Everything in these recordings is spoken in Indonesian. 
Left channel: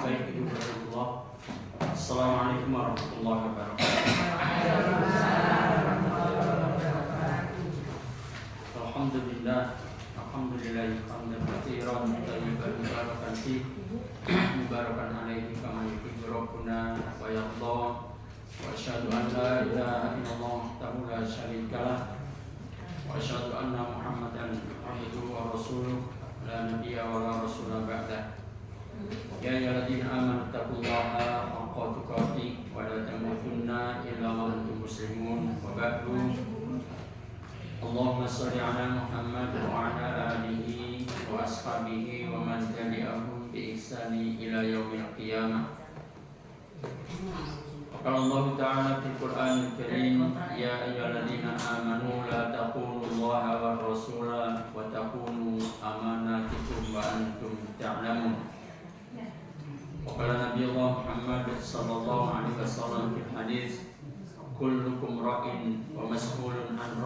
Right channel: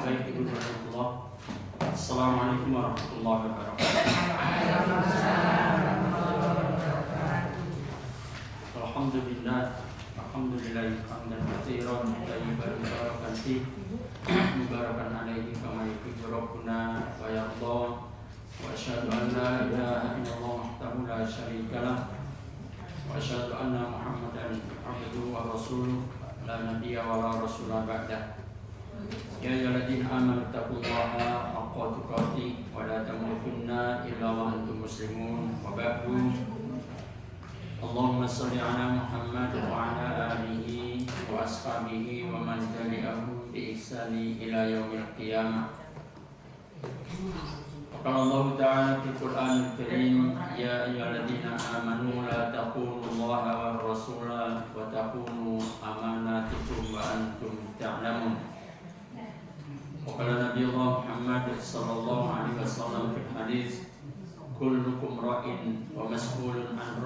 Baik Ibu Rasulullah. Assalamualaikum warahmatullahi wabarakatuh. Alhamdulillah. Alhamdulillah hamdan katsiran thayyiban mubarakan fihi mubarakan alaihi kama yuhibbu rabbuna wa yarda. Wa asyhadu an la ilaha illallah wahdahu la syarika lah. Wa asyhadu anna Muhammadan abduhu wa rasuluh la nabiyya wa la rasula ba'dah. Ya ayyuhalladzina amanu taqullaha haqqa tuqatih wa la tamutunna illa wa antum muslimun. Wa ba'du. Allahumma shalli ala Muhammad wa ala alihi wa ashabihi wa man tabi'ahum bi ihsani ila yaumil qiyamah. Qala Allah Ta'ala fil Qur'anil Karim, ya ayyuhalladzina amanu la taqunullaha war rasula wa taqunu amanatikum wa antum ta'lamun. Qala Nabi Allah Muhammad sallallahu alaihi wasallam fil hadis, kullukum ra'in wa mas'ulun an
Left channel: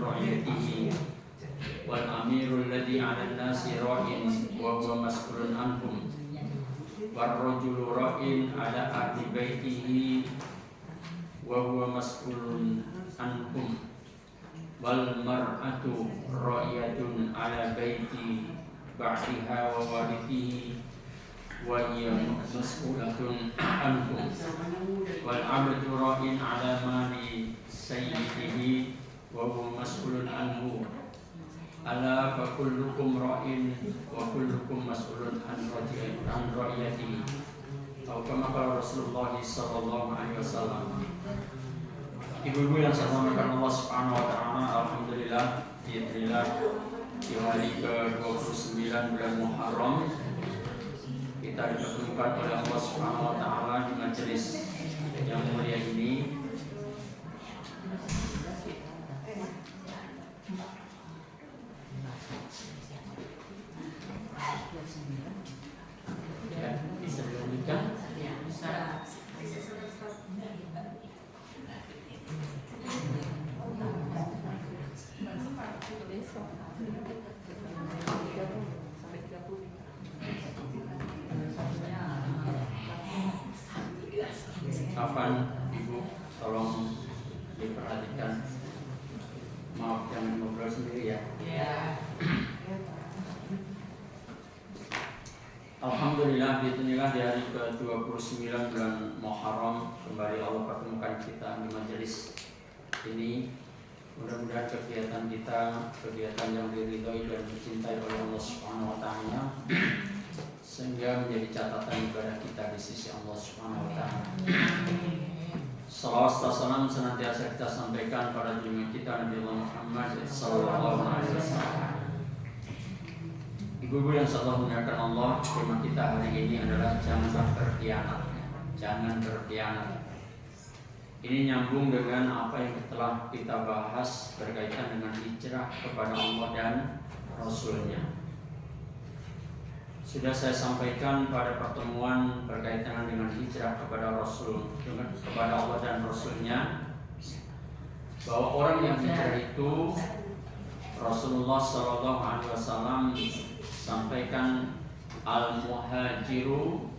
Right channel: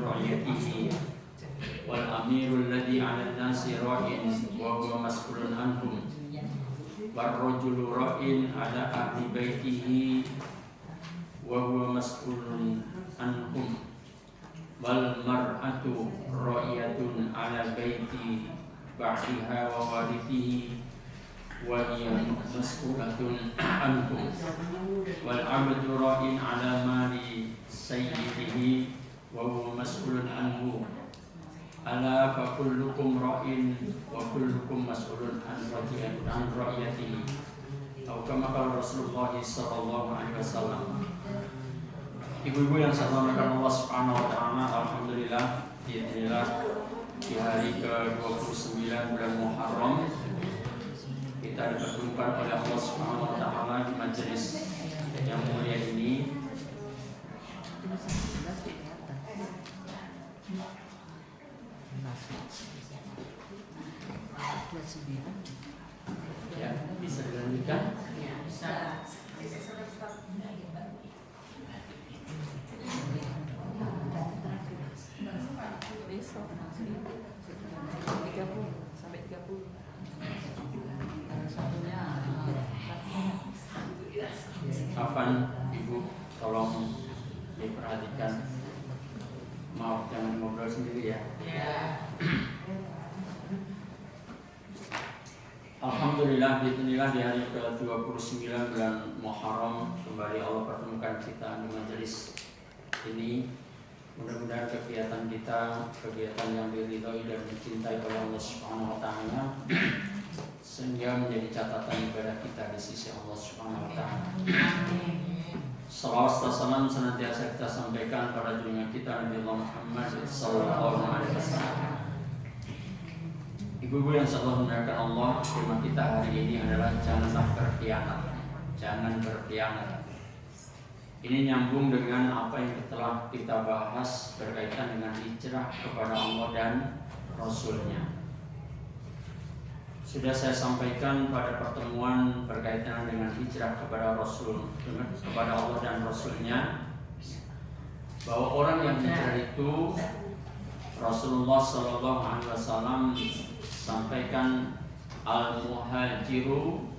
ra'yatihi wal amirul ladzi 'ala an-nasi ra'in wa huwa mas'ulun anhum war rajulu ra'in 'ala ahli baitihi wa huwa mas'ulun anhum wal mar'atu ra'iyatun 'ala baiti ba'diha wa warithihi wa hiya mas'ulatun anhum wal 'abdu ra'in 'ala mali sayyidihi wa huwa mas'ulun anhu ala fa kullukum ra'in wa kullukum mas'ulun an ra'iyatihi atau kama qala Rasulullah sallallahu alaihi wasallam. Ibu-ibu yang saya hormati Allah Subhanahu wa taala, alhamdulillah di hari ke-29 bulan Muharram kita dipertemukan oleh Allah Subhanahu wa taala di majelis yang mulia ini. Ya, bisa dilanjutkan? Ya, bisa. Kapan Ibu tolong diperhatikan. Maaf jangan ngobrol sendiri ya. Alhamdulillah bismillah di hari ke-29 bulan Muharram kembali Allah pertemukan kita di majelis ini. Mudah-mudahan kegiatan kita kegiatan yang diridhoi dan dicintai oleh Allah Subhanahu wa taala sehingga menjadi catatan ibadah kita di sisi Allah Subhanahu wa taala. Salawat dan salam senantiasa kita sampaikan pada junjungan kita Nabi Muhammad sallallahu alaihi wasallam. Ibu-ibu yang Allah muliakan Allah, tema kita hari ini adalah janganlah berkhianat. Jangan berkhianat. Ini nyambung dengan apa yang telah kita bahas berkaitan dengan hijrah kepada Allah dan Rasul-Nya. Sudah saya sampaikan pada pertemuan berkaitan dengan hijrah kepada Rasul, kepada Allah dan Rasul-Nya, bahwa orang yang hijrah itu Rasulullah Sallallahu Alaihi Wasallam sampaikan al-muhajiru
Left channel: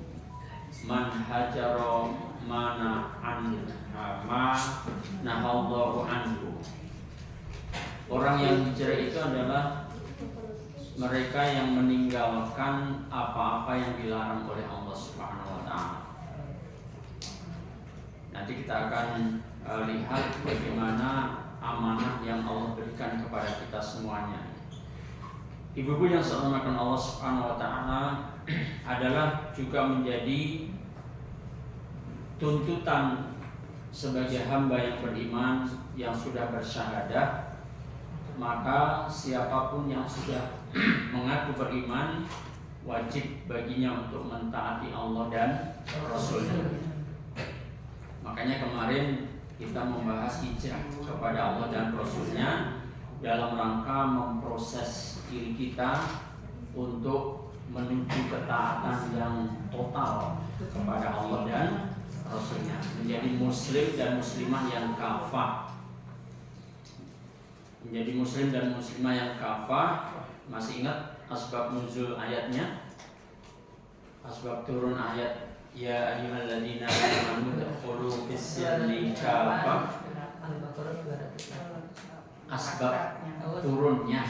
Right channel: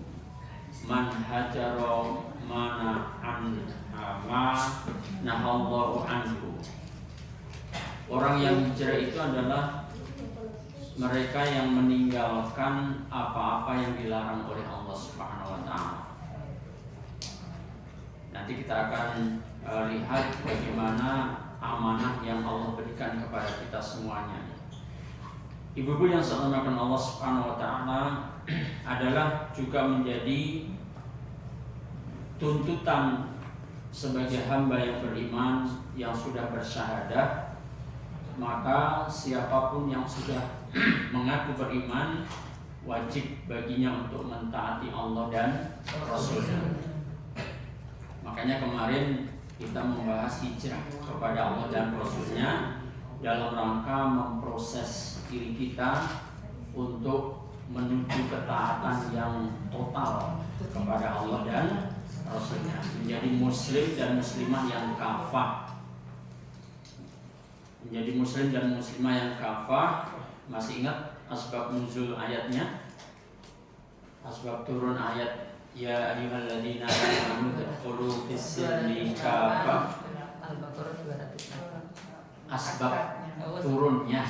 man hajaro mana ma nahallahu anhu. Orang yang hijrah itu adalah mereka yang meninggalkan apa-apa yang dilarang oleh Allah Subhanahu wa taala. Nanti kita akan lihat bagaimana amanah yang Allah berikan kepada kita semuanya. Ibu-ibu yang saya hormati Allah Subhanahu wa taala, adalah juga menjadi tuntutan sebagai hamba yang beriman yang sudah bersyahadat. Maka siapapun yang sudah mengaku beriman wajib baginya untuk mentaati Allah dan Rasul-Nya. Makanya kemarin kita membahas hijrah kepada Allah dan Rasul-Nya dalam rangka memproses diri kita untuk menuju ketaatan yang total kepada Allah dan Rasul-Nya, menjadi muslim dan muslimah yang kafah. Menjadi muslim dan muslimah yang kafah. Masih ingat asbab nuzul ayatnya? Asbab turun ayat ya ayyuhalladzina amanu tadkhulu fis-silmi kafah. Asbab turunnya,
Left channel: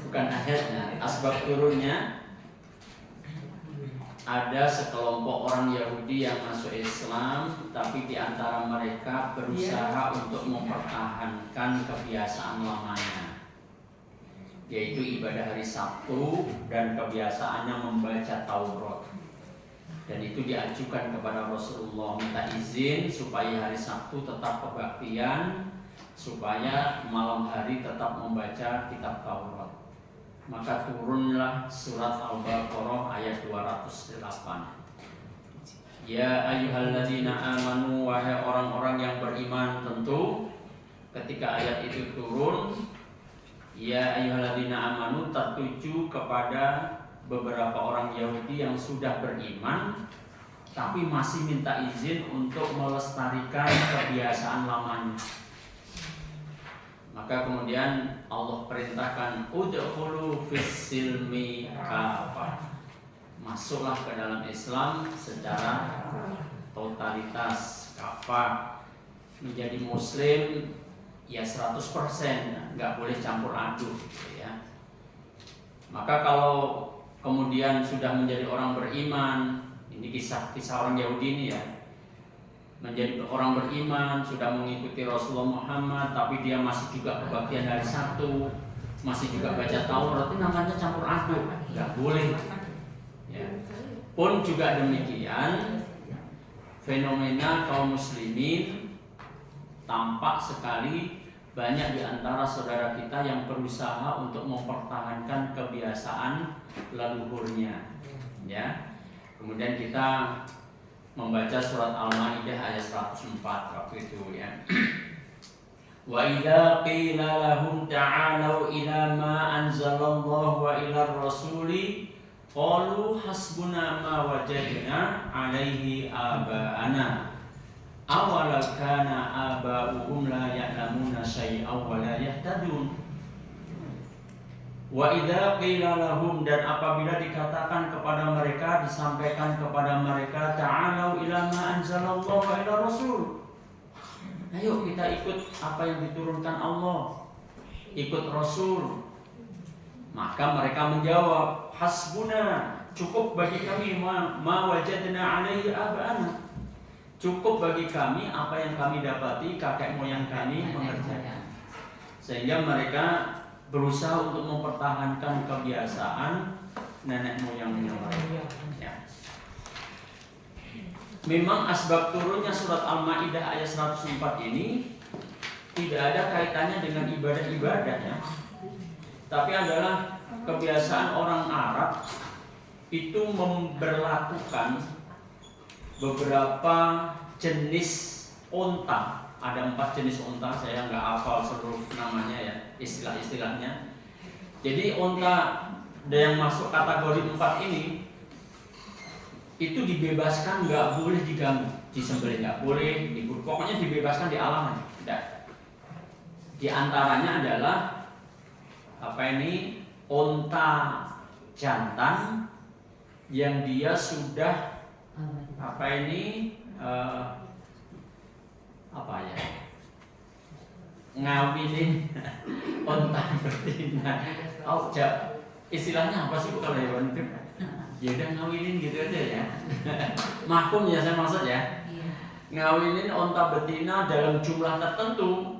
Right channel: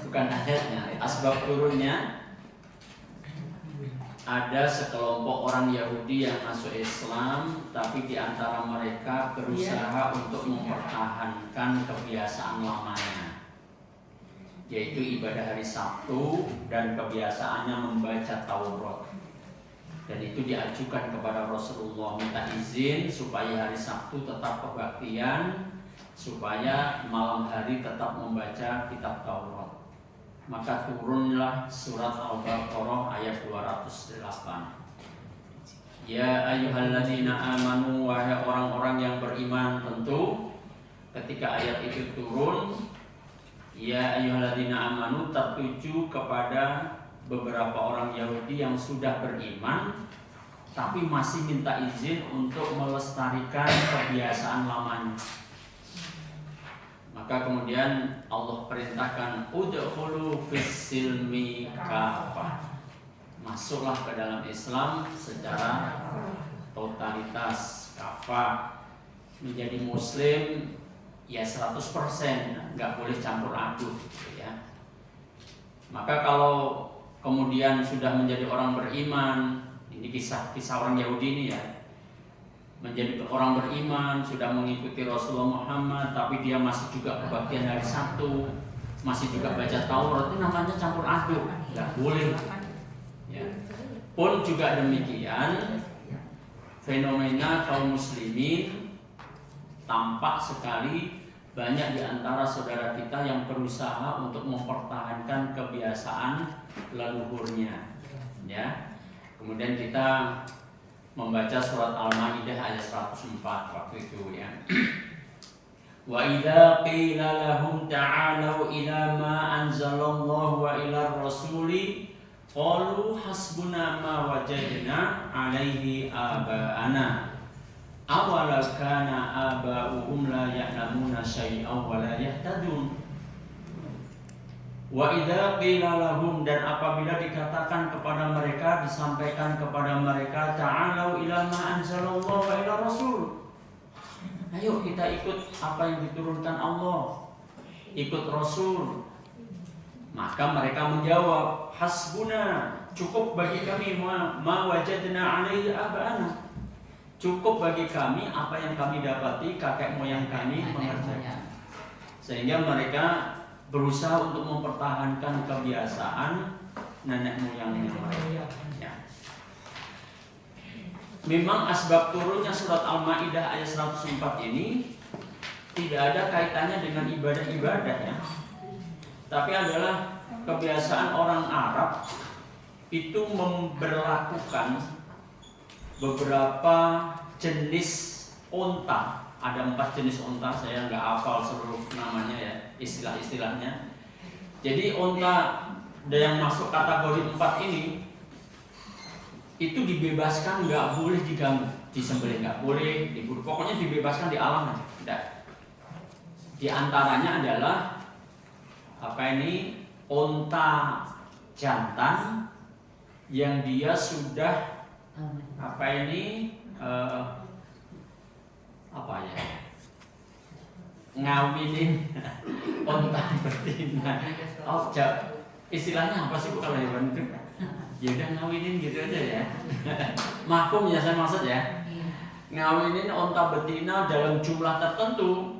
bukan ayatnya. Asbab turunnya, ada sekelompok orang Yahudi yang masuk Islam, tapi di antara mereka berusaha untuk mempertahankan kebiasaan lamanya, yaitu ibadah hari Sabtu dan kebiasaannya membaca Taurat. Dan itu diajukan kepada Rasulullah, minta izin supaya hari Sabtu tetap kebaktian, supaya malam hari tetap membaca kitab Taurat. Maka turunlah surat Al-Baqarah ayat 208. Ya ayyuhalladzina amanu, wahai orang-orang yang beriman. Tentu ketika ayat itu turun, ya ayyuhalladzina amanu tertuju kepada beberapa orang Yahudi yang sudah beriman tapi masih minta izin untuk melestarikan kebiasaan lamanya. Maka kemudian Allah perintahkan udkhulu fis-silmi kafah. Masuklah ke dalam Islam secara totalitas, kafah. Menjadi muslim ya 100%, nggak boleh campur aduk gitu ya. Maka kalau kemudian sudah menjadi orang beriman, ini kisah orang Yahudi ini ya, menjadi orang beriman, sudah mengikuti Rasulullah Muhammad, tapi dia masih juga kebaktian hari Sabtu, masih juga baca Taurat, itu namanya campur aduk, nggak boleh. Ya. Pun juga demikian, fenomena kaum muslimin tampak sekali banyak di antara saudara kita yang berusaha untuk mempertahankan kebiasaan leluhurnya. Ya. Kemudian kita membaca surat Al-Maidah ayat 104 waktu itu ya. Wa idza qila lahum ta'alu ila ma anzalallahu wa ila rasuli qalu hasbuna ma wajadna alaihi aba'ana awalau kana aba'uhum la ya'lamuna syai'aw wa la yahtadun. Wa idza qila lahum, dan apabila dikatakan kepada mereka, disampaikan kepada mereka, ta'alau ila ma anzalallahu wa ila rasul, ayo kita ikut apa yang diturunkan Allah, ikut Rasul. Maka mereka menjawab, hasbuna, cukup bagi kami ma wajadna alaihi aba'ana, cukup bagi kami apa yang kami dapati kakek moyang kami mengerjakan. Sehingga mereka berusaha untuk mempertahankan kebiasaan nenek moyangnya mereka. Ya. Memang asbab turunnya surat Al-Maidah ayat 104 ini tidak ada kaitannya dengan ibadah-ibadah ya. Tapi adalah kebiasaan orang Arab itu memberlakukan beberapa jenis onta. Ada 4 jenis onta, saya nggak hafal seluruh namanya ya, istilah-istilahnya. Jadi onta yang masuk kategori 4 ini itu dibebaskan, nggak boleh diganggu, disembelih nggak boleh, diburu, pokoknya dibebaskan di alam aja. Tidak. Di antaranya adalah onta jantan yang dia sudah ngawinin onta betina. Oh, istilahnya apa sih kalau ya itu? Ya udah ngawinin gitu aja ya. Makum ya saya maksud ya. Ngawinin onta betina dalam jumlah tertentu,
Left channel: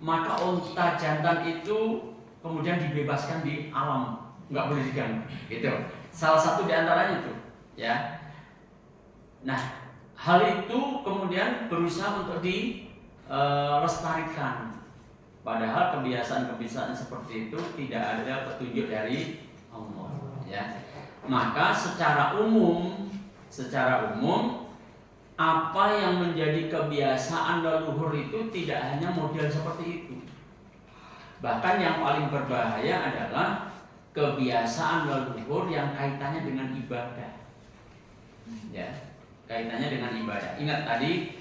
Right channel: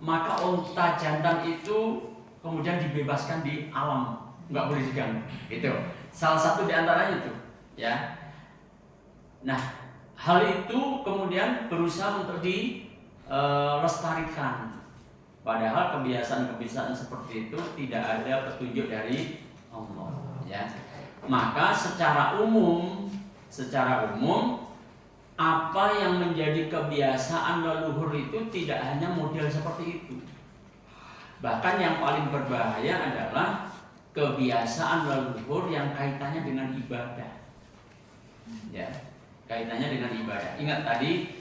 maka onta jantan itu kemudian dibebaskan di alam, nggak boleh diganggu. Itu salah satu di antaranya itu, ya. Nah, hal itu kemudian berusaha untuk dilestarikan. Padahal kebiasaan-kebiasaan seperti itu tidak ada petunjuk dari Allah, ya. Maka secara umum apa yang menjadi kebiasaan leluhur itu tidak hanya model seperti itu. Bahkan yang paling berbahaya adalah kebiasaan leluhur yang kaitannya dengan ibadah. Ya, kaitannya dengan ibadah. Ingat tadi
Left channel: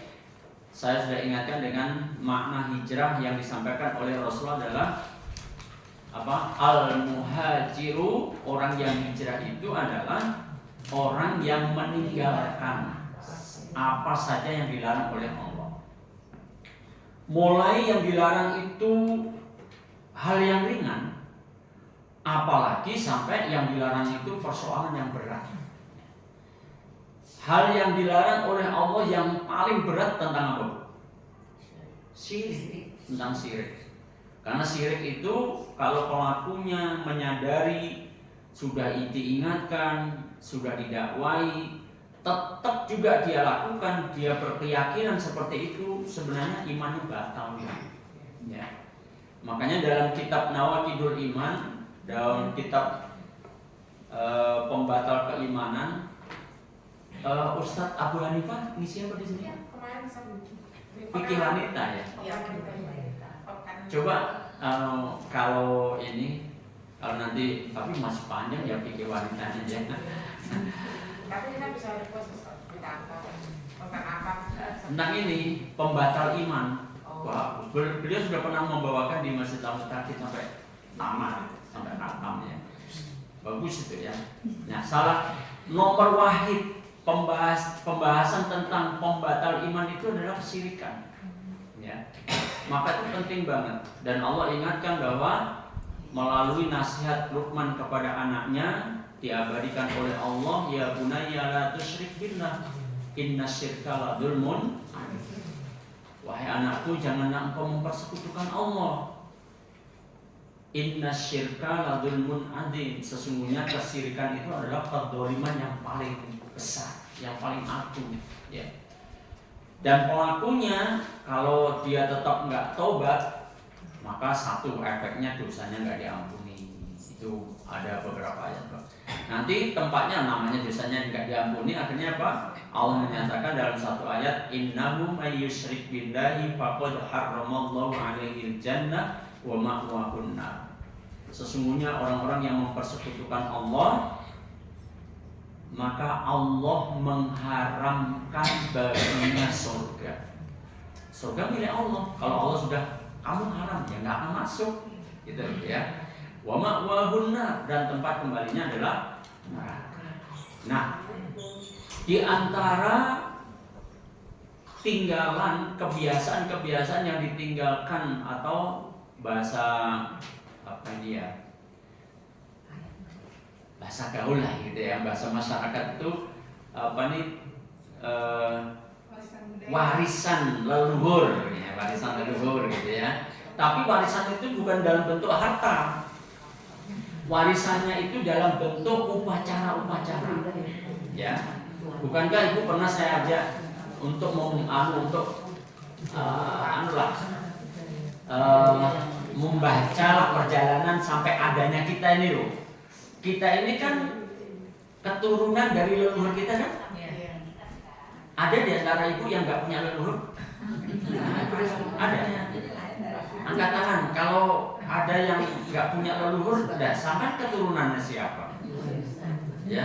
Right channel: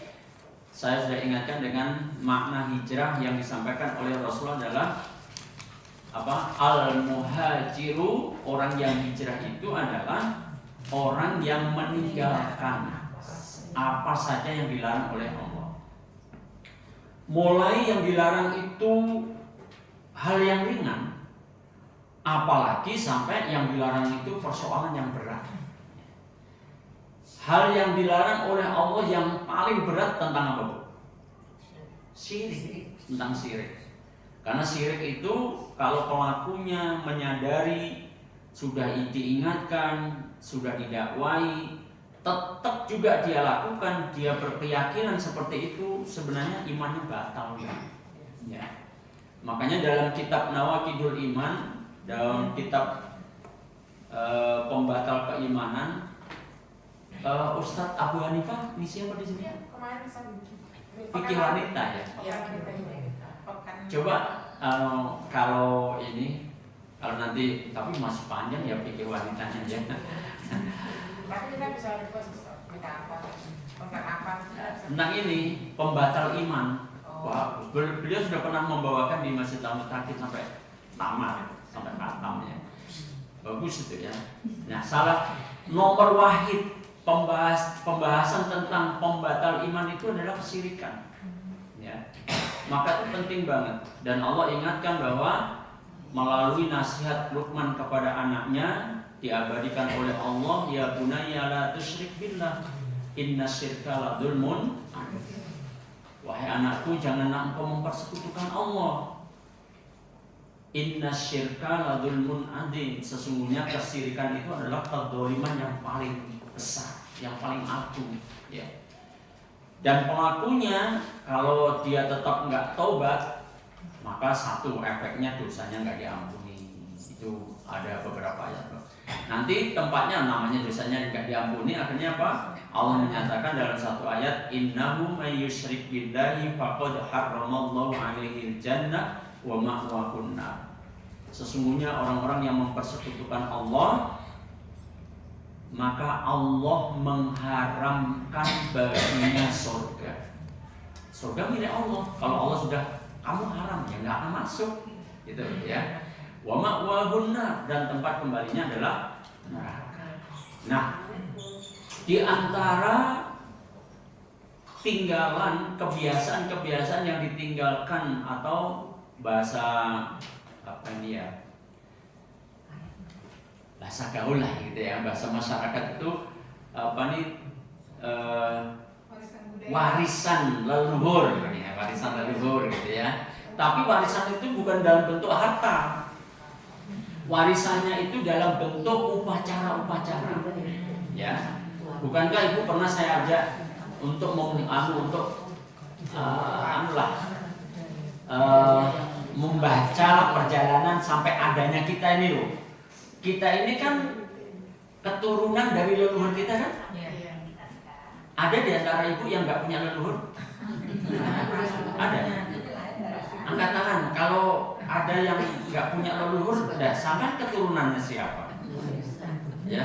saya sudah ingatkan dengan makna hijrah yang disampaikan oleh Rasulullah adalah apa? Al-muhajiru, orang yang hijrah itu adalah orang yang meninggalkan apa saja yang dilarang oleh Allah. Mulai yang dilarang itu hal yang ringan, apalagi sampai yang dilarang itu persoalan yang berat. Hal yang dilarang oleh Allah yang paling berat tentang apa? Syirik, tentang syirik. Karena syirik itu kalau pelakunya menyadari, sudah diingatkan, sudah didakwai, tetap juga dia lakukan, dia berkeyakinan seperti itu, sebenarnya imannya batal. Ya. Makanya dalam kitab Nawaqidul Iman, dalam kitab pembatal keimanan, Ustadz Abu Hanifah, ini siapa di sini? Fikih wanita ya. Coba kalau ini, kalau nanti, tapi masih panjang ya fikih wanitanya ya. Tapi kita bisa request tentang apa? Tentang ini pembatal iman. Wah, beliau sudah pernah membawakan di Masjid Al-Mutakin sampai tamat, sampai khatamnya. Bagus itu ya. Nah, salah nomor wahid pembahasan tentang pembatal iman itu adalah kesyirikan. Ya. Maka itu penting banget. Dan Allah ingatkan bahwa melalui nasihat Luqman kepada anaknya diabadikan oleh Allah, ya bunayya la tusyrik billah innasyirka la dzulmun. Wahai anakku, janganlah engkau mempersekutukan Allah. Innasyirka la dzulmun adzim. Sesungguhnya kesyirikan itu adalah kedzaliman yang paling besar, yang paling agung, ya. Dan pelakunya kalau dia tetap nggak taubat, maka satu efeknya dosanya nggak diampuni. Itu ada beberapa ayat. Nanti tempatnya namanya dosanya nggak diampuni, akhirnya apa? Allah menyatakan dalam satu ayat, innahu may yusyrik billahi faqad harramallahu alaihil jannah wa ma'wahun nar. Sesungguhnya orang-orang yang mempersekutukan Allah, maka Allah mengharamkan baginya surga. Surga milik Allah. Kalau Allah sudah kamu haram, ya nggak akan masuk, gitu ya. Wa ma'wahun nar, dan tempat kembalinya adalah neraka. Nah, di antara tinggalan kebiasaan-kebiasaan yang ditinggalkan atau bahasa apa ini ya, bahasa gaul lah gitu ya, bahasa masyarakat itu apa nih, warisan leluhur ya, warisan leluhur gitu ya. Tapi warisan itu bukan dalam bentuk harta, warisannya itu dalam bentuk upacara-upacara ya. Bukankah ibu pernah saya ajak untuk membaca perjalanan sampai adanya kita ini loh. Kita ini kan keturunan dari leluhur kita kan? Ada di antara ibu yang nggak punya leluhur? Ada. Angkat tangan kalau ada yang nggak punya leluhur. Sampai keturunannya siapa? Ya.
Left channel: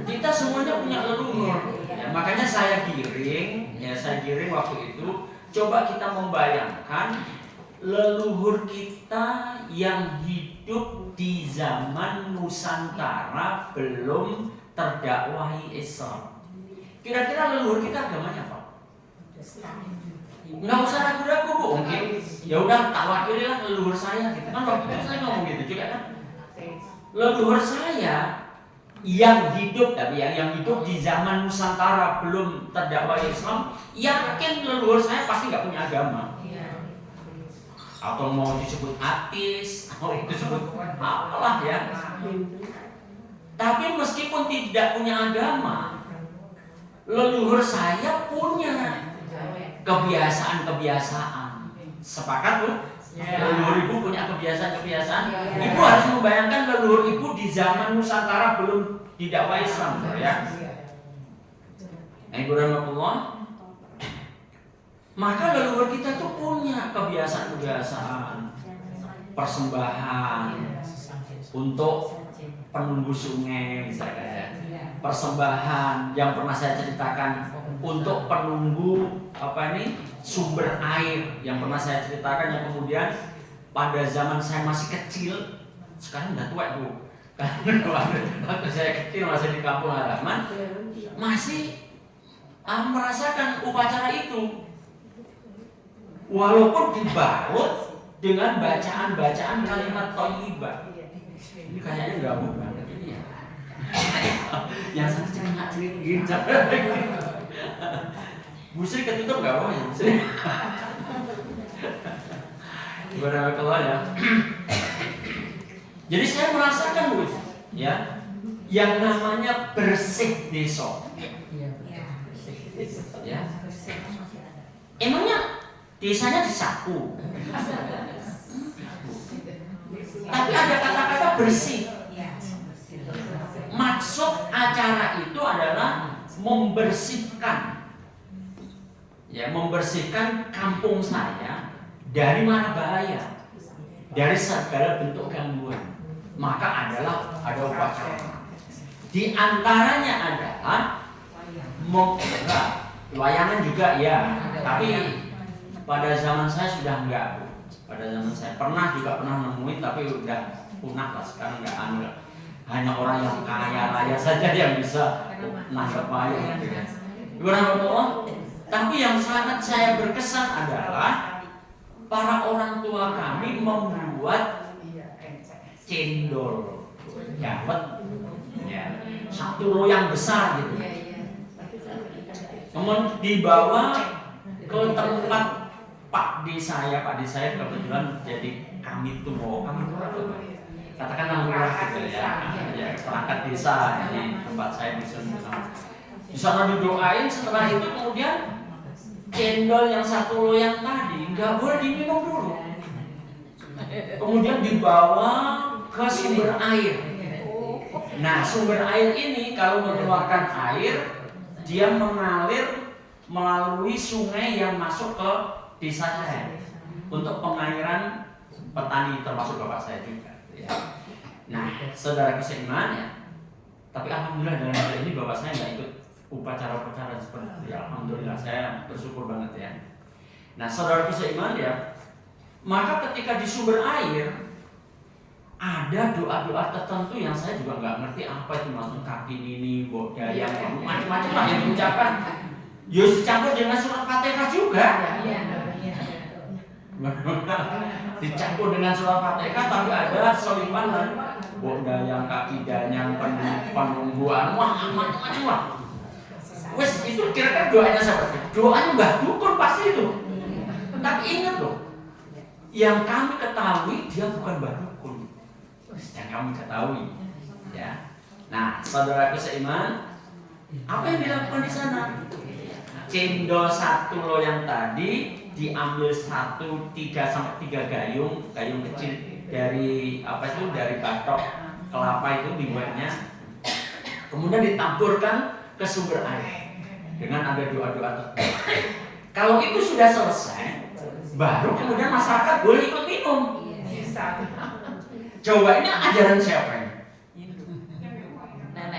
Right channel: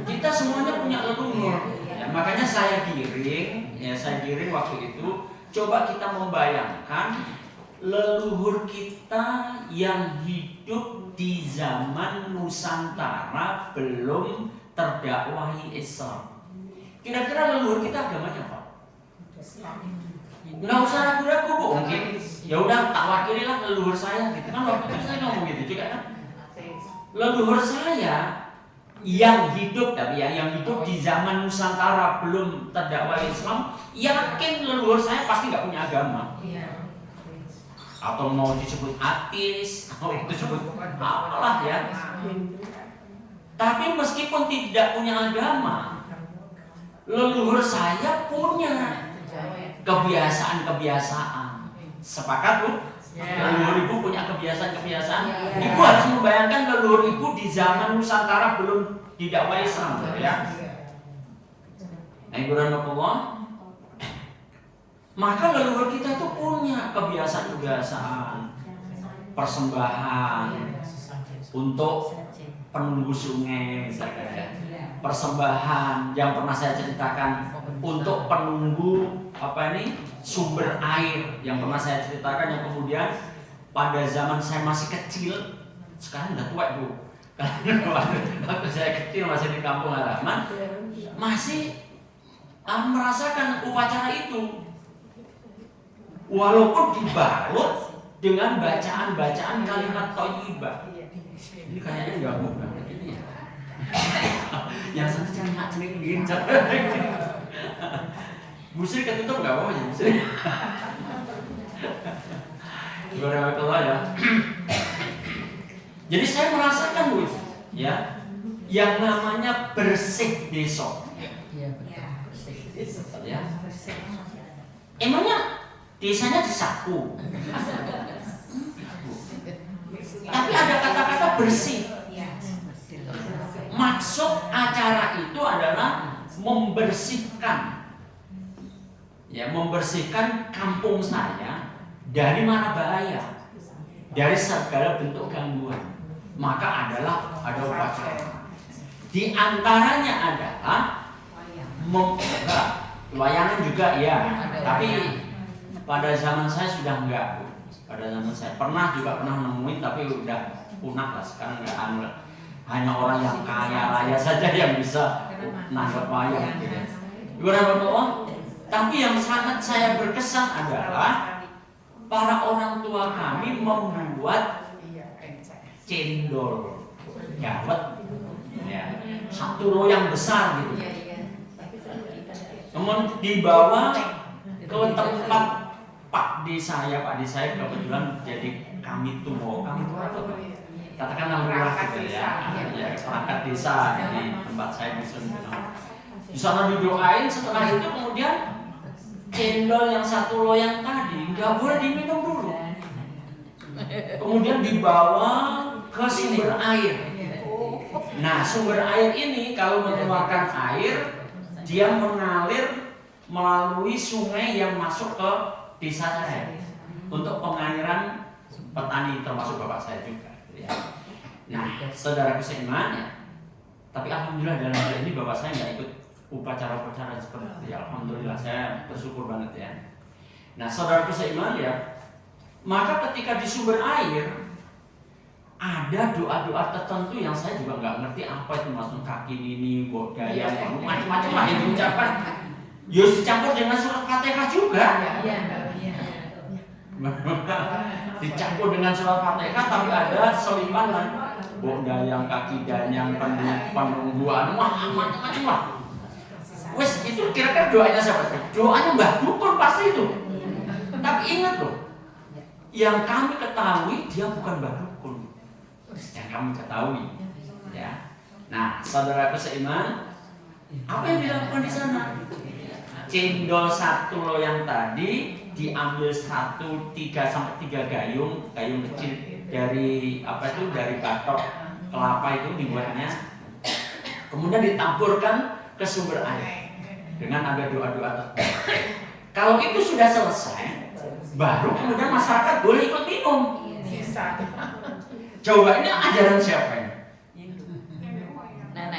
Kita semuanya punya leluhur. Ya, makanya saya giring waktu itu. Coba kita membayangkan leluhur kita yang hidup di zaman Nusantara belum terdakwahi Islam. Kira-kira leluhur kita agamanya apa? Nggak usah ragu-ragu bu, mungkin ya udah tak wakililah leluhur saya gitu kan. Waktu itu saya ngomong gitu juga kan. Leluhur saya yang hidup, tapi yang hidup di zaman Nusantara belum terdakwahi Islam, yakin leluhur saya pasti nggak punya agama. Atau mau disebut ateis, mau disebut apalah ya. Tapi meskipun tidak punya agama, leluhur saya punya kebiasaan-kebiasaan. Sepakat bu? Leluhur ibu punya kebiasaan-kebiasaan. Ibu harus membayangkan leluhur ibu di zaman Nusantara belum didakwai Islam, ya. Alhamdulillah. Maka leluhur kita itu punya kebiasaan-kebiasaan, persembahan untuk penunggu sungai misalnya, persembahan yang pernah saya ceritakan untuk penunggu sumber air yang pernah saya ceritakan, yang kemudian pada zaman saya masih kecil, sekarang udah tua bu, Waktu saya kecil masih di kampung halaman, masih merasakan upacara itu, walaupun dibalut dengan bacaan-bacaan kalimat thayyibah. Ini kayaknya nggak bukan. Yang satu cengat-cengat gitu. Busri ketutup nggak apa-apa ya busri. Barakallah ya. Jadi saya merasakan Bu, ya, yang namanya bersih desa. Ya. Emangnya desanya disapu. Tapi ada kata-kata bersih. Maksud acara itu adalah membersihkan, ya, membersihkan kampung saya dari mara bahaya, dari segala bentuk gangguan. Maka ada upacara. Di antaranya adalah layangan juga ya, tapi pada zaman saya sudah enggak Bu. Pada zaman saya pernah nemuin, tapi udah punah lah, sekarang enggak anu lah. Hanya orang yang kaya raya saja yang bisa nanggap wayang gitu ya. Tapi yang sangat saya berkesan adalah para orang tua kami membuat cendol gawat, ya, satu loyang besar gitu. Kemudian dibawa ke tempat Pak di saya kebetulan jadi kami itu apa? Katakanlah lurah gitu ya, perangkat desa di tempat saya di sana didoain. Setelah itu kemudian cendol yang satu loyang tadi nggak boleh diminum dulu. Kemudian dibawa ke sumber air. Nah, sumber air ini kalau mengeluarkan air, dia mengalir melalui sungai yang masuk ke desa saya untuk pengairan petani, termasuk bapak saya juga. Ya. Nah, saudara seiman ya. Tapi alhamdulillah dalam hal ini bapak saya nggak ikut upacara-upacara seperti itu. Ya, alhamdulillah saya bersyukur banget ya. Nah, saudara seiman ya. Maka ketika di sumber air ada doa-doa tertentu yang saya juga nggak ngerti apa itu, maksud kaki ini, bodaya, macam-macam lah yang diucapkan. Yus dicampur dengan surat Fatihah juga. Dicampur dengan surat Fatihah, tapi ada selipan bodaya, kaki danyang, penungguan, macam-macam lah. Wes itu kira-kira doanya siapa? Doanya Mbah Dukun pasti itu. Tapi ingat loh, yang kami ketahui dia bukan Mbah Dukun. Yang kami ketahui, ya. Nah, saudaraku seiman, apa yang dilakukan di sana? Cendol satu loyang tadi diambil 3 sampai 3 gayung kecil dari dari batok kelapa itu dibuatnya, kemudian ditaburkan ke sumber air dengan ada doa-doa tertentu. Kalau itu sudah selesai, baru kemudian masyarakat boleh ikut minum. Coba ini ajaran siapa ini?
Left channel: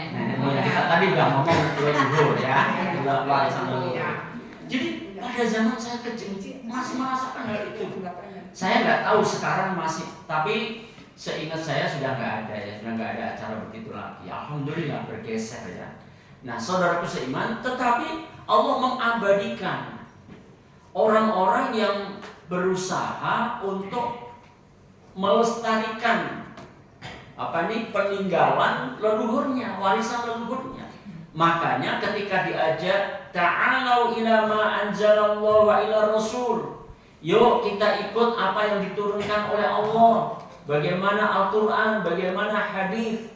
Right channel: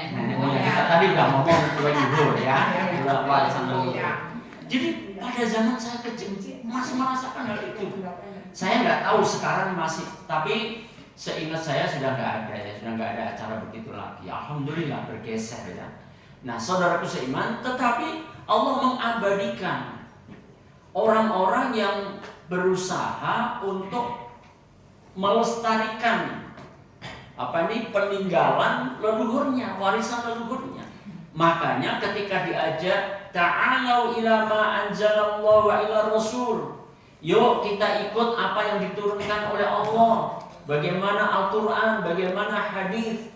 Nenek moyang kita tadi udah ngomong leluhur ya, udah warisan leluhur. Jadi pada zaman saya kecil masih merasakan hal itu. Saya nggak tahu sekarang masih, tapi seingat saya sudah nggak ada ya, sudah nggak ada acara begitu lagi. Alhamdulillah bergeser ya. Nah, saudaraku seiman, tetapi Allah mengabadikan orang-orang yang berusaha untuk melestarikan peninggalan leluhurnya, warisan leluhurnya. Makanya ketika diajak ta'alau ila ma anzalallahu wa ila rasul, yuk kita ikut apa yang diturunkan oleh Allah, bagaimana Al-Quran, bagaimana hadis.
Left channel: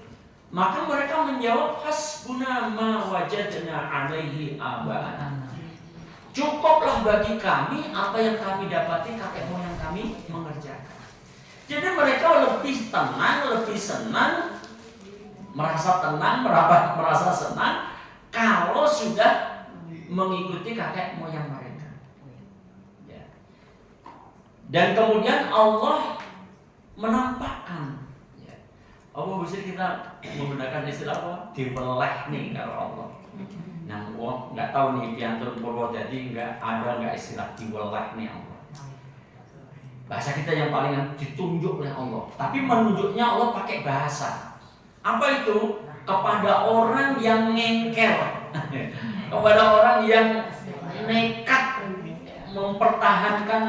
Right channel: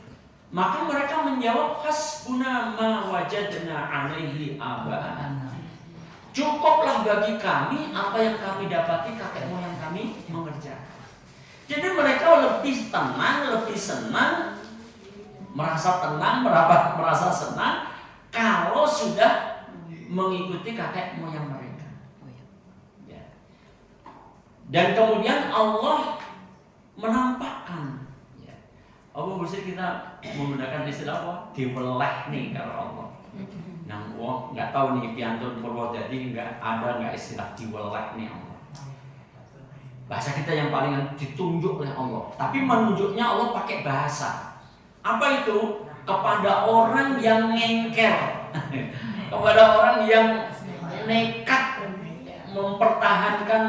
Maka mereka menjawab hasbuna ma wajadna alaihi aba'ana. Cukuplah bagi kami apa yang kami dapati kakek moyang kami mengerjakan. Jadi mereka lebih tenang, lebih senang, merasa tenang, merasa senang kalau sudah mengikuti kakek moyang mereka. Ya. Dan kemudian Allah menampakkan, ya. Allah bisa kita menggunakan istilah apa? Dibeleh nih kalau Allah. Nah, nggak tahu nih piantun Purwodadi nggak istilah dibeleh nih Allah. Bahasa kita yang paling ditunjuk oleh Allah, tapi menunjuknya Allah pakai bahasa. Apa itu? Kepada orang yang ngengkel, kepada orang yang nekat mempertahankan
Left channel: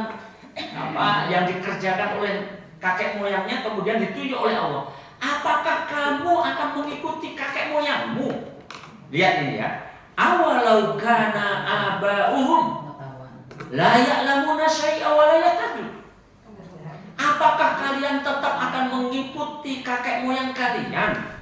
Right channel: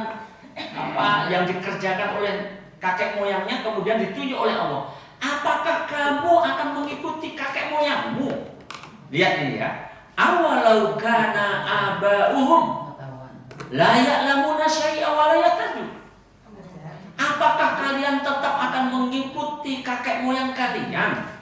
apa yang dikerjakan oleh kakek moyangnya, kemudian ditunjuk oleh Allah. Apakah kamu akan mengikuti kakek moyangmu? Lihat ini ya. Awalau kana aba'uhum la ya'lamuna syai'a wa la yahtadun. Apakah kalian tetap akan mengikuti kakek moyang kalian?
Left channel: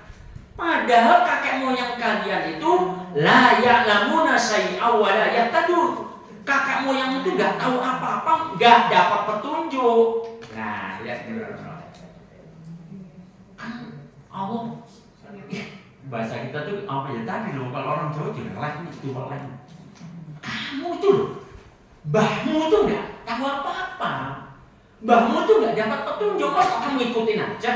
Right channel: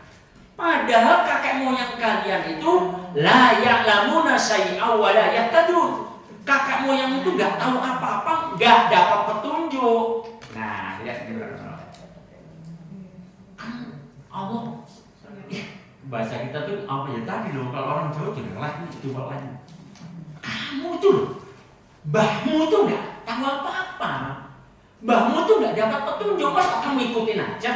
Padahal kakek moyang kalian itu la ya'lamuna syai'a wa la yahtadun. Kakek moyang itu nggak tahu apa-apa, nggak dapat petunjuk. Nah, lihat ini kan Allah. Bahasa kita tuh apa ya tadi loh, kalau orang Jawa jual lagi. Kamu tuh loh, mbahmu tuh nggak tahu apa-apa, mbahmu tuh nggak dapat petunjuk, masa kamu ikutin aja.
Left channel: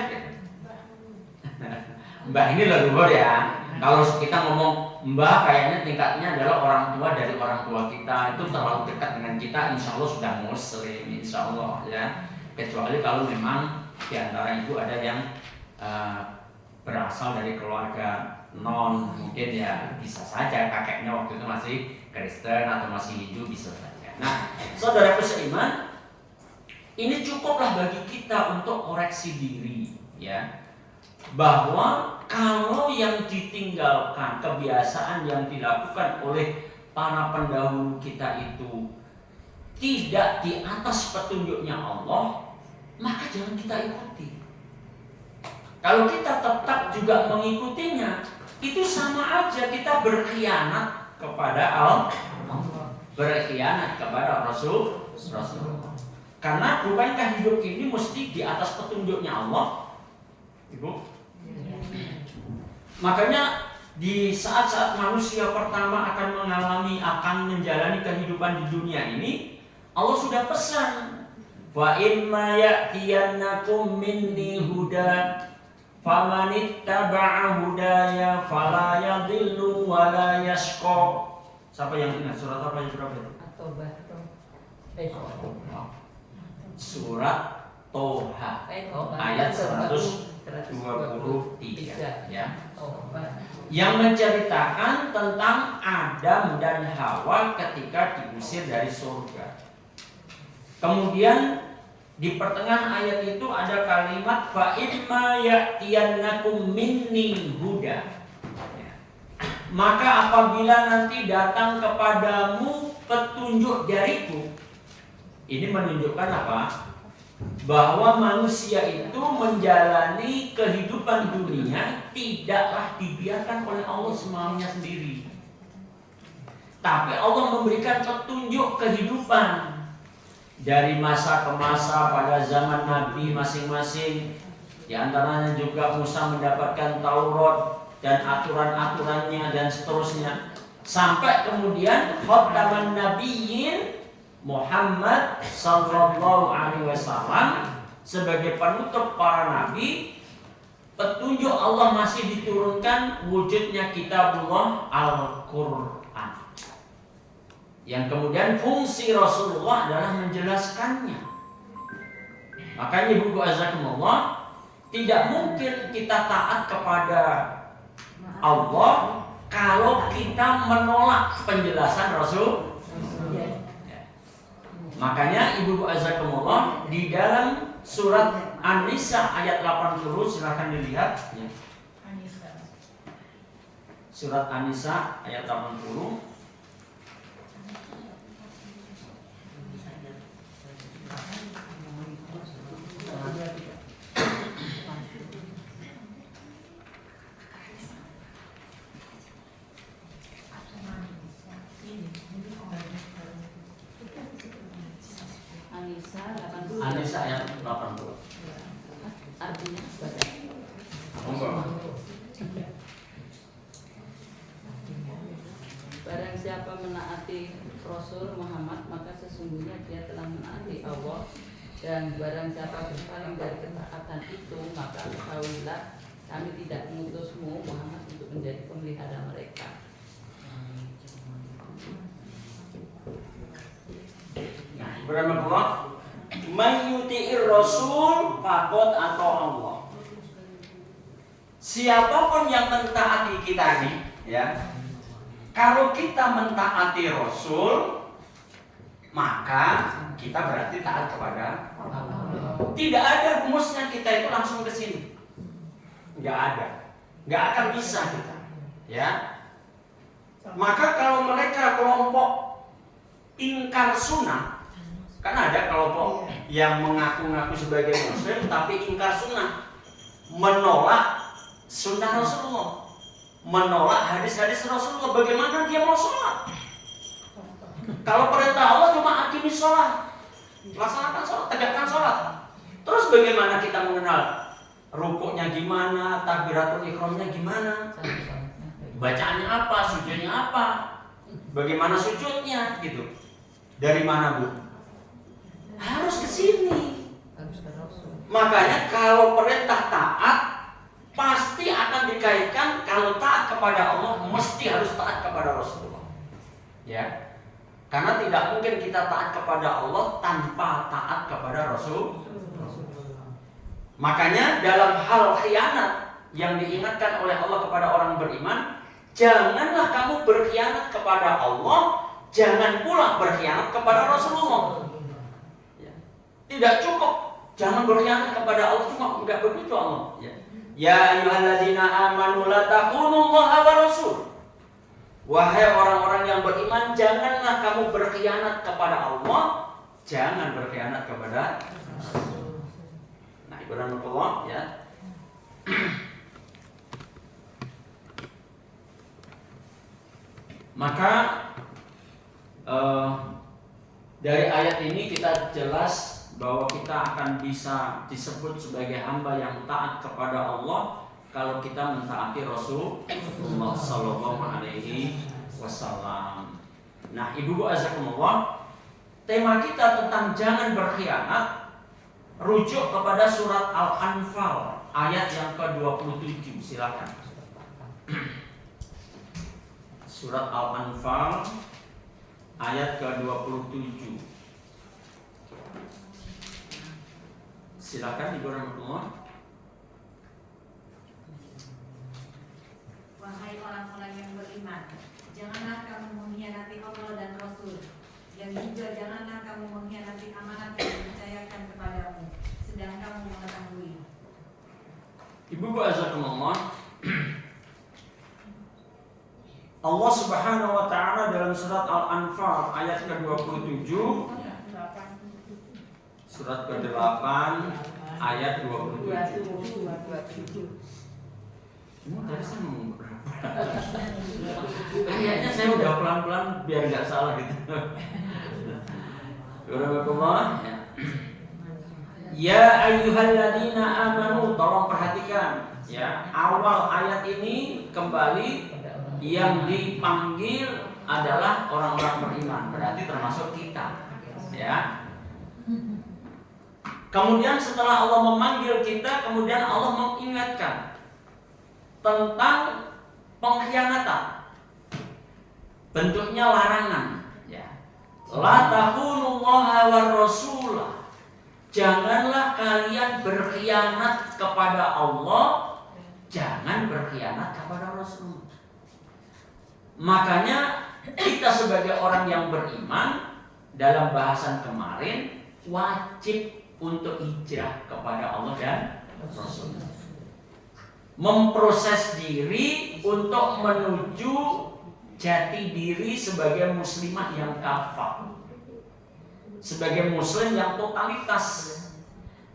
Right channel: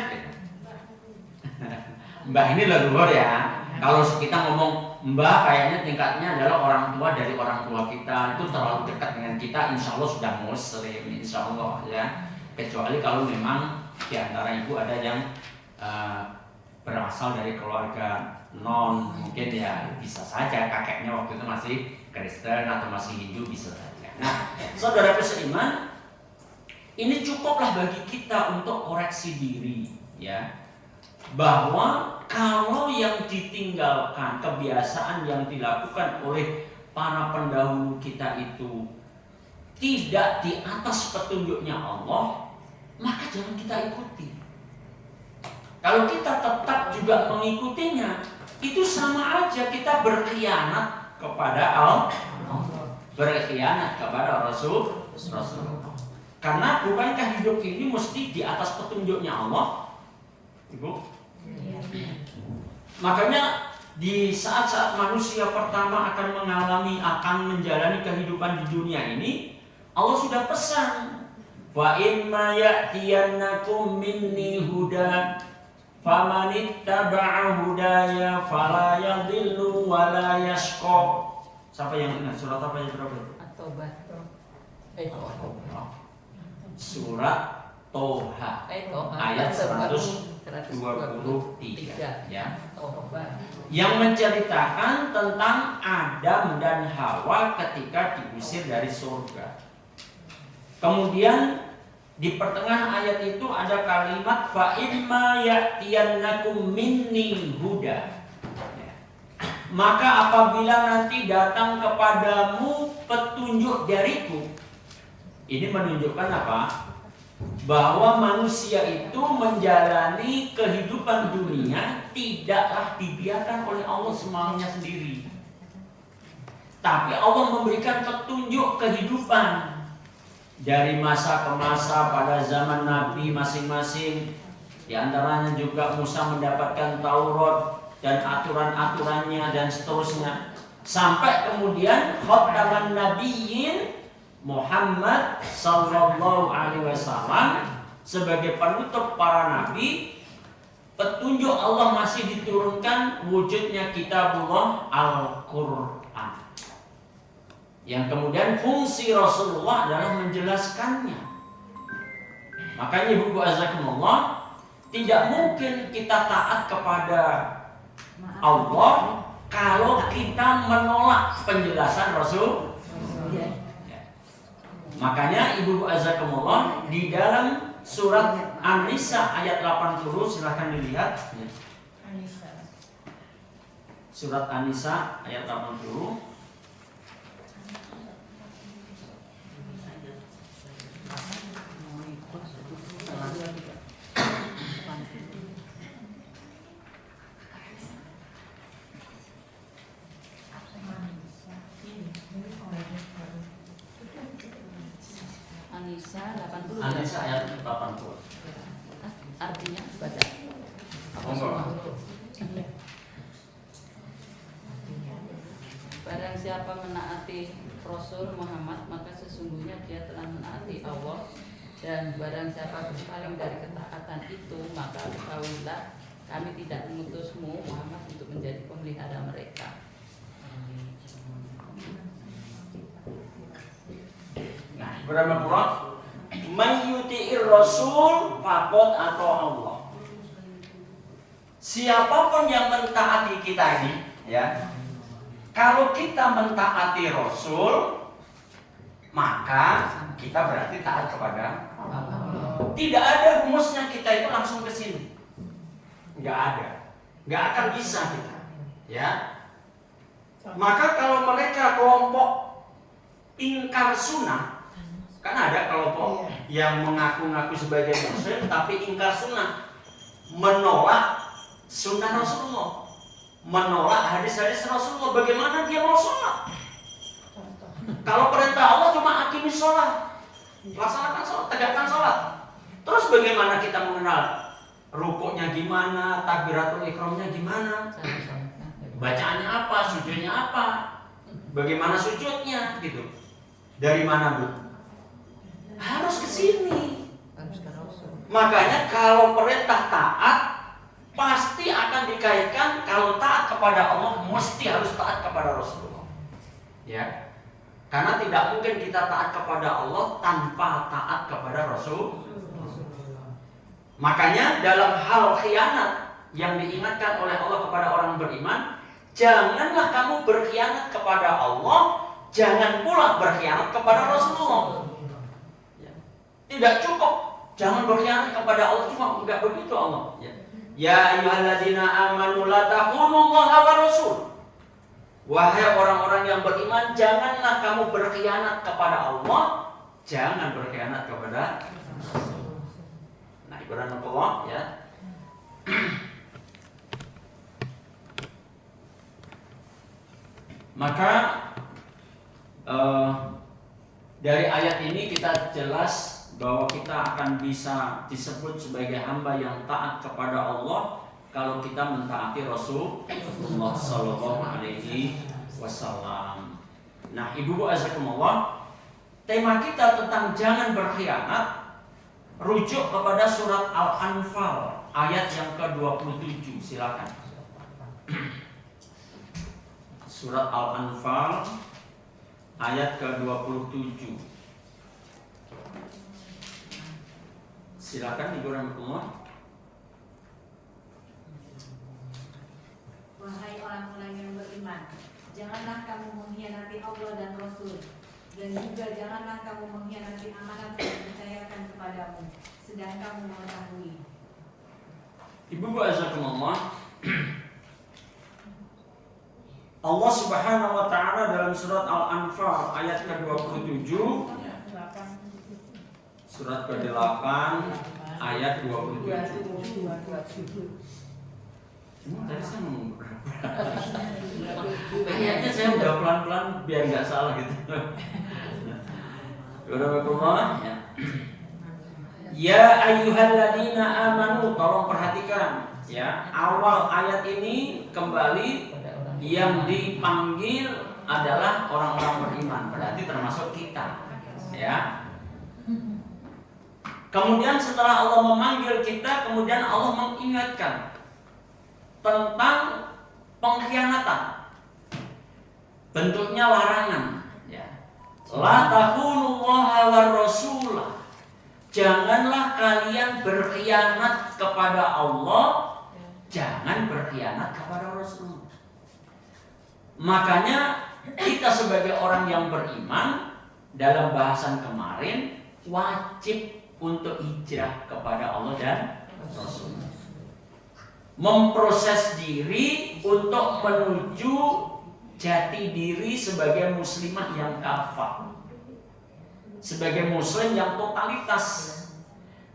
Mbah ini leluhur ya. Kalau kita ngomong mbah, kayaknya tingkatnya adalah orang tua dari orang tua kita, itu terlalu dekat dengan kita. Insya Allah sudah muslim, insya Allah ya. Kecuali kalau memang di antara ibu ada yang berasal dari keluarga non, mungkin ya bisa saja kakeknya waktu itu masih Kristen atau masih Hindu, bisa saja. Nah, saudaraku seiman, ini cukuplah bagi kita untuk koreksi diri ya, bahwa kalau yang ditinggalkan, kebiasaan yang dilakukan oleh para pendahulu kita itu tidak di atas petunjuknya Allah, maka jangan kita ikuti. Kalau kita tetap juga mengikutinya, itu sama aja kita berkhianat kepada Allah, berkhianat kepada Rasulullah. Karena bukankah hidup ini mesti di atas petunjuknya Allah, Ibu? Makanya di saat-saat manusia pertama akan menjalani kehidupan di dunia ini, Allah sudah pesan, wa imma ya'tiyannakum minni huda famanittaba'a hudaya fala yadhillu wa la yashqa. Siapa yang ingat surat apa yang berapa? Surat Toha ayat 123 ya. Yang menceritakan tentang Adam dan Hawa ketika diusir dari surga. Kemudian di pertengahan ayat itu ada kalimat fa imma ya'tiyannakum minni huda. Maka apabila nanti datang kepadamu petunjuk dariku. Ini menunjukkan apa? Bahwa manusia itu menjalani kehidupan dunia tidaklah dibiarkan oleh Allah semuanya sendiri. Tapi Allah memberikan petunjuk kehidupan. Dari masa ke masa pada zaman Nabi masing-masing. Di antaranya juga Musa mendapatkan Taurat dan aturan-aturannya dan seterusnya. Sampai kemudian khataman nabiyyin Muhammad sallallahu alaihi wasallam sebagai penutup para nabi. Petunjuk Allah masih diturunkan, wujudnya kitabullah Al-Qur'an. Yang kemudian fungsi Rasulullah adalah menjelaskannya. Makanya Ibu azakumullah, tidak mungkin kita taat kepada Allah kalau kita menolak penjelasan Rasul. Makanya Ibu azakumullah, di dalam surat An-Nisa ayat 80, silahkan dilihat. Surat An-Nisa ayat 80. An-Nisa ayat 80. Artinya baca. Barang siapa menaati Rasul Muhammad, maka sesungguhnya dia telah menaati Allah. Dan barang siapa berpaling dari ketaatan itu, maka ketahuilah kami tidak mengutusmu Muhammad untuk menjadi pemelihara mereka. Nah, berapa pulau? Mayyuti'ir Rasul faqad atau Allah. siapapun yang mentaati kita ini, ya, kalau kita mentaati Rasul, maka kita berarti taat kepada Allah. Tidak ada rumusnya kita itu langsung ke sini. Nggak ada. Nggak akan bisa kita. Ya. Maka kalau mereka kelompok ingkar sunnah, kan ada kelompok yang mengaku-ngaku sebagai muslim tapi ingkar sunnah, menolak sunnah Rasulullah, menolak hadis-hadis Rasulullah. Bagaimana dia mau sholat? Kalau perintah Allah cuma aqimis sholat, laksanakan sholat, tegakkan sholat. Terus bagaimana kita mengenal rukuknya gimana, takbiratul ihramnya gimana, bacaannya apa, sujudnya apa, bagaimana sujudnya gitu. Dari mana, Bu? Harus ke sini. Makanya kalau perintah taat pasti akan dikaitkan, kalau taat kepada Allah mesti harus taat kepada Rasulullah. Ya. Karena tidak mungkin kita taat kepada Allah tanpa taat kepada Rasul. Makanya dalam hal khianat yang diingatkan oleh Allah kepada orang beriman, janganlah kamu berkhianat kepada Allah, jangan pula berkhianat kepada Rasulullah. Tidak cukup, jangan berkhianat kepada Allah, cuma enggak begitu Allah. Ya ayyuhalladzina amanu la taqunullaha wa rasul. Wahai orang-orang yang beriman, janganlah kamu berkhianat kepada Allah, jangan berkhianat kepada Rasul. Nah, ibarat Allah, ya. Maka dari ayat ini kita jelas bahwa kita akan bisa disebut sebagai hamba yang taat kepada Allah kalau kita mentaati Rasulullah Sallallahu Alaihi Wasallam. Nah, ibu-ibu azakumullah, tema kita tentang jangan berkhianat rujuk kepada surat Al-Anfal ayat yang ke-27. Silakan. Surat Al-Anfal ayat ke-27. Silakan Ibu Rahmatullah. Wahai orang-orang yang beriman, janganlah kamu mengkhianati Allah dan Rasul, dan juga janganlah kamu mengkhianati amanat yang dipercayakan kepadamu, sedang kamu mengetahui. Ibu-ibu azakumullah, Allah Subhanahu wa taala dalam surat Al-Anfal ayat ke-27, surat ke-8 ayat 27. Cuma tadi saya ngomong berapa? Kayaknya saya udah pelan-pelan biar nggak salah gitu. Bismillahirrahmanirrahim. Ya ayyuhalladzina amanu, tolong perhatikan ya, awal ayat ini kembali yang dipanggil adalah orang-orang beriman, berarti termasuk kita ya. Kemudian setelah Allah memanggil kita, kemudian Allah mengingatkan tentang pengkhianatan, bentuknya larangan ya. La taqunullaha war rasulah, janganlah kalian berkhianat kepada Allah, jangan berkhianat kepada Rasul. Makanya kita sebagai orang yang beriman, dalam bahasan kemarin, wajib untuk hijrah kepada Allah dan Rasul, memproses diri untuk menuju jati diri sebagai muslimah yang kafah, sebagai muslim yang totalitas.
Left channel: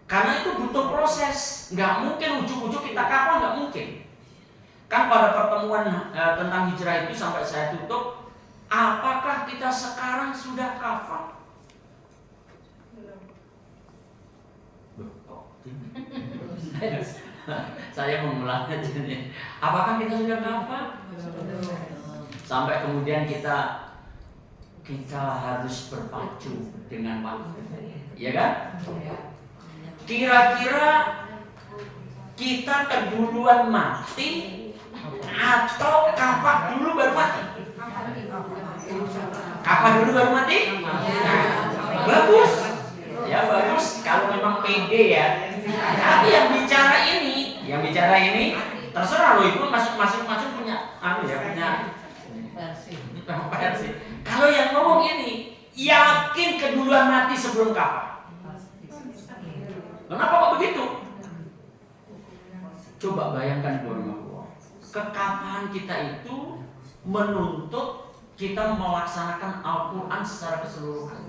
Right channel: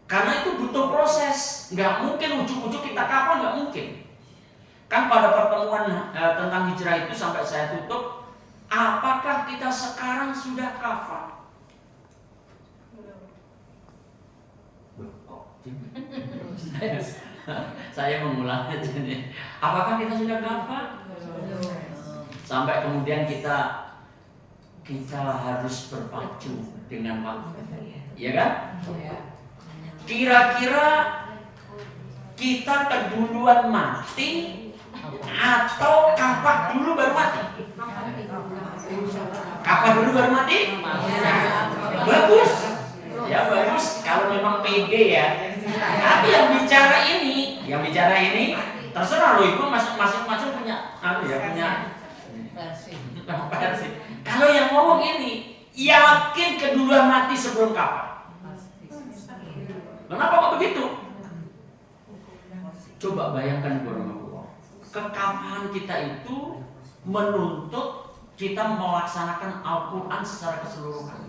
Karena itu butuh proses, nggak mungkin ujuk-ujuk kita kafah, nggak mungkin. Kan pada pertemuan tentang hijrah itu sampai saya tutup, apakah kita sekarang sudah kafah? Saya mengulang aja nih. Apakah kita sudah kafah? Sampai kemudian kita harus berpacu dengan waktu, ya kan? Kira-kira kita keduluan mati atau kafah dulu baru mati? Kafah dulu baru mati? Bagus. Ya bagus kalau memang pede ya. Tapi yang bicara ini Terserah lo, ibu masing-masing punya punya versi. Kalau yang ngomong ini yakin keduluan mati sebelum kafah. Kenapa kok begitu? Coba bayangkan warahmatullah. Kekafahan kita itu menuntut kita melaksanakan Al-Quran secara keseluruhan.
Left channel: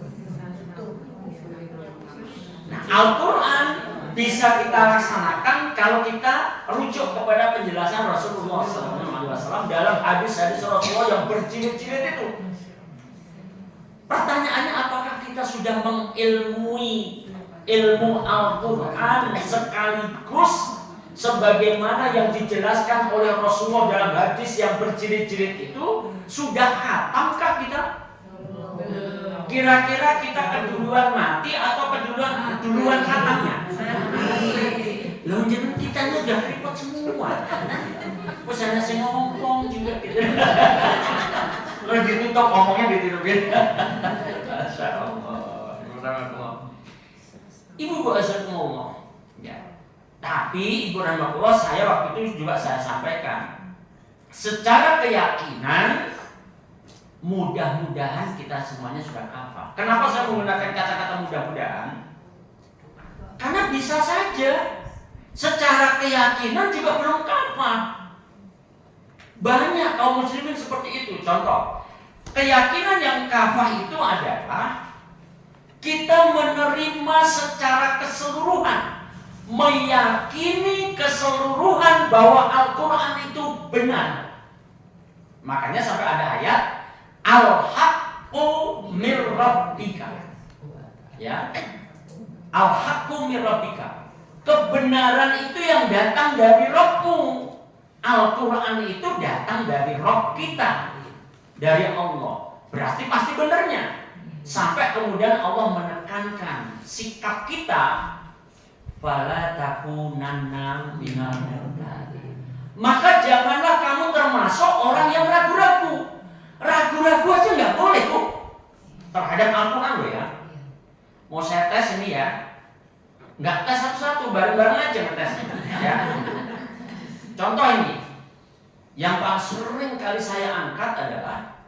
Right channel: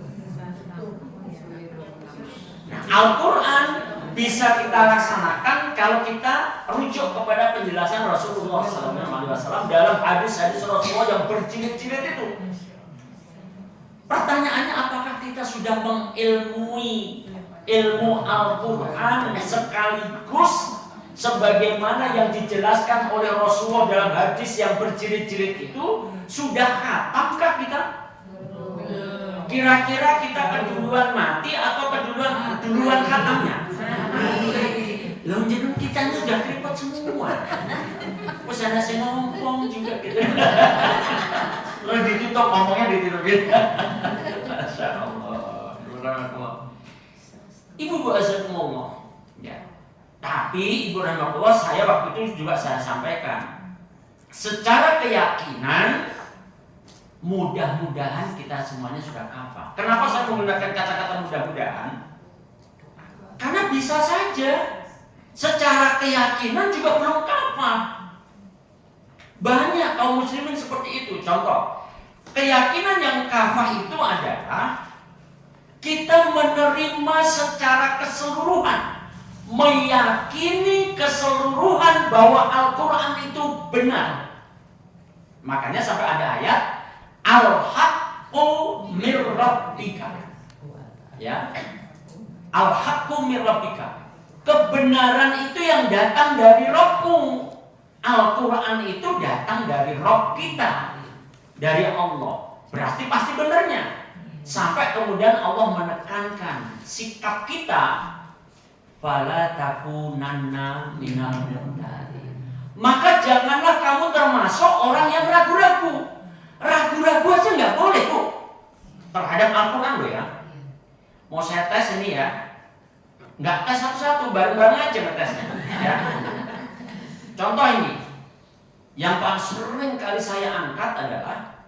Nah, Al-Quran bisa kita laksanakan kalau kita rujuk kepada penjelasan Rasulullah SAW dalam hadis-hadis Rasulullah yang berjilid-jilid itu. Pertanyaannya, apakah kita sudah mengilmui ilmu Al-Quran sekaligus sebagaimana yang dijelaskan oleh Rasulullah dalam hadis yang berjilid-jilid itu? Sudah khatamkah kita? Kira-kira kita keduluan mati atau keduluan khatamnya? Loh, jadi kita ini udah repot semua. Terus ada si ngomong juga gitu. Lalu ditutup ngomongnya ditutupin. Masya Allah. Ibu asal ngomong. Ya. Tapi Ibu rahmatullah, saya waktu itu juga saya sampaikan. Secara keyakinan, mudah-mudahan kita semuanya sudah kafah. Kenapa saya menggunakan kata-kata mudah-mudahan? Karena bisa saja secara keyakinan juga belum kafah. Banyak kaum muslimin seperti itu. Contoh, keyakinan yang kafah itu adalah kita menerima secara keseluruhan, meyakini keseluruhan bahwa Al-Quran itu benar. Makanya sampai ada ayat Al-Haqqu mir Rabbika. Ya. Al-Haqqu mir Rabbika. Kebenaran itu yang datang dari Rabbmu. Al-Quran itu datang dari Rabb kita, dari Allah. Berarti pasti benarnya. Sampai kemudian Allah menekankan sikap kita, fala takunanna minal mumtarin. Maka janganlah kamu termasuk orang yang ragu-ragu. Ragu-ragu aja nggak boleh tuh terhadap Al-Quran loh ya. Mau saya tes ini ya, nggak tes satu-satu, bareng-bareng aja ngetesnya. Ya. Contoh ini, yang paling sering kali saya angkat adalah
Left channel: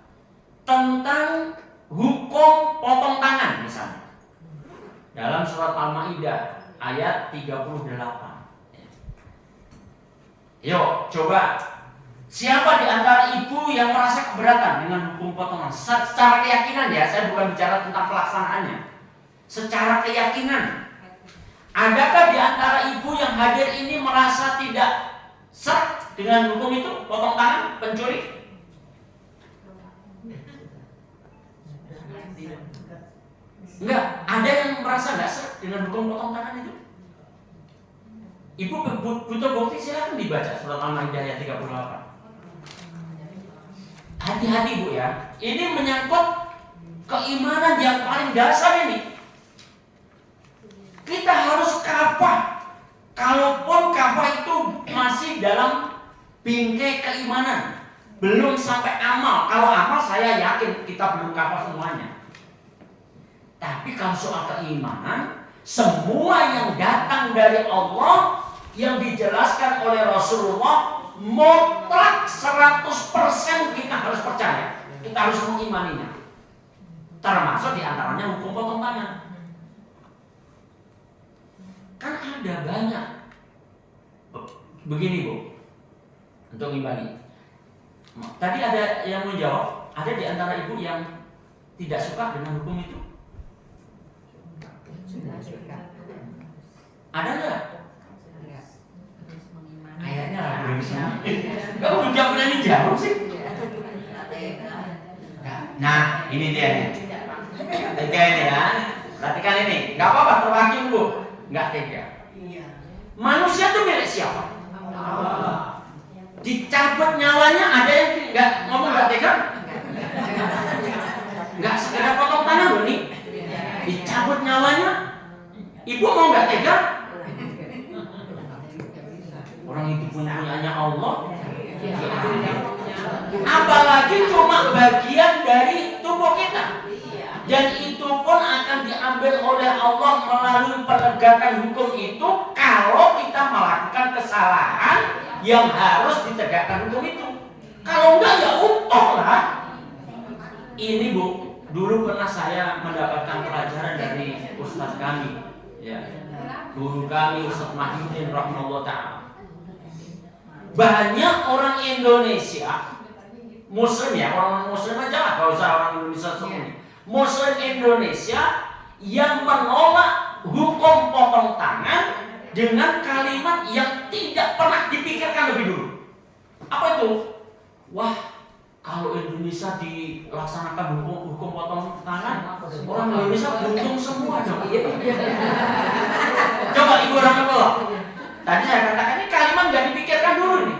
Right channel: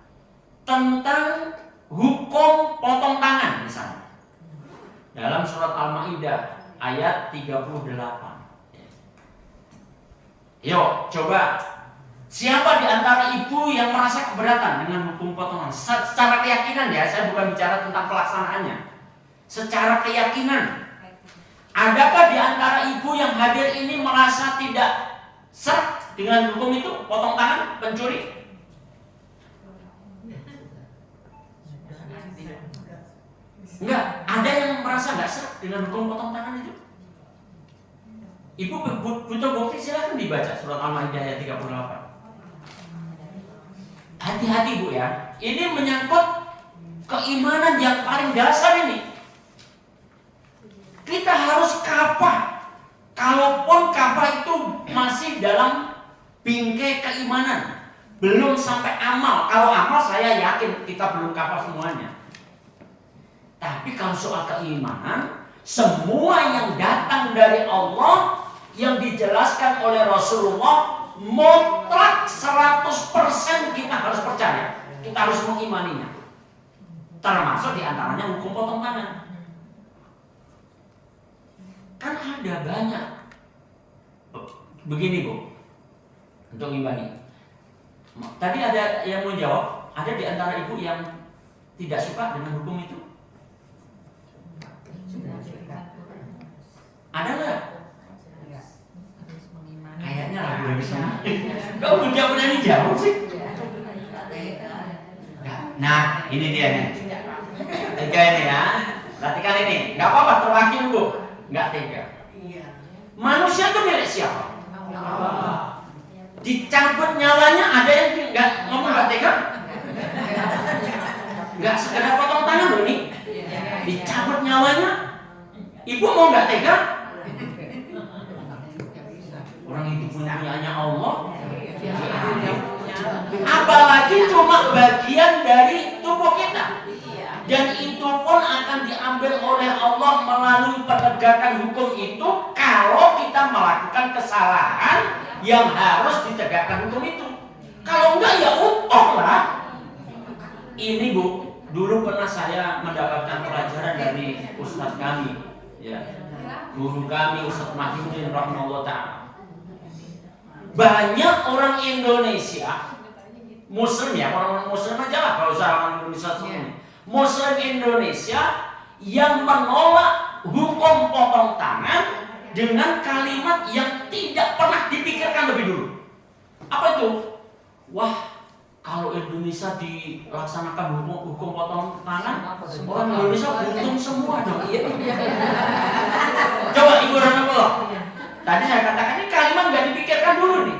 tentang hukum potong tangan misalnya. Dalam surat Al-Maidah ayat 38. Yuk, coba. Siapa di antara ibu yang merasa keberatan dengan hukum potongan? Secara keyakinan ya, saya bukan bicara tentang pelaksanaannya. Secara keyakinan, adakah di antara ibu yang hadir ini merasa tidak serak dengan hukum itu, potong tangan pencuri? Enggak, ada yang merasa nggak serak dengan hukum potong tangan itu? Ibu butuh bukti, silahkan dibaca surat Al-Maidah ayat 38. Hati-hati Bu ya, ini menyangkut keimanan yang paling dasar ini. Kita harus kafah. Kalaupun kafah itu masih dalam bingkai keimanan, belum sampai amal. Kalau amal saya yakin kita belum kafah semuanya. Tapi kalau soal keimanan, semua yang datang dari Allah, yang dijelaskan oleh Rasulullah, mutlak 100% kita harus percaya. Kita harus mengimaninya. Termasuk diantaranya hukum potong tangan. Kan ada banyak. Begini Bu, untuk ngimani. Tadi ada yang mau jawab, ada di antara ibu yang tidak suka dengan hukum itu? Ada nggak? Kayaknya ragu semua. Kamu udah berani jawab sih? Nah, ini dia nih. Tiga ini ya. Perhatikan ini. Nggak apa-apa, terwakil Bu. Nggak tega. Manusia itu milik siapa? Dicabut nyawanya, ada yang nggak ngomong nggak tega? Nggak segera potong tangan loh nih. Dicabut nyawanya, ibu mau nggak tega? Orang itu punyanya Allah. Apalagi cuma bagian dari tubuh kita. Dan itu pun akan diambil oleh Allah melalui penegakan hukum itu kalau kita melakukan kesalahan yang harus ditegakkan hukum itu. Kalau enggak ya utuh lah. Ini Bu, dulu pernah saya mendapatkan pelajaran dari Ustadz kami, ya, guru kami Ustadz Mahyudin rahimahullah ta'ala. Banyak orang Indonesia Muslim, ya, orang Muslim aja lah, kalau usah orang Indonesia semua. Muslim Indonesia yang menolak hukum potong tangan dengan kalimat yang tidak pernah dipikirkan lebih dulu. Apa itu? Wah, kalau Indonesia dilaksanakan hukum potong tangan, orang Indonesia buntung semua dong. Coba Ibu Rahmatullah. Tadi saya katakan ini kalimat nggak dipikirkan dulu nih.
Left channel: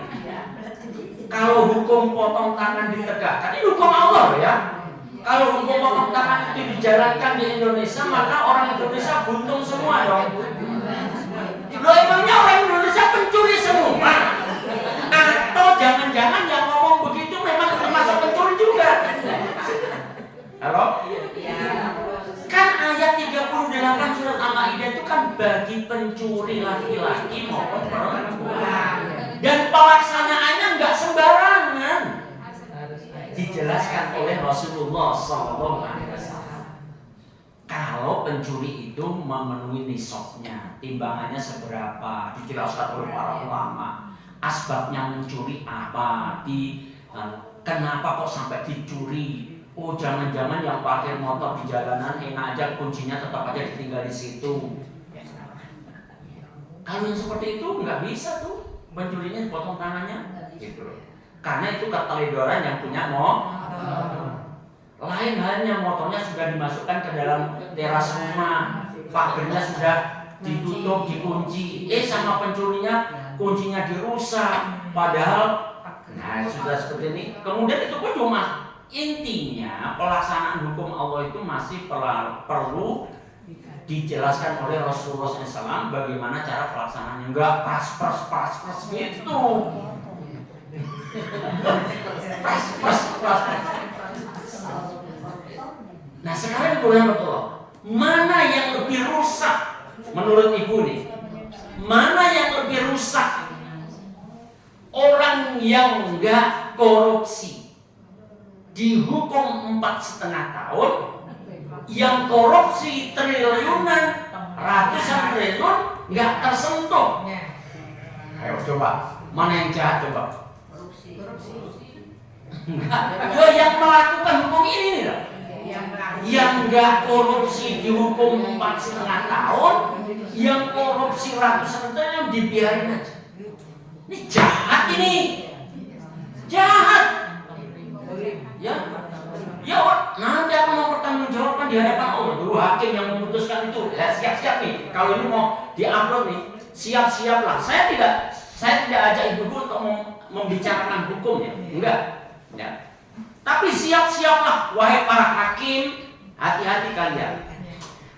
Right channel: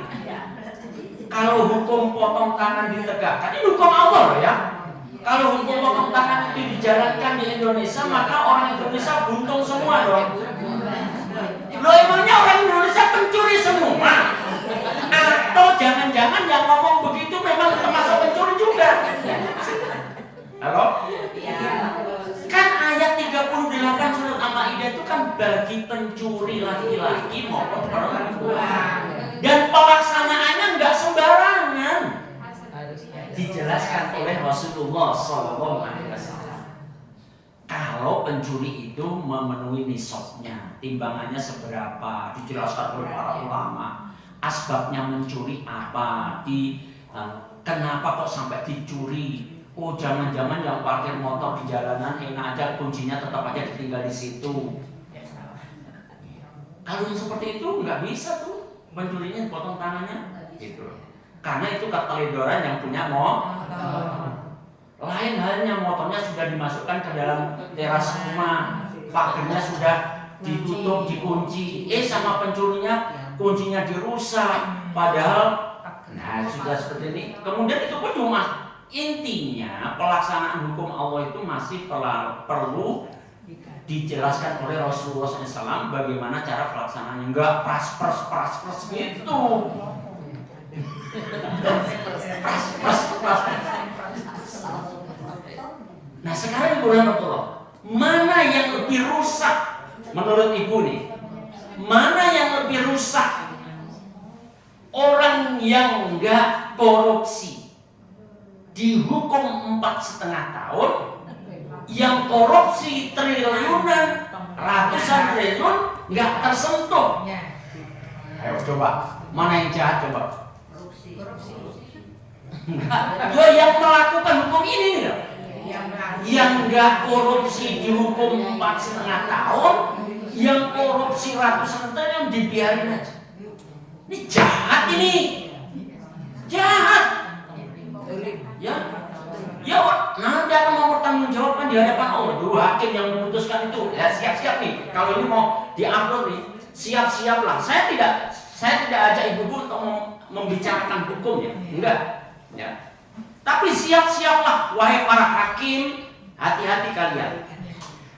Kalau hukum potong tangan ditegakkan, ini hukum Allah loh ya. Kalau hukum potong tangan itu dijalankan di Indonesia, maka orang Indonesia buntung semua dong. Loh, emangnya orang Indonesia pencuri semua? Atau jangan-jangan yang ngomong begitu memang termasuk pencuri juga? Halo? Kan ayat 38 surat Al-Maidah itu kan bagi pencuri laki-laki maupun perempuan. Dan pelaksanaannya nggak sembarangan. Dijelaskan oleh Rasulullah SAW. Kalau pencuri itu memenuhi nisabnya, timbangannya seberapa, dijelaskan oleh para ulama. Asbabnya mencuri apa? Kenapa kok sampai dicuri? Oh, jangan-jangan yang parkir motor di jalanan enak aja, kuncinya tetap aja ditinggal di situ. Kalau yang seperti itu nggak bisa tuh, pencurinya dipotong tangannya, gitu. Karena itu keteledoran yang punya motor. Lain halnya motornya sudah dimasukkan ke dalam teras rumah, pagernya sudah ditutup, dikunci. Sama pencurinya kuncinya dirusak. Padahal, nah sudah seperti ini. Kemudian itu pun cuma intinya pelaksanaan hukum Allah itu masih perlu dijelaskan oleh Rasulullah SAW bagaimana cara pelaksanaannya. Enggak pras gitu. Pras. Nah sekarang Ibu Rahmatullah, mana yang lebih rusak menurut Ibu nih? Mana yang lebih rusak? Orang yang enggak korupsi dihukum 4,5 tahun, yang korupsi triliunan, ratusan triliun nggak tersentuh. Ayo coba, mana yang jahat coba? Yo yang melakukan hukum ini nih loh. Yang nggak korupsi dihukum 4,5 tahun, yang korupsi ratusan triliun dibiarin aja. Ini jahat ini, jahat. Ya, nanti akan mau bertanggungjawabkan di hadapan Allah. Dulu hakim yang memutuskan itu, ya siap-siap nih. Kalau ini mau diupload nih, siap-siaplah. Saya tidak ajak ibu-ibu untuk membicarakan hukumnya, enggak. Ya. Tapi siap-siaplah, wahai para hakim, hati-hati kalian.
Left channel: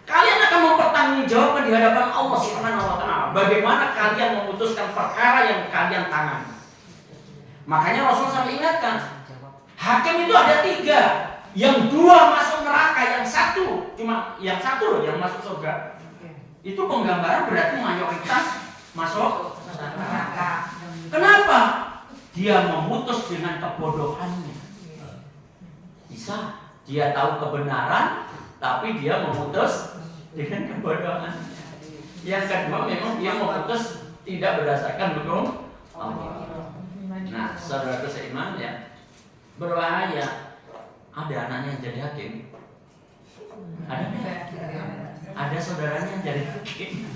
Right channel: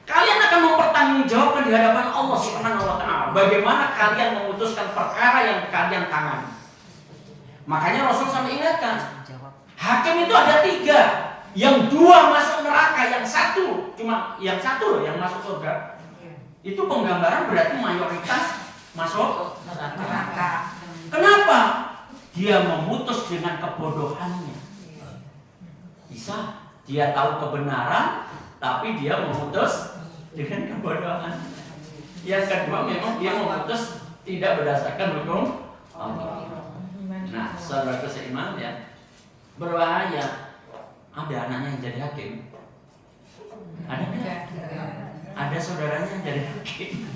Kalian akan mempertanggungjawabkan di hadapan Allah Subhanahu wa Ta'ala. Bagaimana kalian memutuskan perkara yang kalian tangani. Makanya Rasul sampai ingatkan, hakim itu ada 3. Yang 2 masuk neraka, yang 1 cuma yang 1 loh yang masuk surga. Itu penggambaran berarti mayoritas masuk neraka. Kenapa? Dia memutus dengan kebodohannya. Bisa dia tahu kebenaran tapi dia memutus dengan kebodohan. Yang kedua memang dia memutus tidak berdasarkan hukum Allah. Nah, saudara seiman ya, berbahaya. Ada anaknya yang jadi hakim. Ada saudaranya yang jadi hakim.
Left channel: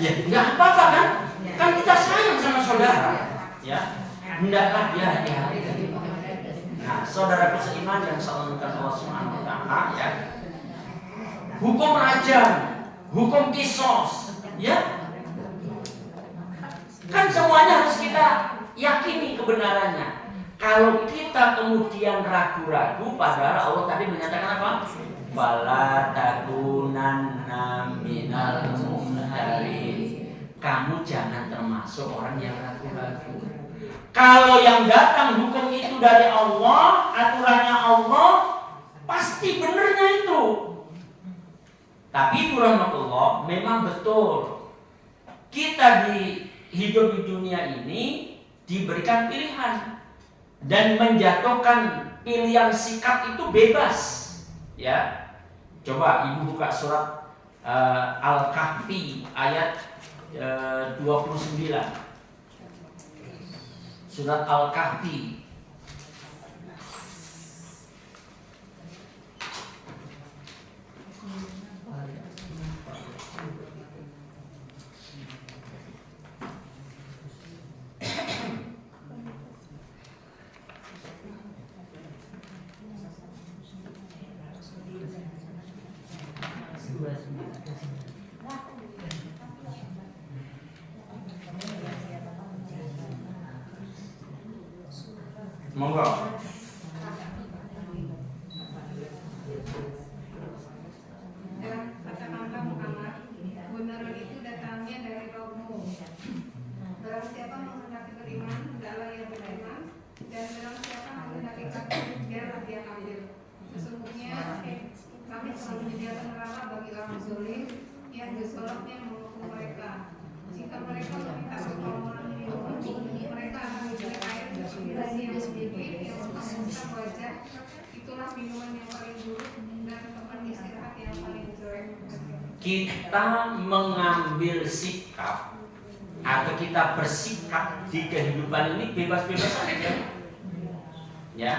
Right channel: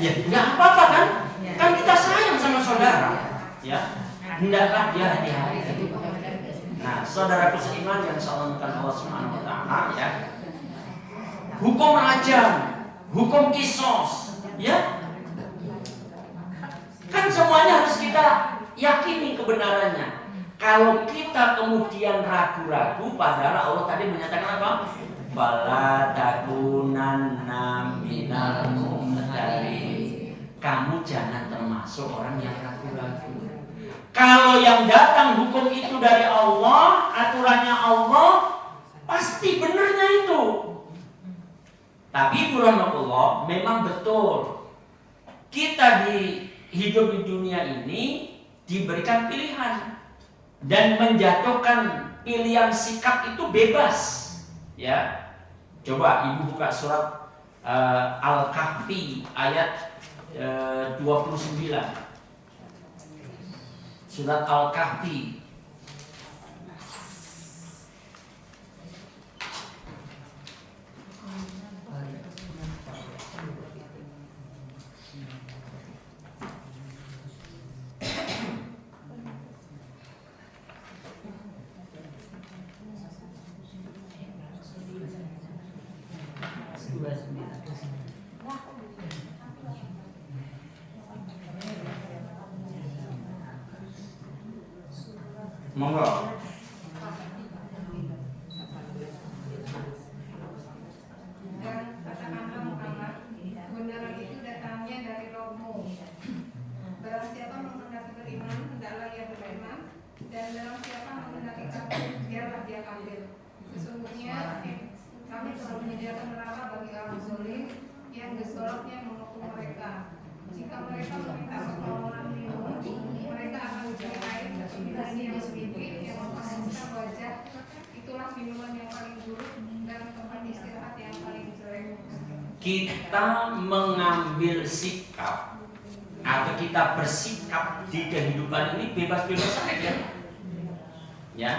Ya, nggak apa-apa kan? Kan kita sayang sama saudara. Ya, hendaklah dia hati-hati. Nah, saudaraku seiman yang saya Allah Subhanahu wa Ta'ala ya. Hukum rajam, hukum kisos, ya. Kan semuanya harus kita yakini kebenarannya. Kalau kita kemudian ragu-ragu, padahal Allah tadi menyatakan apa? Bala takunanna minal mumtarin. Kamu jangan termasuk orang yang ragu-ragu. Kalau yang datang hukum itu dari Allah, aturannya Allah, pasti benernya itu. Tapi Ibu Rahmatullah, memang betul kita hidup di dunia ini diberikan pilihan, dan menjatuhkan pilihan sikap itu bebas. Ya, coba ibu buka surat Al-Kahfi ayat 29. Surat Al-Kahfi monggo. Dan katakanlah Muhammad, kebenaran itu datangnya dari Rohmu. Barang siapa menghendaki beriman, hendaklah ia beriman, dan barang siapa menghendaki kafir, biarlah dia kafir. Sesungguhnya kami telah menyediakan neraka bagi orang zalim yang gesoloknya menghukum mereka. Jika mereka meminta pertolongan mereka akan diberi air sembilan yang sedikit yang mengusap wajah. Itulah minuman yang paling buruk dan tempat istirahat yang paling jelek. Kita mengambil sikap atau kita bersikap di kehidupan ini bebas-bebas saja. Ya,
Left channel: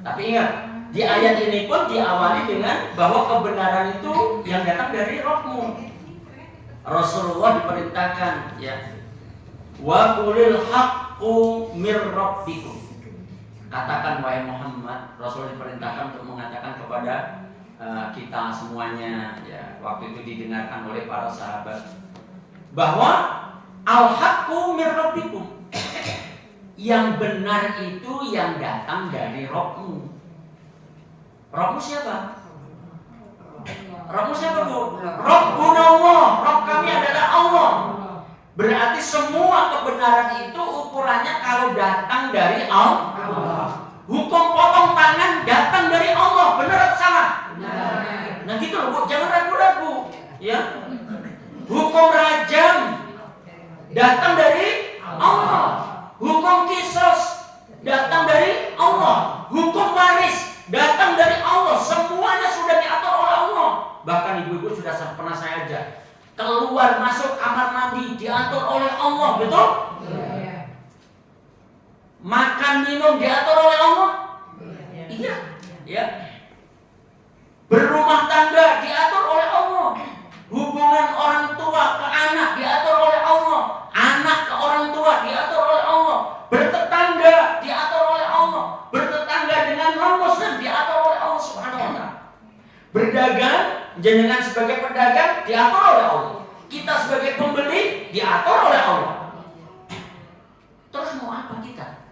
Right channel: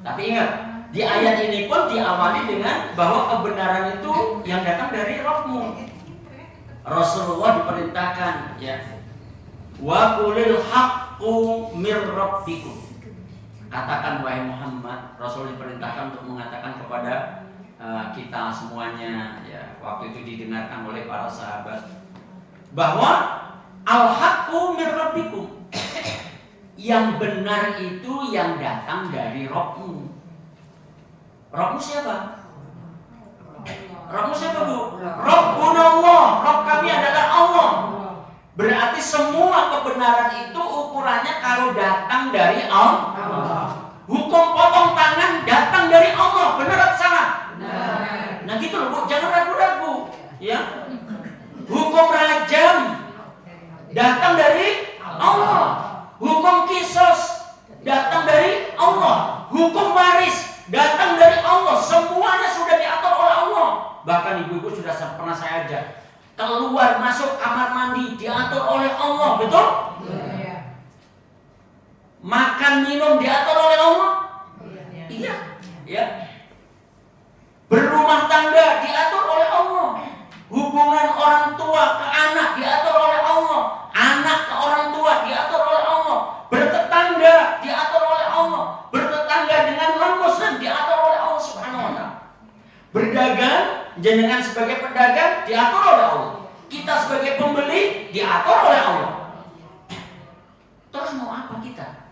tapi ingat, di ayat ini pun diawali dengan bahwa kebenaran itu yang datang dari Rohmu. Rasulullah diperintahkan, ya, wa qulil haqqu mir rabbikum. Katakan wahai Muhammad, Rasul diperintahkan untuk mengatakan kepada kita semuanya, ya, waktu itu didengarkan oleh para sahabat, bahwa al-haqqu mir rabbikum. Yang benar itu yang datang dari Rohmu. Rohmu siapa? Rohmu siapa, Bu? Rabbuna Allah. Rob kami adalah Allah. Berarti semua kebenaran itu ukurannya kalau datang dari Allah. Hukum potong tangan datang dari Allah. Benar atau salah? Nah gitu loh, Bu. Jangan ragu-ragu. Ya. Hukum rajam datang dari Allah. Hukum kisos datang dari Allah. Hukum waris datang dari Allah. Semuanya sudah diatur oleh Allah. Bahkan ibu-ibu sudah pernah saya ajak keluar masuk kamar mandi diatur oleh Allah, betul? Makan minum diatur oleh Allah. Iya, ya. Berumah tangga diatur oleh Allah. Hubungan orang tua ke anak diatur oleh Allah. Anak ke orang tua diatur oleh Allah. Bertetangga diatur oleh Allah. Bertetangga dengan non-muslim diatur oleh Allah Subhanahu wa taala. Berdagang, jenengan sebagai pedagang diatur oleh Allah. Kita sebagai pembeli diatur oleh Allah. Terus mau apa kita?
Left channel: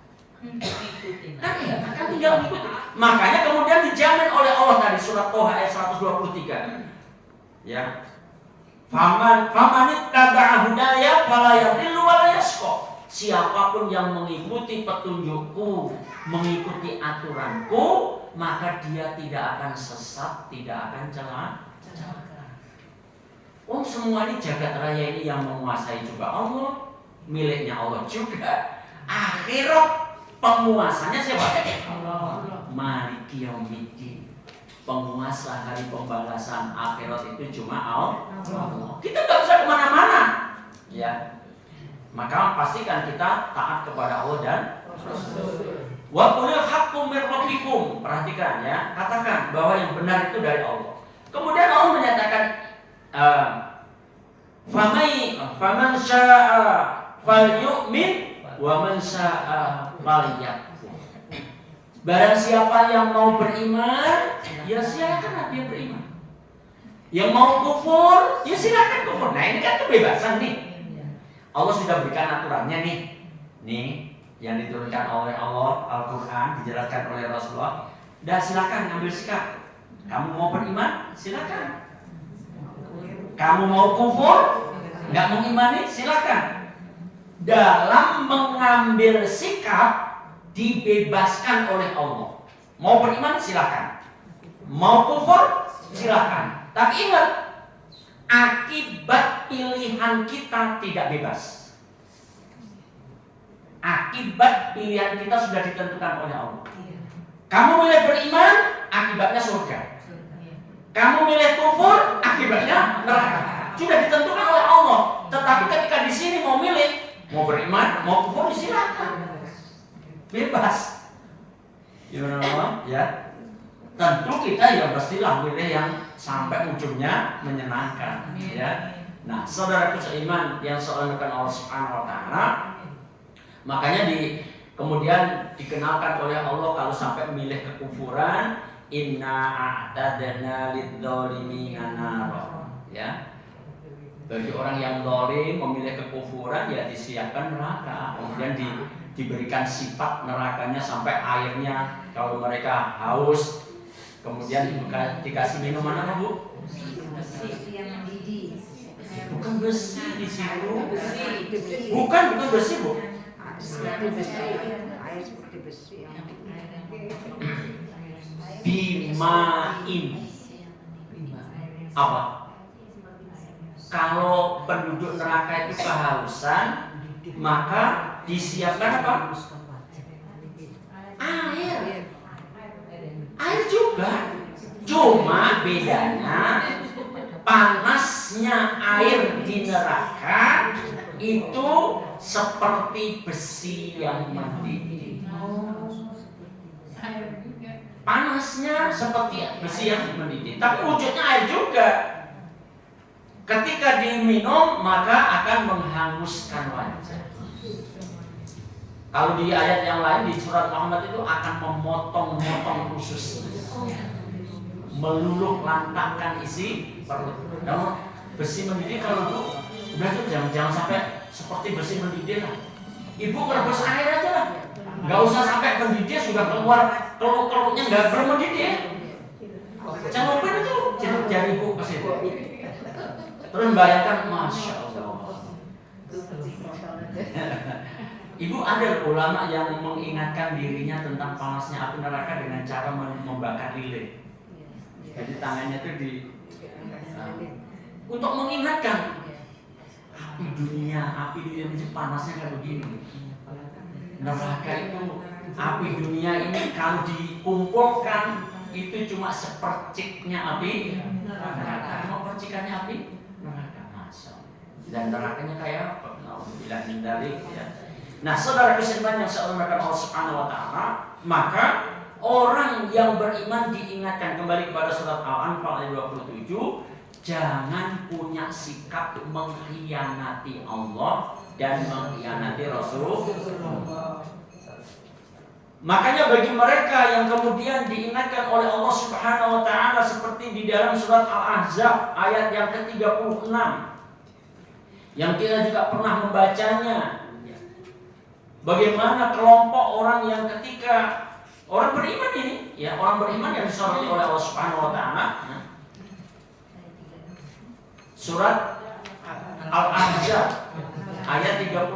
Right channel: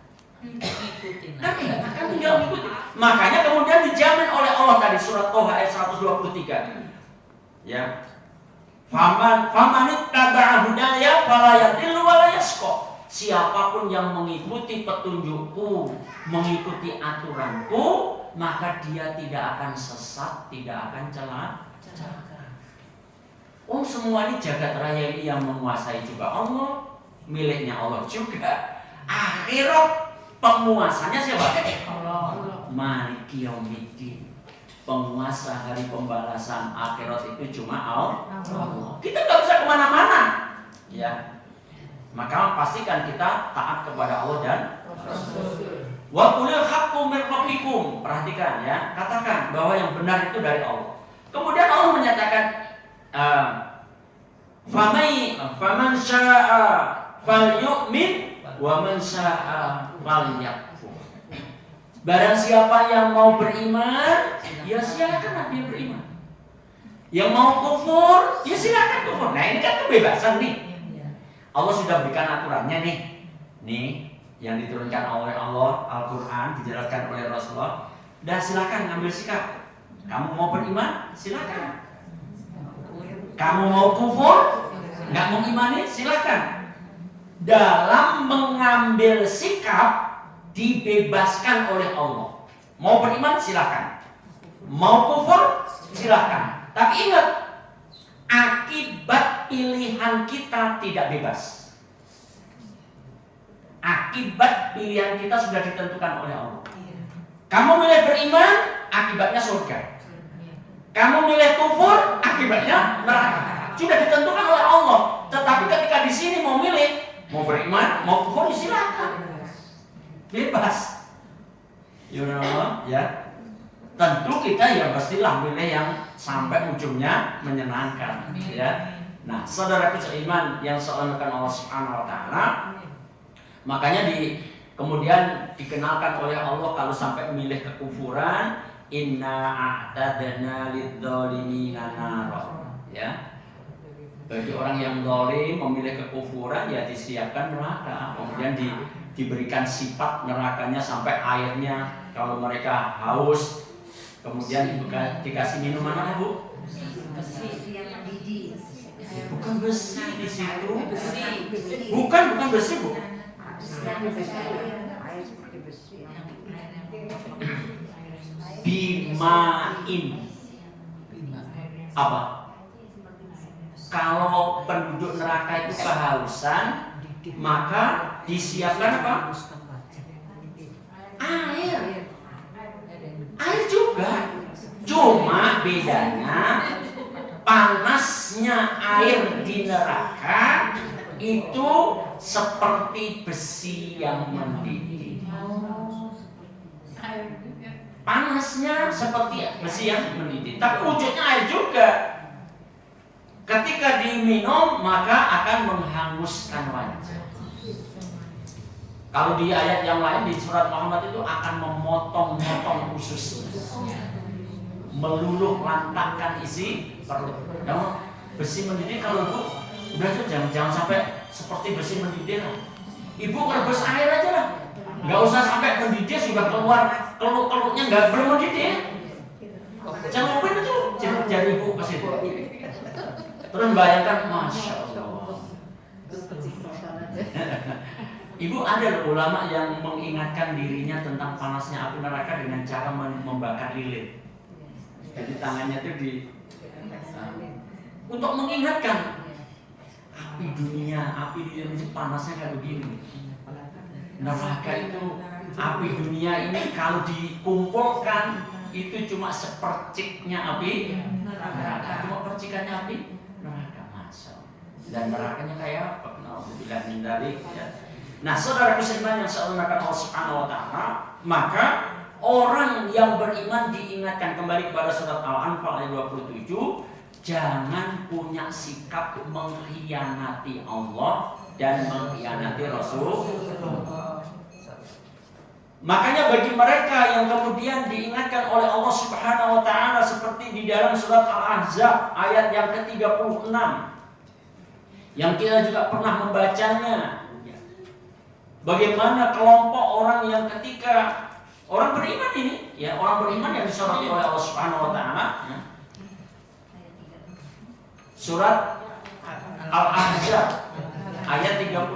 Kan tinggal mengikuti. Makanya kemudian dijamin oleh Allah tadi surat Toha ayat 123. Ya. Famanit taba'a hudaya fala yadillu wa la yashqa. Siapapun yang mengikuti petunjukku, mengikuti aturanku, maka dia tidak akan sesat, tidak akan celaka. Semua ini jagat raya ini yang menguasai juga Allah, miliknya Allah juga. Akhirat penguasanya siapa? Allah. Maliki yaumiddin. Penguasa hari pembalasan akhirat itu cuma Allah. Kita nggak bisa kemana-mana, ya. Maka pastikan kita taat kepada Allah dan Rasul. Wa qulil haqqu mir rabbikum. Perhatikan ya, katakan bahwa yang benar itu dari Allah. Kemudian Allah menyatakan faman syaa'a falyu'min wa man syaa'a falyakfur. Barang siapa yang mau beriman, ya silakan dia beriman. Yang mau kufur, ya silakan kufur. Nah, ini kan kebebasan nih. Allah sudah berikan aturannya nih. Nih, yang diturunkan oleh Allah, Al-Quran, dijelaskan oleh Rasulullah. Dah silakan ngambil sikap. Kamu mau beriman, silakan. Kamu mau kufur, nggak mau imani, silakan. Dalam mengambil sikap dibebaskan oleh Allah. Mau beriman, silakan. Mau kufur, silakan. Tapi ingat, akibat pilihan kita tidak bebas. Akibat pilihan kita sudah ditentukan oleh Allah. Kamu milih beriman, akibatnya surga. Kamu milih kufur, akibatnya neraka. Sudah ditentukan oleh Allah. Tetapi ketika di sini mau milih, mau beriman, mau kufur, silakan. Bebas. Ya. Tentu kita ya pastilah milih yang sampai ujungnya menyenangkan, ya. Nah, saudaraku seiman yang seolahkan Allah Subhanahu wa taala, makanya kemudian dikenalkan oleh Allah kalau sampai milih kekufuran, inna a'tadna lidzalimina nara, ya. Bagi orang yang zalim memilih kekufuran ya disiapkan neraka. Kemudian diberikan sifat nerakanya sampai airnya kalau mereka haus. Kemudian dikasih minuman apa, Bu? Besi yang mendidih. Bukan besi di situ. Bukan besi, Bu. Bimain. Apa? Kalau penduduk neraka itu kehausan, maka disiapkan apa? Air. Air juga. Cuma bedanya panasnya air di neraka itu seperti besi yang mendidih. Panasnya seperti besi yang mendidih, tapi wujudnya air juga. Ketika diminum maka akan menghanguskan wajah. Kalau di ayat yang lain di surat Muhammad itu akan memotong-motong usus, meluluh lantakkan isi perut. Namun besi mendidih kalau Bu udah tuh jangan sampai seperti besi mendidih lah. Ibu merebus air aja lah, nggak usah sampai mendidih sudah keluar keluk-keluknya nggak bermendidih. Celupin itu jari Ibu ke situ. Terus bayangkan, Masya Allah. Ibu ada ulama yang mengingatkan dirinya tentang panasnya api neraka dengan cara membakar lilin. Jadi tangannya itu untuk mengingatkan api dunia, api lilin itu panasnya kayak begini. Neraka itu api dunia ini kalau dikumpulkan itu cuma seperciknya api neraka, cuma percikannya api neraka. Masya Allah. Dan nerakanya kayak apa? Alhamdulillah dari ya. Nah, saudara seiman yang seolahkan Allah Subhanahu wa taala, maka orang yang beriman diingatkan kembali kepada surat Al-Anfal ayat 27, jangan punya sikap mengkhianati Allah dan mengkhianati Rasulullah. Makanya bagi mereka yang kemudian diingatkan oleh Allah Subhanahu wa taala seperti di dalam surat Al-Ahzab ayat yang ke-36 yang kita juga pernah membacanya, bagaimana kelompok orang yang ketika orang beriman ini, ya orang beriman yang disoroti oleh Allah Subhanahu wa taala. Surat Al-Ahzab ayat 36.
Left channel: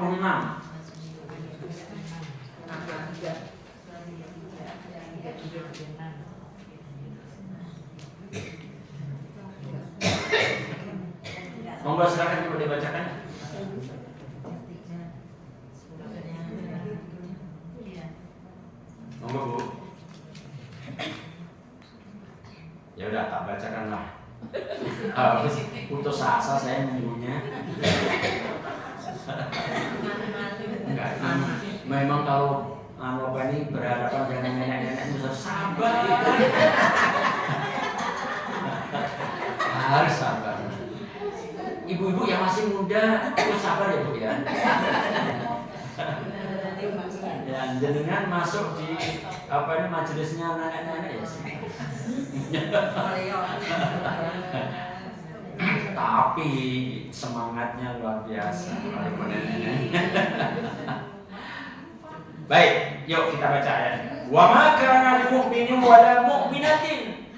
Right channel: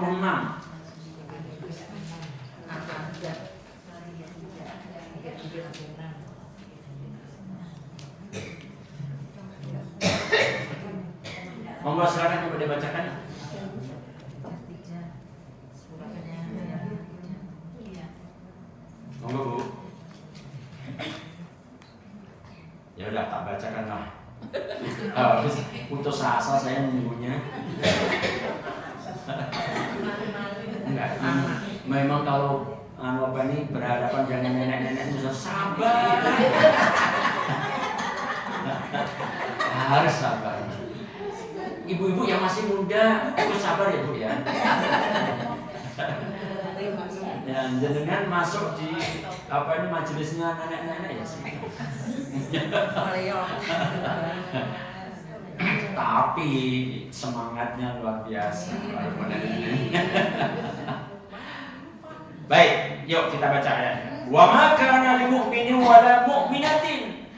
Monggo silakan coba dibacakan. Monggo Bu. Ya udah tak bacakan lah. Putus asa saya nunggunya. Enggak, memang kalau Bapak ini berhadapan dengan nenek-nenek bisa sabar. Harus sabar. Ibu-ibu yang masih muda harus sabar ya Bu ya. Dan jenengan masuk di majelisnya nenek-nenek ya sih. Tapi semangatnya luar biasa. Baik, yuk kita baca ayatnya. Wa ma kana lil mu'minin wa la mu'minatin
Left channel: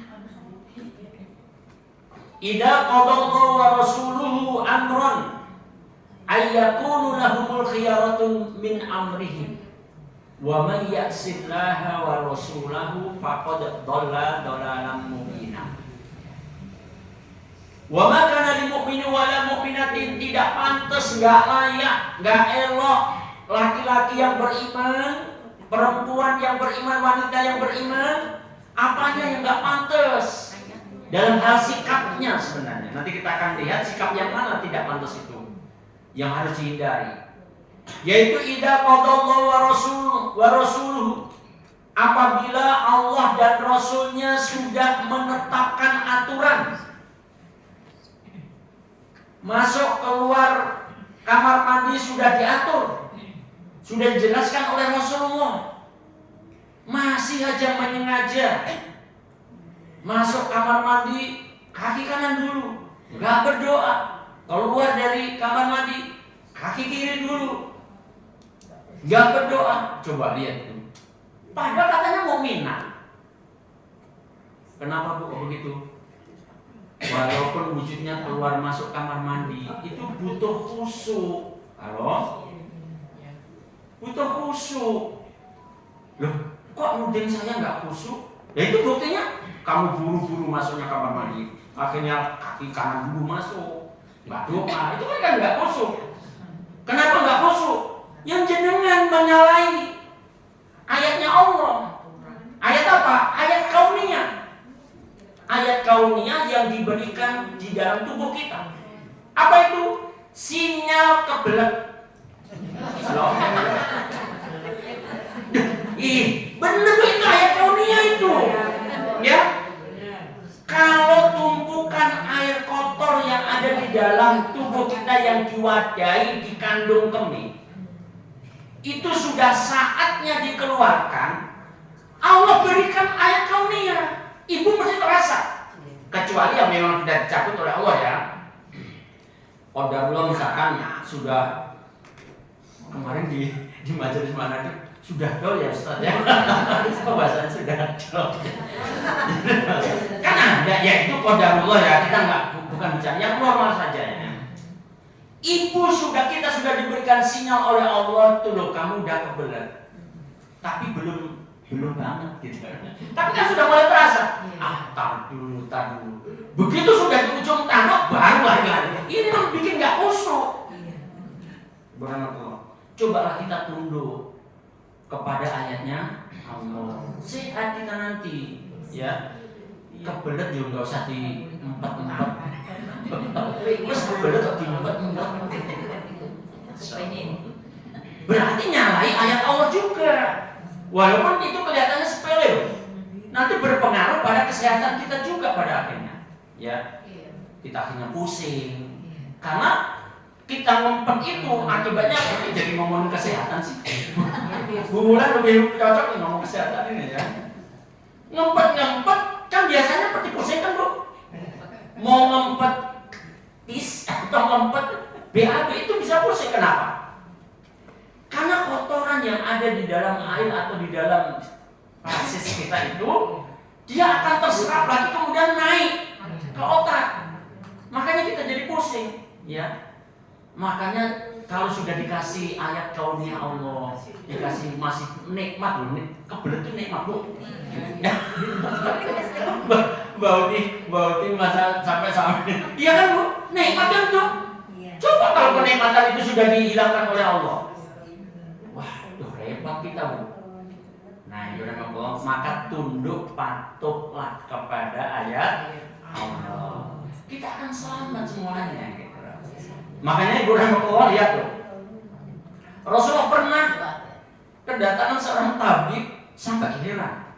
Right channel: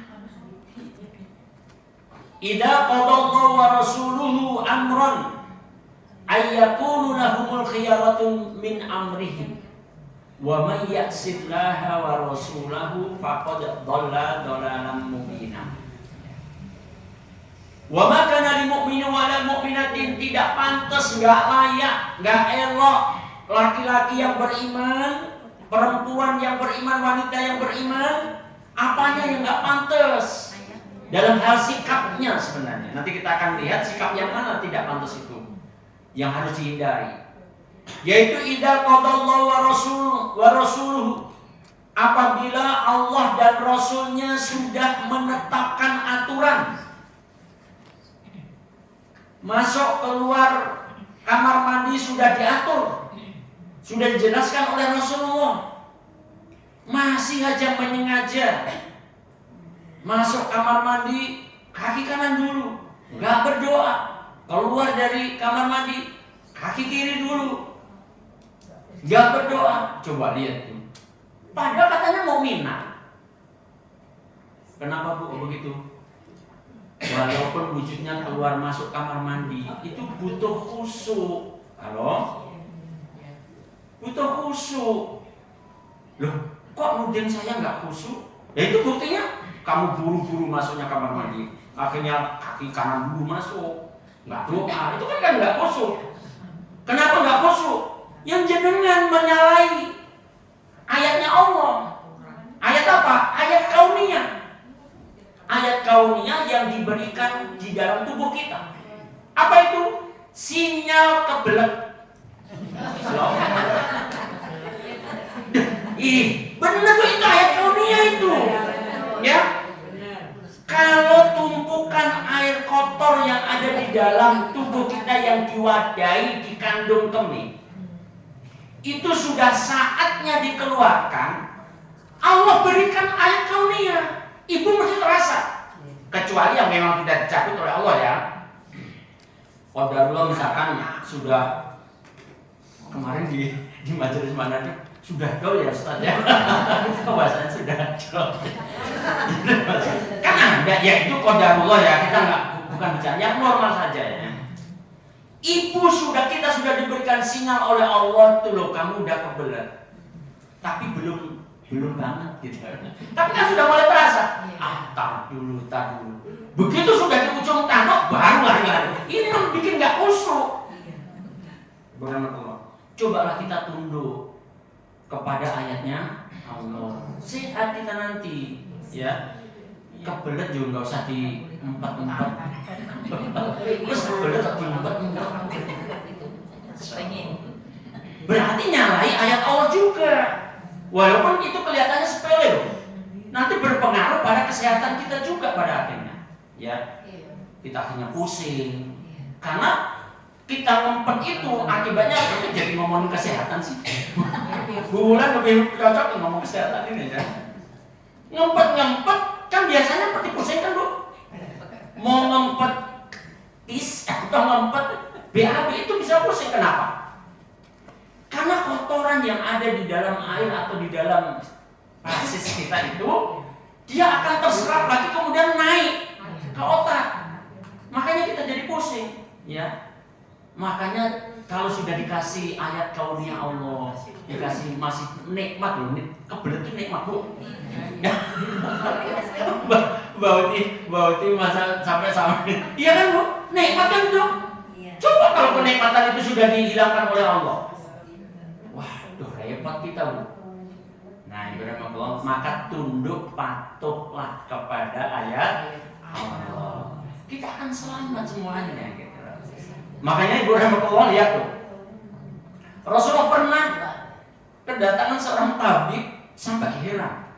idza qadallahu wa rasuluhu amran ay yakunu lahumul khiyaratu min amrihim wa may ya'sillaha wa rasulahu faqad dhalla dhalalan mubina. Wa ma kana lil mu'mini wa la mu'minatin, tidak pantas, enggak layak, enggak elok laki-laki yang beriman, perempuan yang beriman, wanita yang beriman, apanya yang enggak pantas dalam hal sikapnya sebenarnya. Nanti kita akan lihat sikap yang mana tidak pantas itu, yang harus dihindari. Yaitu idza qadallahu wa rasuluhu, apabila Allah dan Rasulnya sudah menetapkan aturan, masuk keluar kamar mandi sudah diatur, sudah dijelaskan oleh Rasulullah, masih aja menyengaja masuk kamar mandi kaki kanan dulu, nggak berdoa, keluar dari kamar mandi kaki kiri dulu, nggak berdoa. Coba lihat tuh, padahal katanya mukminah. Kenapa Bu begitu? Walaupun wujudnya keluar masuk kamar mandi itu butuh khusyuk. Halo? Butuh khusyuk. Loh, kok nuding saya nggak khusyuk? Ya itu buktinya kamu buru-buru masuknya kamar mandi, akhirnya kaki kanan dulu masuk, nggak doa. Itu kan nggak khusyuk. Kenapa nggak khusyuk? Yang jenengan menyalahi ayatnya Allah. Ayat apa? Ayat kauniyah. Ayat kauniyah yang diberikan di dalam tubuh kita. Apa itu? Sinyal kebelet. Bener tuh, itu ayat kauniyah itu. Ya. Kalau tumpukan air kotor yang ada di dalam tubuh kita yang diwadahi di kandung kemih, itu sudah saatnya dikeluarkan. Allah berikan ayat kauniyah. Ibu mesti terasa, kecuali yang memang tidak dicabut oleh Allah ya. Qadarullah misalkan sudah kemarin di majelis mana nih, sudah dol ya Ustaz ya. Bahasanya sudah dol. Kan ada ya, itu qadarullah ya, kita bukan bicara yang normal saja ya. Kita sudah diberikan sinyal oleh Allah tuh loh, kamu udah kebelet. Tapi belum banget gitu. Tapi kan sudah mulai terasa. Tar dulu. Begitu sudah di ujung tanduk baru lari. Ini memang bikin nggak khusyuk. Cobalah kita tunduk kepada ayatnya Allah. Sehat kita nanti, ya. Kebelet juga nggak usah diempat-empat. Terus kebelet kok diempat-empat. Berarti nyalai ayat Allah juga. Walaupun itu kelihatannya sepele loh, nanti berpengaruh pada kesehatan kita juga pada akhirnya. Ya, kita akhirnya pusing. Karena kita ngempet itu akibatnya jadi ngomongin kesehatan sih. Bu Wulan lebih cocok ngomong kesehatan ini ya. Ngempet kan biasanya seperti pusing kan Bu. Mau ngempet pis atau ngempet BAB itu bisa pusing. Kenapa? Karena kotoran yang ada di dalam air atau di dalam fasis kita itu, dia akan terserap lagi kemudian naik ke otak. Makanya kita jadi pusing, ya. Makanya kalau sudah dikasih ayat kauniyah Allah, dikasih masih nikmat loh, kebelet itu nikmat Bu. Bauti masa sampai. Iya kan Bu? Nikmat kan tuh. Coba kalau kenikmatan itu sudah dihilangkan oleh Allah. Repot kita Bu. Nah, maka tunduk patuhlah kepada ayat Allah. Kita akan selamat semuanya gitu. Makanya Ibu rahmatullah lihat tuh. Rasulullah pernah kedatangan seorang tabib sampai heran.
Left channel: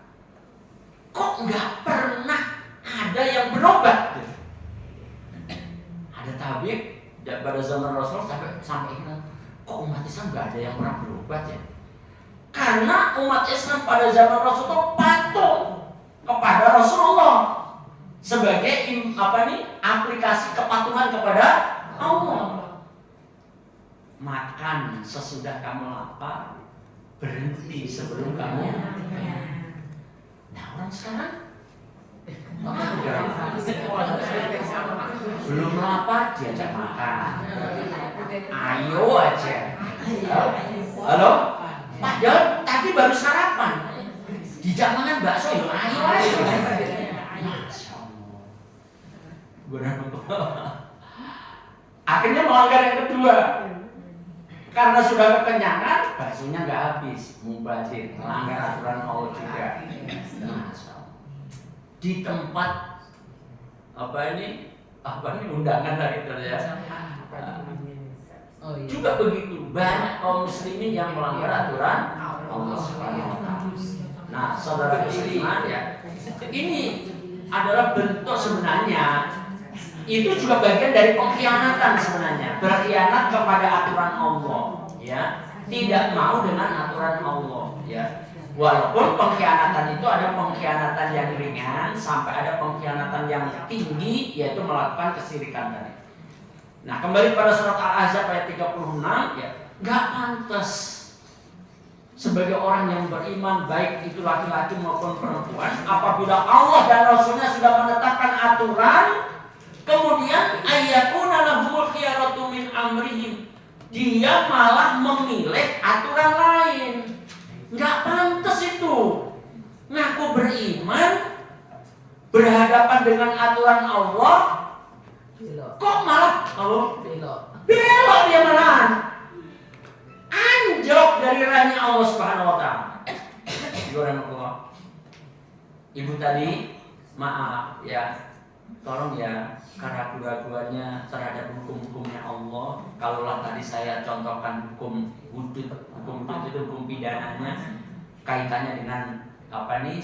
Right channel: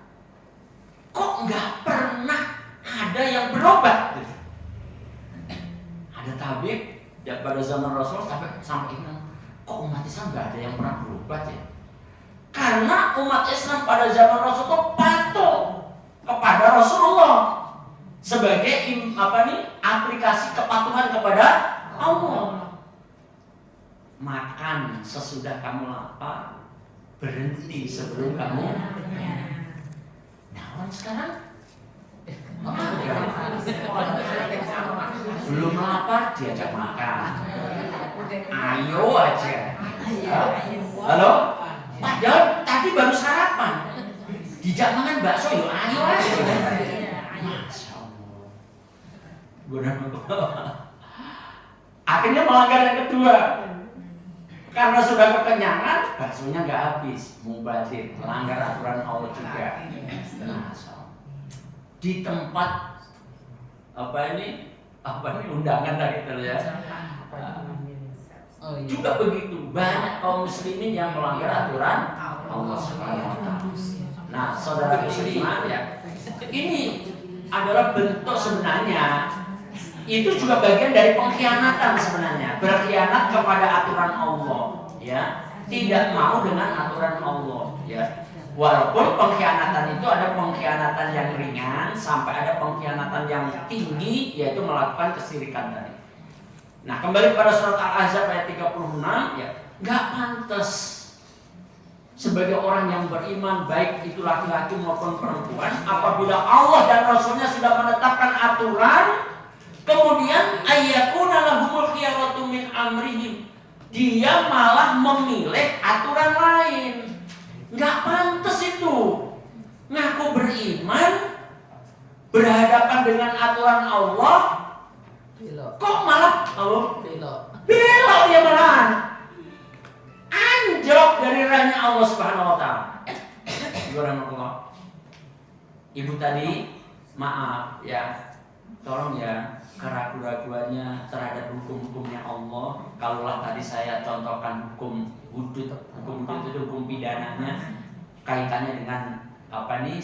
Kok nggak pernah ada yang berobat? Ada tabib pada zaman Rasul sampai heran. Kok umat Islam nggak ada yang pernah berobat ya? Karena umat Islam pada zaman Rasul itu patuh kepada Rasulullah sebagai aplikasi kepatuhan kepada Allah. Makan sesudah kamu lapar, berhenti sebelum kamu. Nah, orang sekarang belum lapar diajak makan. Ayo aja. Halo? Padahal tadi baru sarapan, dijak makan bakso, yuk ayo aja. Masya Allah. Akhirnya melanggar yang kedua. Karena sudah kekenyangan, baksonya nggak habis, mubazir, melanggar aturan Allah juga. Di tempat undangan tadi ya. Oh, iya. Juga begitu, banyak kaum muslimin yang melanggar aturan Allah Subhanahu wa taala. Nah, saudara muslimat ya, ini adalah bentuk sebenarnya itu juga bagian dari pengkhianatan sebenarnya, berkhianat kepada aturan Allah, ya, tidak mau dengan aturan Allah, ya. Walaupun pengkhianatan itu ada pengkhianatan yang ringan sampai ada pengkhianatan yang tinggi, yaitu melakukan kesyirikan tadi. Nah, kembali pada surat Al-Ahzab ayat 36, ya, nggak pantas sebagai orang yang beriman, baik itu laki-laki maupun perempuan, apabila Allah dan Rasulnya sudah menetapkan aturan, kemudian ayyakuna lahumul khiyaratu min amrihim, dia malah memilih aturan lain. Nggak pantas itu. Ngaku beriman, berhadapan dengan aturan Allah, kok malah belok dia malahan. Anjlok dari rahnya Allah Subhanahu wa taala. Ibu tadi maaf ya. Tolong ya, keraguan-raguannya terhadap hukum-hukumnya Allah. Kalaulah tadi saya contohkan hukum hudud itu hukum pidananya, kaitannya dengan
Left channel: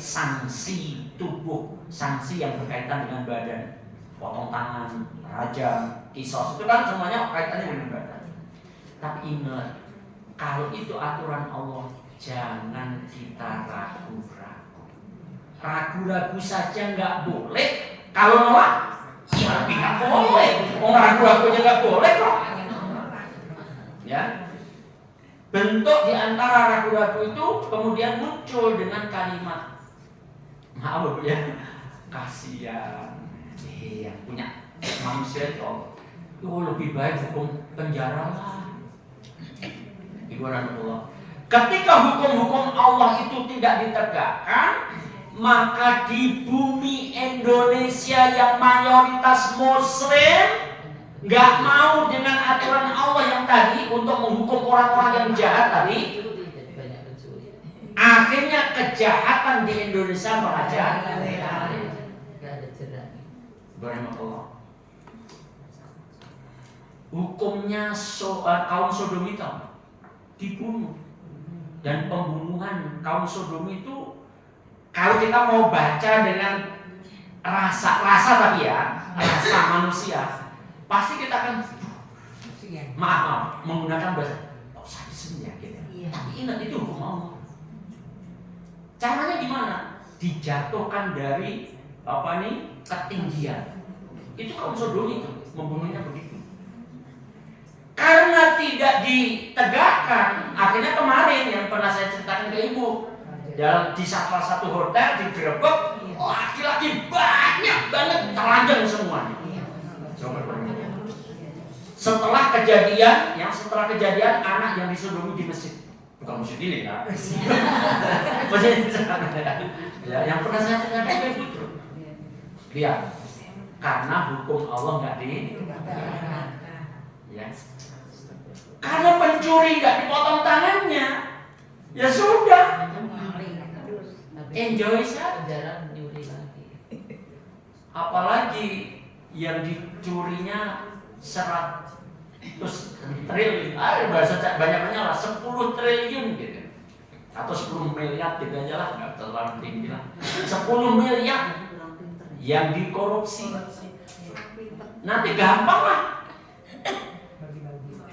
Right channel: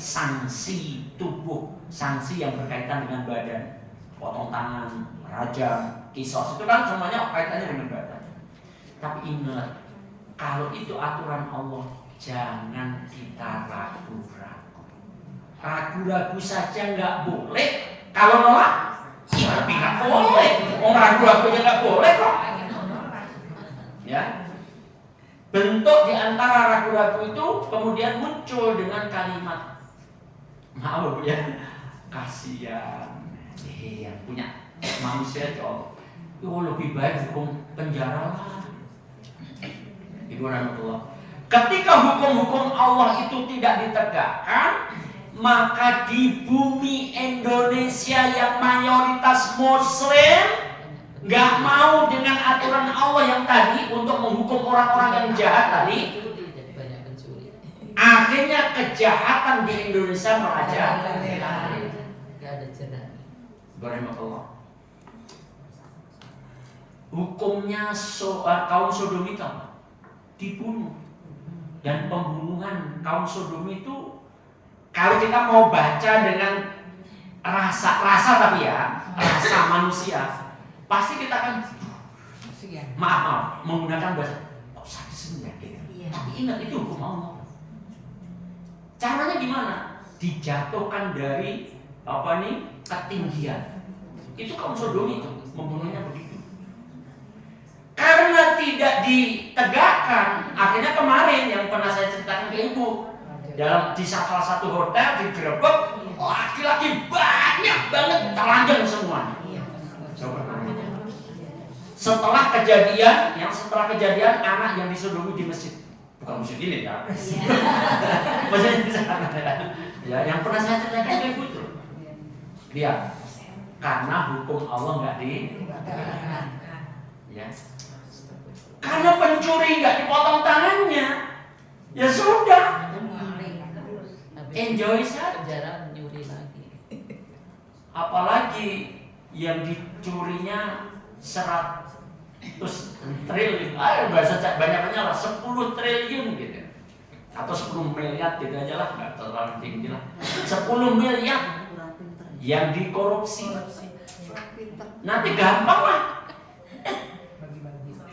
sanksi tubuh, sanksi yang berkaitan dengan badan, potong tangan, rajam, kisos, itu kan semuanya kaitannya dengan badan. Tapi ingat, kalau itu aturan Allah, jangan kita ragu-ragu. Ragu-ragu saja nggak boleh. Kalau nolak, ya lebih nggak boleh. Orang ragu-ragu aja nggak boleh kok. Ya, bentuk diantara ragu-ragu itu kemudian muncul dengan kalimat, maaf Bu ya, kasihan. Yang punya manusia itu lebih baik hukum penjara lah. Ibu rahmatullah. Ketika hukum-hukum Allah itu tidak ditegakkan, maka di bumi Indonesia yang mayoritas Muslim nggak mau dengan aturan Allah yang tadi untuk menghukum orang-orang yang jahat tadi, akhirnya kejahatan di Indonesia merajalela. Hukumnya kaum Sodomita dibunuh, dan pembunuhan kaum Sodom itu, kalau kita mau baca dengan rasa tapi ya, rasa manusia, pasti kita akan maaf menggunakan bahasa kok sadis ya gitu. Tapi ingat itu hukum Allah. Caranya gimana? Dijatuhkan dari ketinggian. Itu kaum Sodom itu membunuhnya begitu. Karena tidak ditegakkan, akhirnya kemarin yang pernah saya ceritakan ke ibu, di salah satu hotel digerebek, laki-laki banyak banget telanjang semuanya. Setelah kejadian anak yang disodomi di masjid, bukan masjid ini kan? Masjid di sana ya, yang pernah saya ceritakan ke ibu itu. Lihat, karena hukum Allah nggak ditegakkan, ya. Karena pencuri nggak dipotong tangannya, ya sudah. Enjoy saja. Apalagi yang dicurinya 100 triliun, banyak-banyak lah, 10 triliun gitu, atau 10 miliar gitu aja lah, nggak terlalu tinggi lah. 10 miliar yang dikorupsi, nanti gampang lah.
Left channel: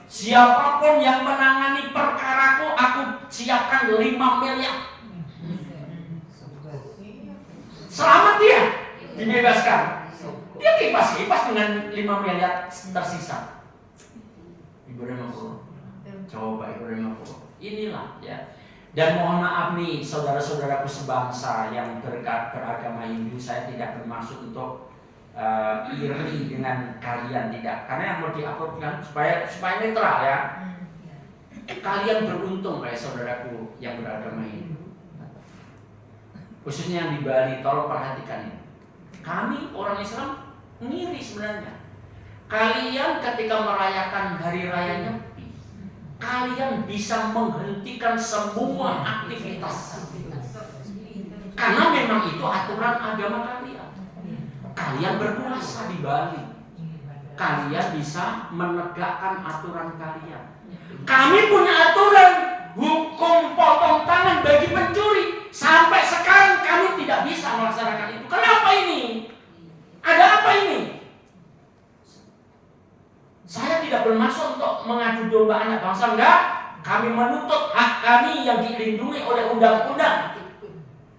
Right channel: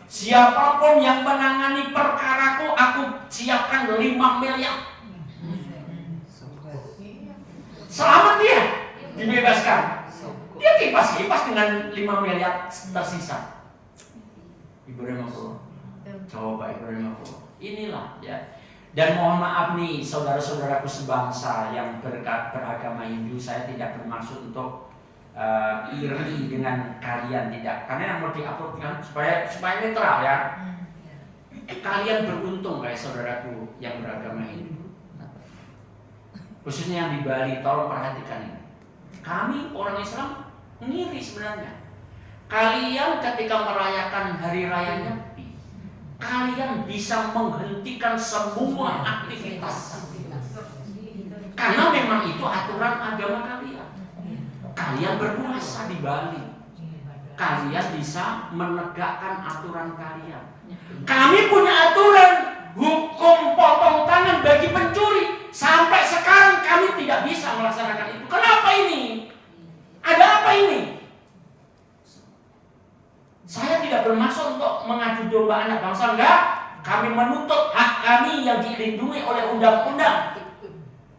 Siapapun yang menangani perkaraku, aku siapkan 5 miliar. Selamat dia dibebaskan. Dia kipas-kipas dengan 5 miliar tersisa. Ibu rahmatullah. Coba Ibu rahmatullah. Inilah ya. Dan mohon maaf nih saudara-saudaraku sebangsa yang beragama Hindu, saya tidak bermaksud untuk iri dengan kalian, tidak. Karena yang mau diupload kan supaya netral ya. Kalian beruntung kayak saudaraku yang beragama Hindu. Khususnya yang di Bali, tolong perhatikan ini. Kami orang Islam Ngiri sebenarnya. Kalian ketika merayakan hari raya Nyepi, kalian bisa menghentikan semua aktivitas. Karena memang itu aturan agama kalian. Kalian berpuasa di Bali. Kalian bisa menegakkan aturan kalian. Kami punya aturan hukum potong tangan bagi pencuri. Sampai sekarang kami tidak bisa melaksanakan itu. Kenapa ini? Ada apa ini? Saya tidak bermaksud untuk mengadu domba anak bangsa, enggak. Kami menuntut hak kami yang dilindungi oleh undang-undang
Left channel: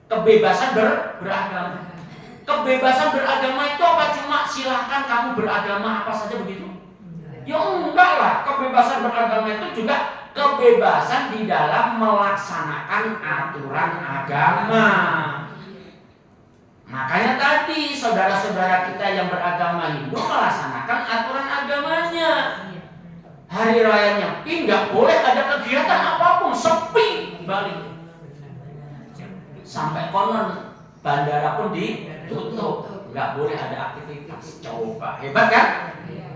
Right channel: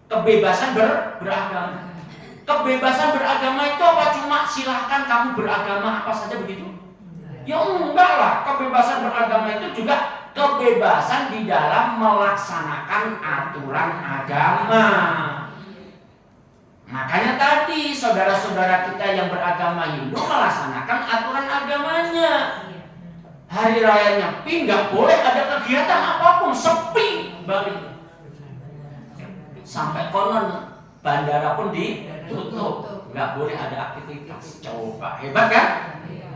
kebebasan beragama. Kebebasan beragama itu apa? Cuma silahkan kamu beragama apa saja begitu? Ya enggak lah. Kebebasan beragama itu juga kebebasan di dalam melaksanakan aturan agama. Makanya tadi saudara-saudara kita yang beragama Hindu melaksanakan aturan agamanya. Hari raya Nyepi nggak boleh ada kegiatan apapun, sepi Bali. Sampai konon bandara pun ditutup, nggak boleh ada aktivitas. Coba hebat kan?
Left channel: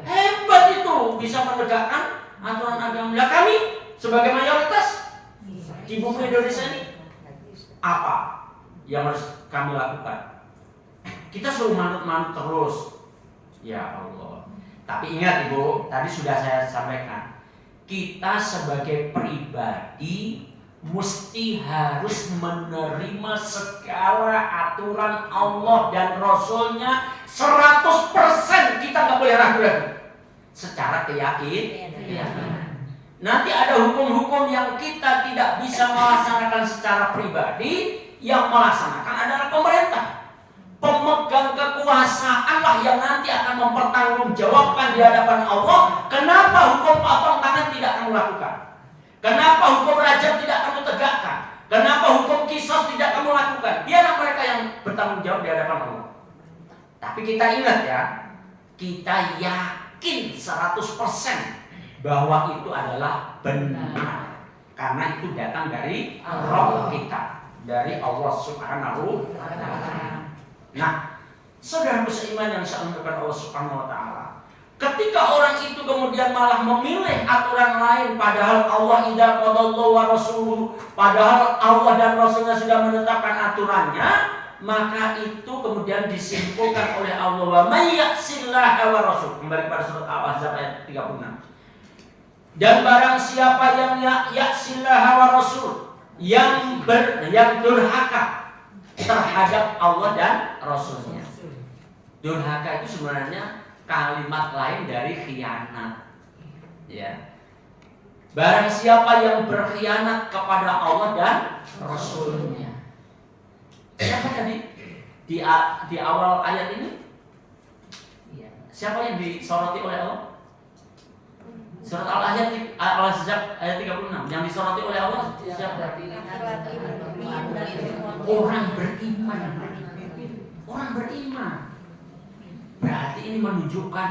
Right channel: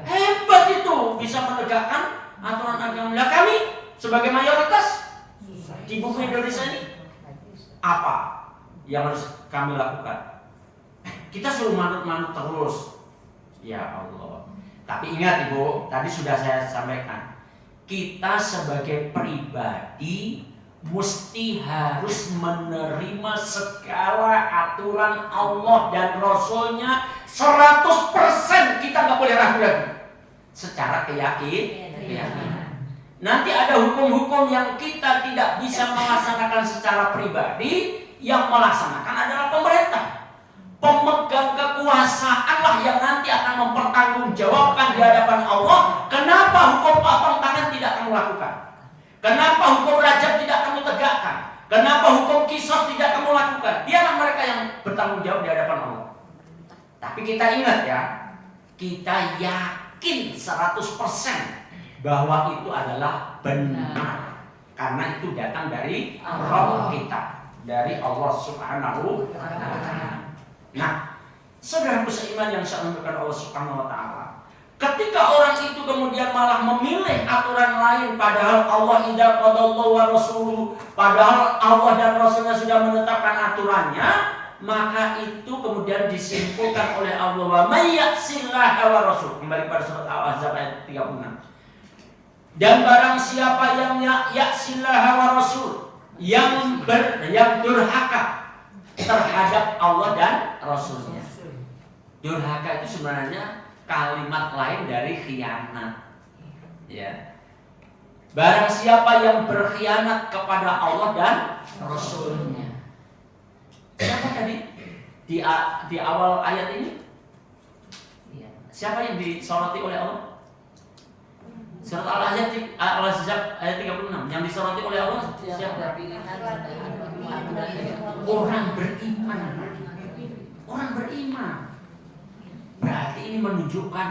Hebat itu bisa menegakkan aturan agama. Nah, kami sebagai mayoritas di bumi Indonesia ini apa yang harus kami lakukan? Kita selalu manut-manut terus. Ya Allah. Tapi ingat Ibu, tadi sudah saya sampaikan. Kita sebagai pribadi mesti harus menerima segala aturan Allah dan Rasulnya 100%. Kita nggak boleh ragu-ragu. Secara keyakinan. Nanti ada hukum-hukum yang kita tidak bisa melaksanakan secara pribadi. Yang melaksanakan adalah pemerintah. Pemegang kekuasaanlah yang nanti akan mempertanggungjawabkan di hadapan Allah. Kenapa hukum potong tangan tidak kamu lakukan? Kenapa hukum rajam tidak kamu tegakkan? Kenapa hukum kisos tidak kamu lakukan? Biarlah mereka yang bertanggung jawab di hadapan Allah. Tapi kita ingat ya, kita yakin 100% bahwa itu adalah benar. Karena itu datang dari Rabb kita, dari Allah Subhanahu wa Ta'ala. Nah, saudaraku seiman yang saya muliakan Allah Subhanahu wa Ta'ala, ketika orang itu kemudian malah memilih aturan lain, padahal Allah idza qadallahu wa rasuluhu, padahal Allah dan Rasulnya sudah menetapkan aturannya, maka itu kemudian disimpulkan oleh Allah, wa may ya'sillaha wa rasul. Kembali pada surat Al-Ahzab ayat 36. Dan barang siapa yang ya'sillaha wa rasul, yang durhaka terhadap Allah dan Rasulnya. Durhaka itu sebenarnya kalimat lain dari khianat. Ya. Barang siapa yang berkhianat kepada Allah dan Rasulnya. Siapa tadi di awal ayat ini? Siapa yang disoroti oleh Allah? Surat Al-Ahzab ayat 36 yang disoroti oleh Allah siapa? Orang beriman. Orang beriman. Berarti ini menunjukkan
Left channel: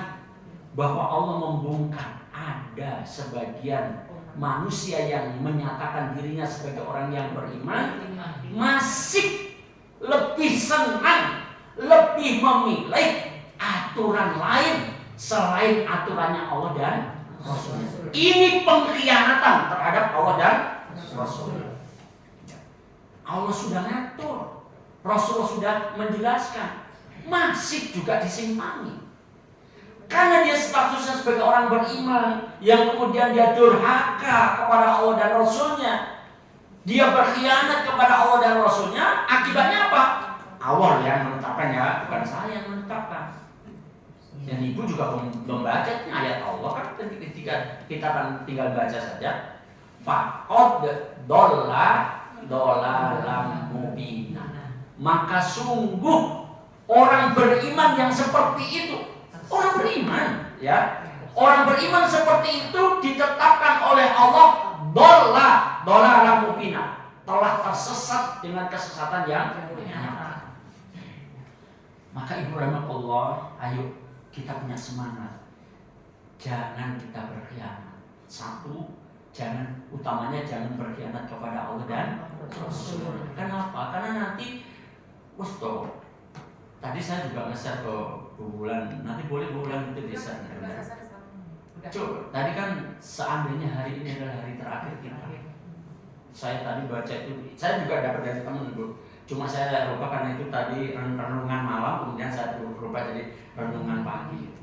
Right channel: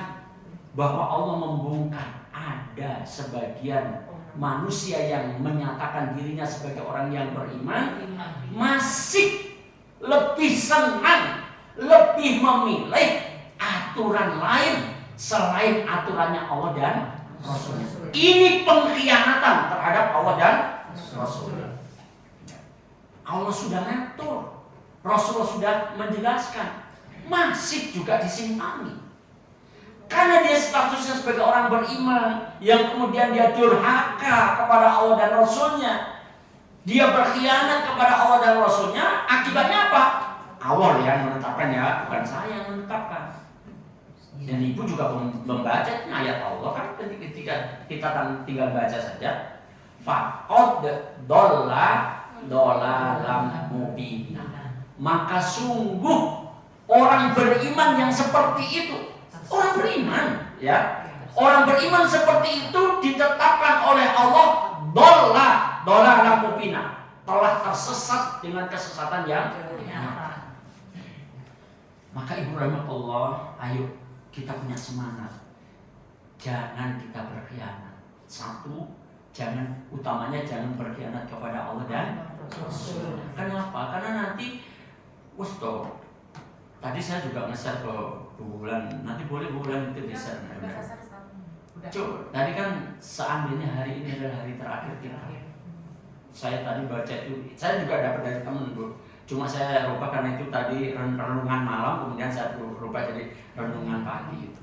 bahwa Allah membongkar ada sebagian manusia yang menyatakan dirinya sebagai orang yang beriman masih lebih senang, lebih memilih aturan lain selain aturannya Allah dan Rasulnya. Ini pengkhianatan terhadap Allah dan Rasulnya. Allah sudah ngatur, Rasulullah sudah menjelaskan, masih juga disimpangi. Karena dia statusnya sebagai orang beriman yang kemudian dia durhaka kepada Allah dan Rasulnya, dia berkhianat kepada Allah dan Rasulnya, akibatnya apa? Allah yang menetapkannya, bukan saya yang menetapkan. Dan ibu juga membaca ayat Allah kan, ketika kita tinggal baca saja, faqad dolalam mubina. Maka sungguh orang beriman yang seperti itu, orang beriman ya, orang beriman seperti itu ditetapkan oleh Allah dolalam mubina, telah tersesat dengan kesesatan yang nyata. Maka ibu rahmatullah, ayo kita punya semangat, jangan kita berkhianat. Satu, utamanya jangan berkhianat kepada Allah dan Rasul. Kenapa? Karena nanti Tadi saya juga nge-share ke Bu Wulan, nanti boleh Bu Wulan itu di-share. Coba, tadi kan seandainya hari ini adalah hari terakhir kita. Saya tadi baca itu, saya juga dapat dari temen Bu. Cuma saya rubah karena itu tadi renungan malam, kemudian saya rubah jadi renungan pagi itu.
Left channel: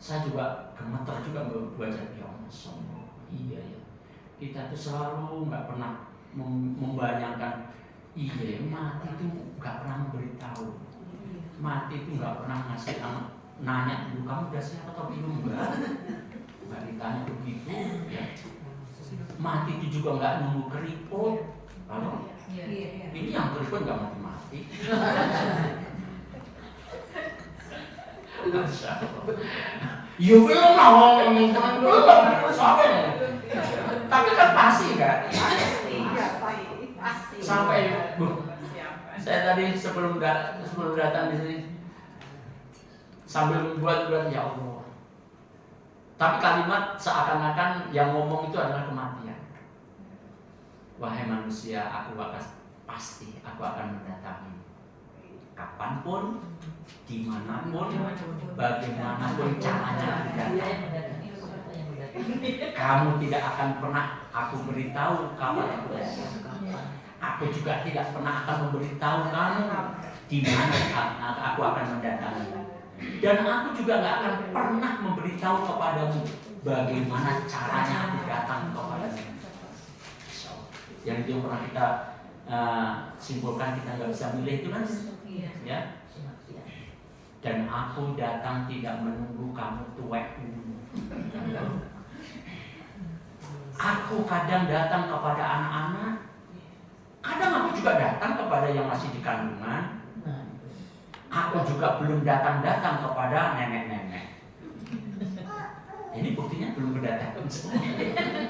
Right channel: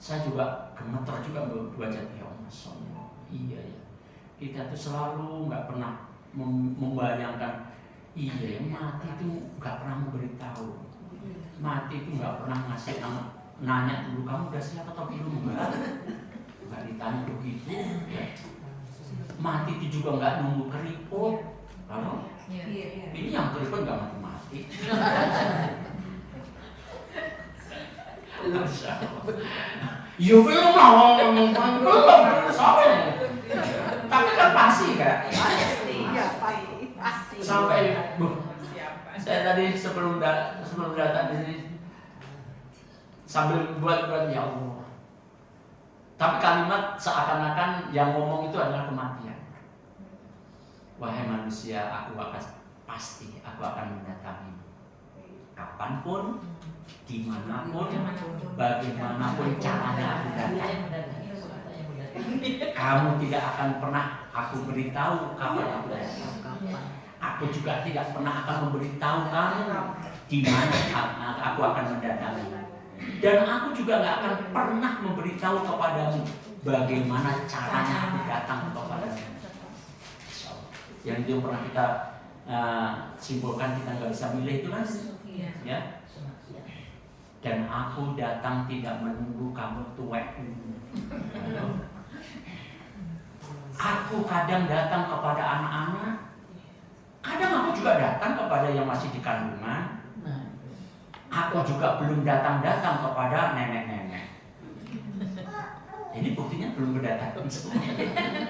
Saya juga gemeter juga baca ya Allah, iya ya. Kita tuh selalu nggak pernah membayangkan, iya ya, mati itu nggak pernah memberitahu. Mati itu nggak pernah ngasih nanya dulu kamu udah siap atau belum, nggak ditanya begitu ya. Mati itu juga nggak nunggu keriput. Halo? Ini yang keriput nggak mati-mati. Masya Allah. Ya belum lah ngomong belum sampai. Tapi kan pasti kan. Sampai saya tadi sebelum datang di sini sambil buat ya Allah. Tapi kalimat seakan-akan yang ngomong itu adalah kematian. Wahai manusia, aku akan mendatangi kapanpun, dimanapun, bagaimanapun caranya aku datang. Kamu tidak akan pernah aku beritahu kapan aku datang. Aku juga tidak pernah akan memberitahu kamu di mana aku akan mendatangi. Dan aku juga nggak akan pernah memberitahu kepadamu bagaimana caranya aku datang kepadamu. Yang itu pernah kita simpulkan, kita nggak bisa milih itu kan, ya. Dan aku datang tidak menunggu kamu tuwek. Aku kadang datang kepada anak-anak, kadang aku juga datang kepada yang masih di kandungan. Aku juga belum datang kepada nenek-nenek. Ini buktinya belum berdatang.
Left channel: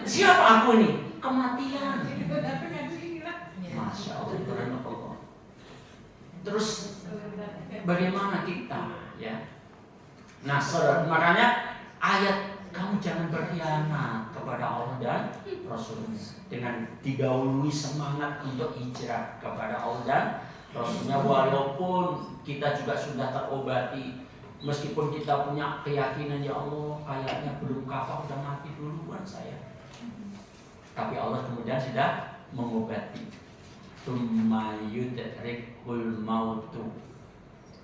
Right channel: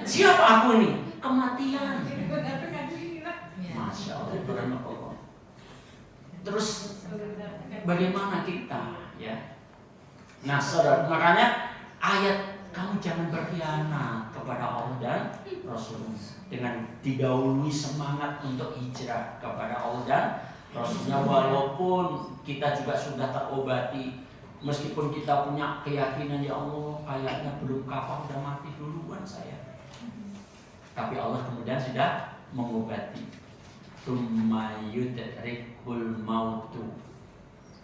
Siapa aku ini? Kematian. Masya Allah. Terus bagaimana kita, ya? Nah, saudara, makanya ayat kamu jangan berkhianat kepada Allah dan Rasulnya dengan didahului semangat untuk hijrah kepada Allah dan Rasulnya, walaupun kita juga sudah terobati, meskipun kita punya keyakinan ya Allah kayaknya belum kapal, udah mati duluan saya, tapi Allah kemudian sudah mengobati. Tsumma yudrikul mautu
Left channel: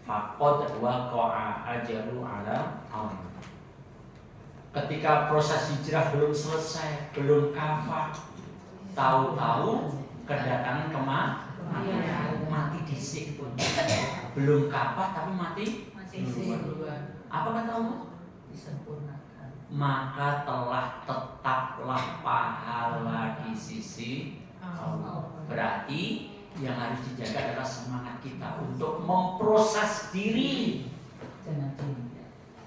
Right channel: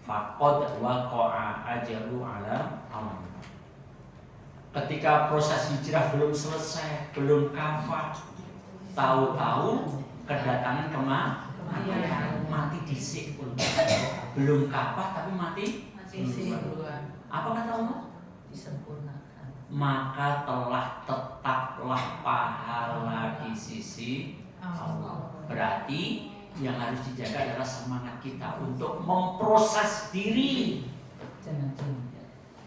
faqad waqa'a ajalu ala amr. Ketika proses hijrah belum selesai, belum kafah, tahu-tahu kedatangan mati disik pun. Belum kafah tapi mati duluan. Apa kata Allah? Disempurnakan. Maka tetaplah pahala di sisi Allah. Berarti yang harus dijaga adalah semangat kita untuk memproses diri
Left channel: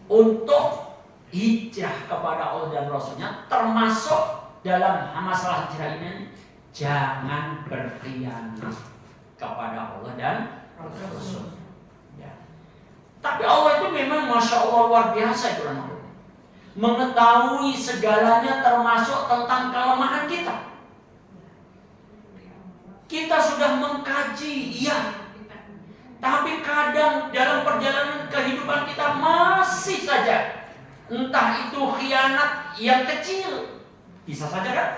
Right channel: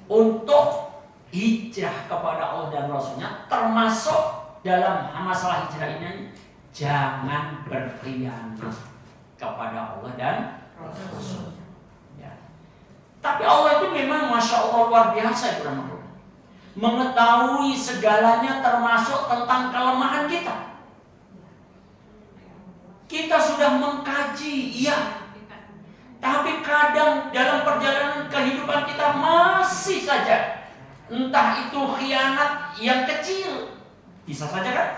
untuk hijrah kepada Allah dan Rasulnya, termasuk dalam masalah hijrah ini jangan berkhianat kepada Allah dan Rasul. Ya. Tapi Allah itu memang Masya Allah luar biasa, mengetahui segalanya termasuk tentang kelemahan kita. Kita sudah mengkaji, iya, tapi kadang dalam perjalanan kehidupan kita masih saja, entah itu khianat yang kecil, bisa saja kan?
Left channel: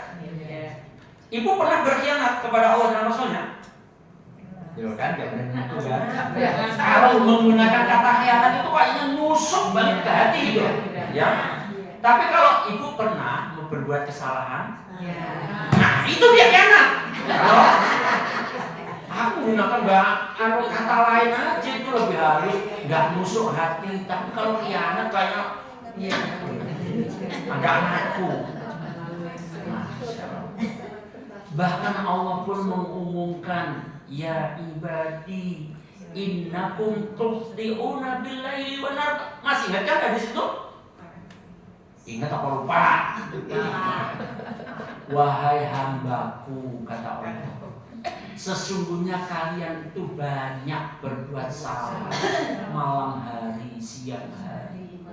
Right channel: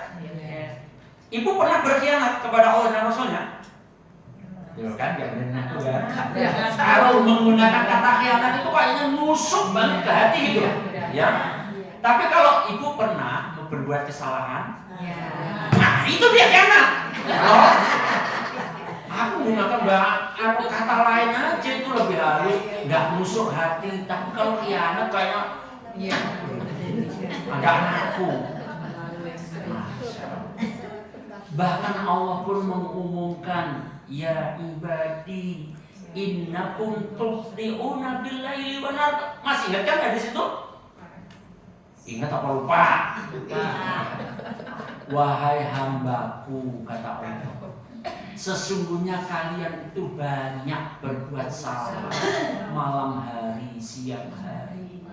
Ibu pernah berkhianat kepada Allah dan Rasulnya? Tuh kan, jangan aku kan. Kalau menggunakan kata khianat itu kayaknya nusuk banget ke hati gitu, ya. Tapi kalau ibu pernah berbuat kesalahan, nah itu dia khianat. Aku menggunakan kata lain aja itu lebih halus, nggak nusuk hati. Tapi kalau khianat kayak agak ngaku. Bahkan Allah pun mengumumkan, ya ibadi innakum tukhdi'una billaili wan nar. Masih ingat kan di situ? Ingat apa lupa? Wahai hambaku, kata Allah, sesungguhnya kalian itu banyak berbuat salah malam hari, siang hari.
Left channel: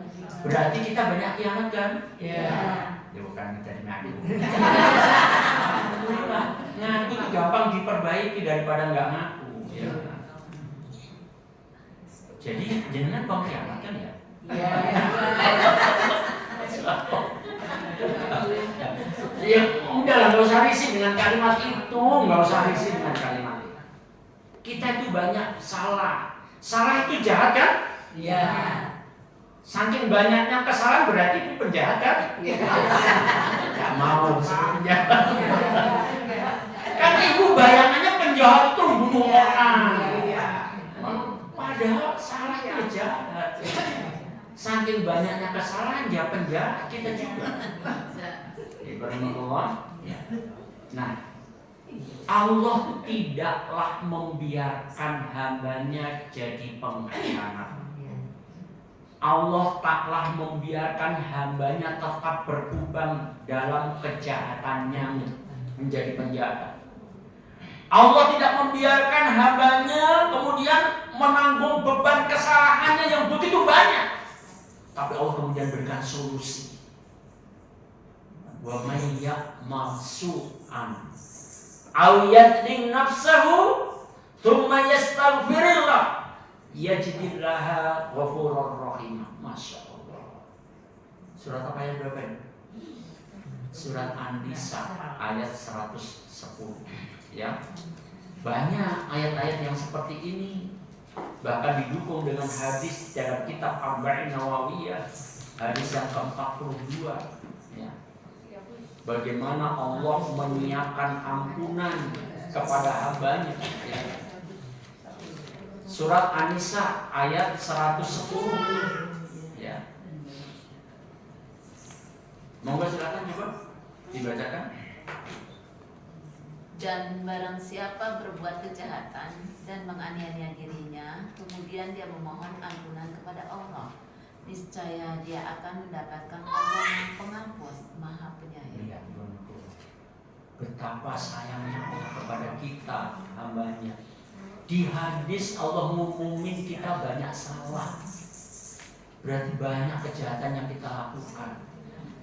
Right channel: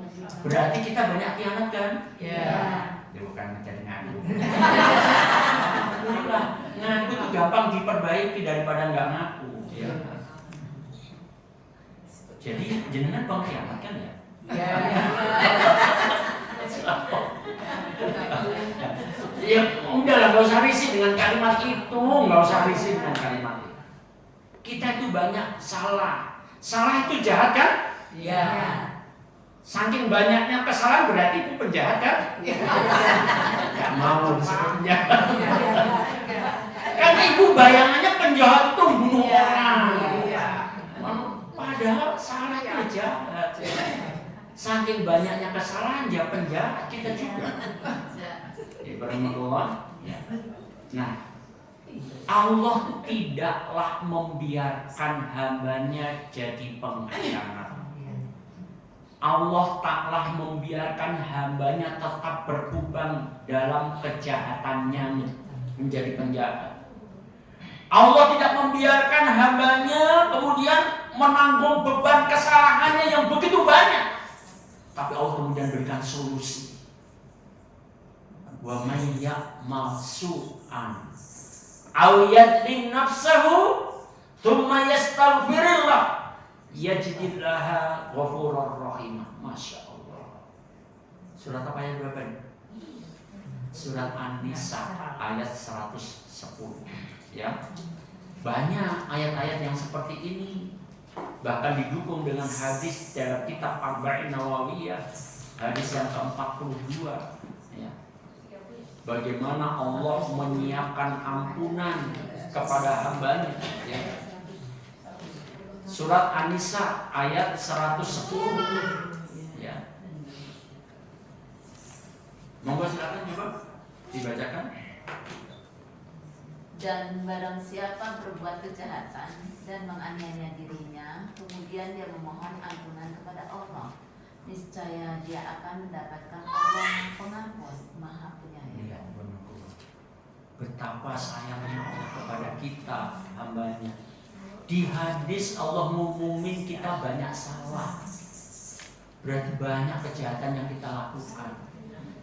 Berarti kita banyak khianat kan? Iya. Ya bukan jadi ngaku. Ngaku itu gampang diperbaiki daripada nggak ngaku. Ya. Jadi jenengan pengkhianat kan ya? Iya. Ya udahlah, nggak usah risih dengan kalimat itu, nggak usah risih dengan kalimat itu. Kita itu banyak salah. Salah itu jahat kan? Iya. Saking banyaknya kesalahan berarti itu penjahat kan? Gak mau penjahat. Kan ibu bayangannya penjahat itu membunuh orang. Padahal salah itu jahat. Saking banyaknya kesalahan dia penjahat, kita juga. Allah. Nah, Allah tidaklah membiarkan hambanya jadi pengkhianat. Allah taklah membiarkan hambanya tetap berkubang dalam kejahatannya menjadi penjahat. Allah tidak membiarkan hambanya kemudian menanggung beban kesalahannya yang begitu banyak. Tapi Allah kemudian berikan solusi. Wa may ya'mal su'an aw yadlim nafsahu thumma yastaghfirillah yajidillaha ghafurur rahim. Masya Allah. Surat apa ayat berapa ini? Surat An-Nisa ayat 110. Ya, banyak ayat-ayat yang seperti ini. Bahkan didukung dengan hadis dalam kitab Arba'in Nawawiyah, hadis yang ke-42. Ya. Bagaimana Allah menyiapkan ampunan kepada hambanya. Ya. Surat An-Nisa ayat 110. Ya. Monggo silakan coba dibacakan. Dan barang siapa berbuat kejahatan dan menganiaya dirinya, kemudian dia memohon ampunan kepada Allah, niscaya dia akan mendapatkan Allah yang pengampun, Maha Penyayang. Betapa sayangnya Allah kepada kita hambanya. Di hadis Allah ngumumin kita banyak salah, berarti banyak kejahatan yang kita lakukan.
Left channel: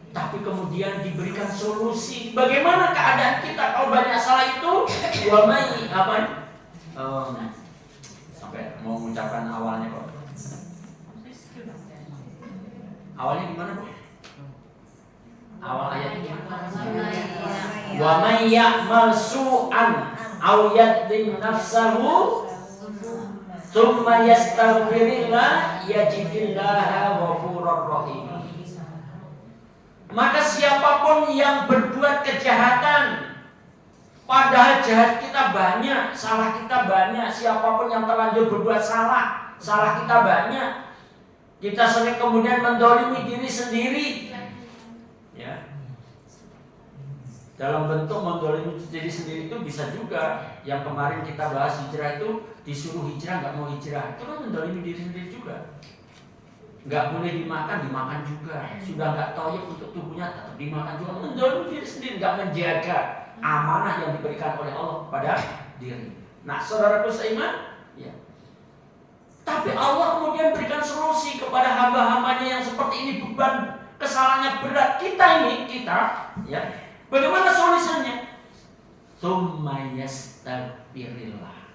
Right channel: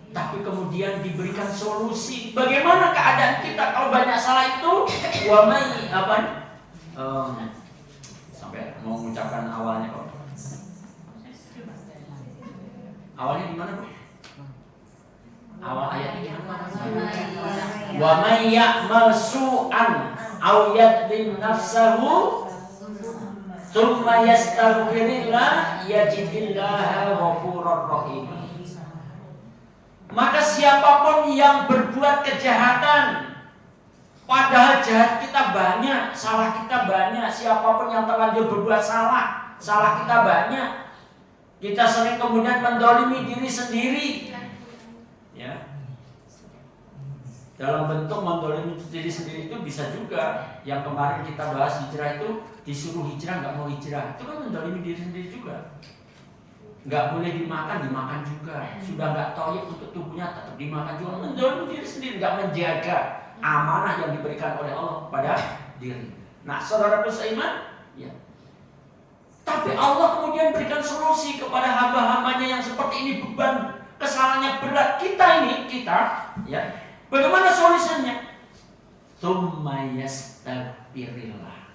Tapi kemudian diberikan solusi. Bagaimana keadaan kita kalau banyak salah itu? Wa may apa? Sampai mau mengucapkan awalnya kok. Awalnya gimana, Bu? Awal ayatnya. Wa may ya'mal su'an aw yadlim nafsahu thumma yastaghfirillah yajidillaha ghafurur rahim. Maka siapapun yang berbuat kejahatan, padahal jahat kita banyak, salah kita banyak. Siapapun yang terlanjur berbuat salah, salah kita banyak. Kita sering kemudian mendolimi diri sendiri. Ya. Dalam bentuk mendolimi diri sendiri itu bisa juga. Yang kemarin kita bahas hijrah itu, disuruh hijrah nggak mau hijrah, itu kan mendolimi diri sendiri juga. Nggak boleh dimakan juga. Sudah nggak toyib untuk tubuhnya, tetap dimakan juga. Mendolimi diri sendiri, nggak menjaga amanah yang diberikan oleh Allah pada diri. Nah, saudaraku seiman, ya. Tapi Allah kemudian berikan solusi kepada hamba-hambanya yang seperti ini, beban kesalahannya berat. Kita, ya. Bagaimana solusinya? Tsumma yastaghfirillah.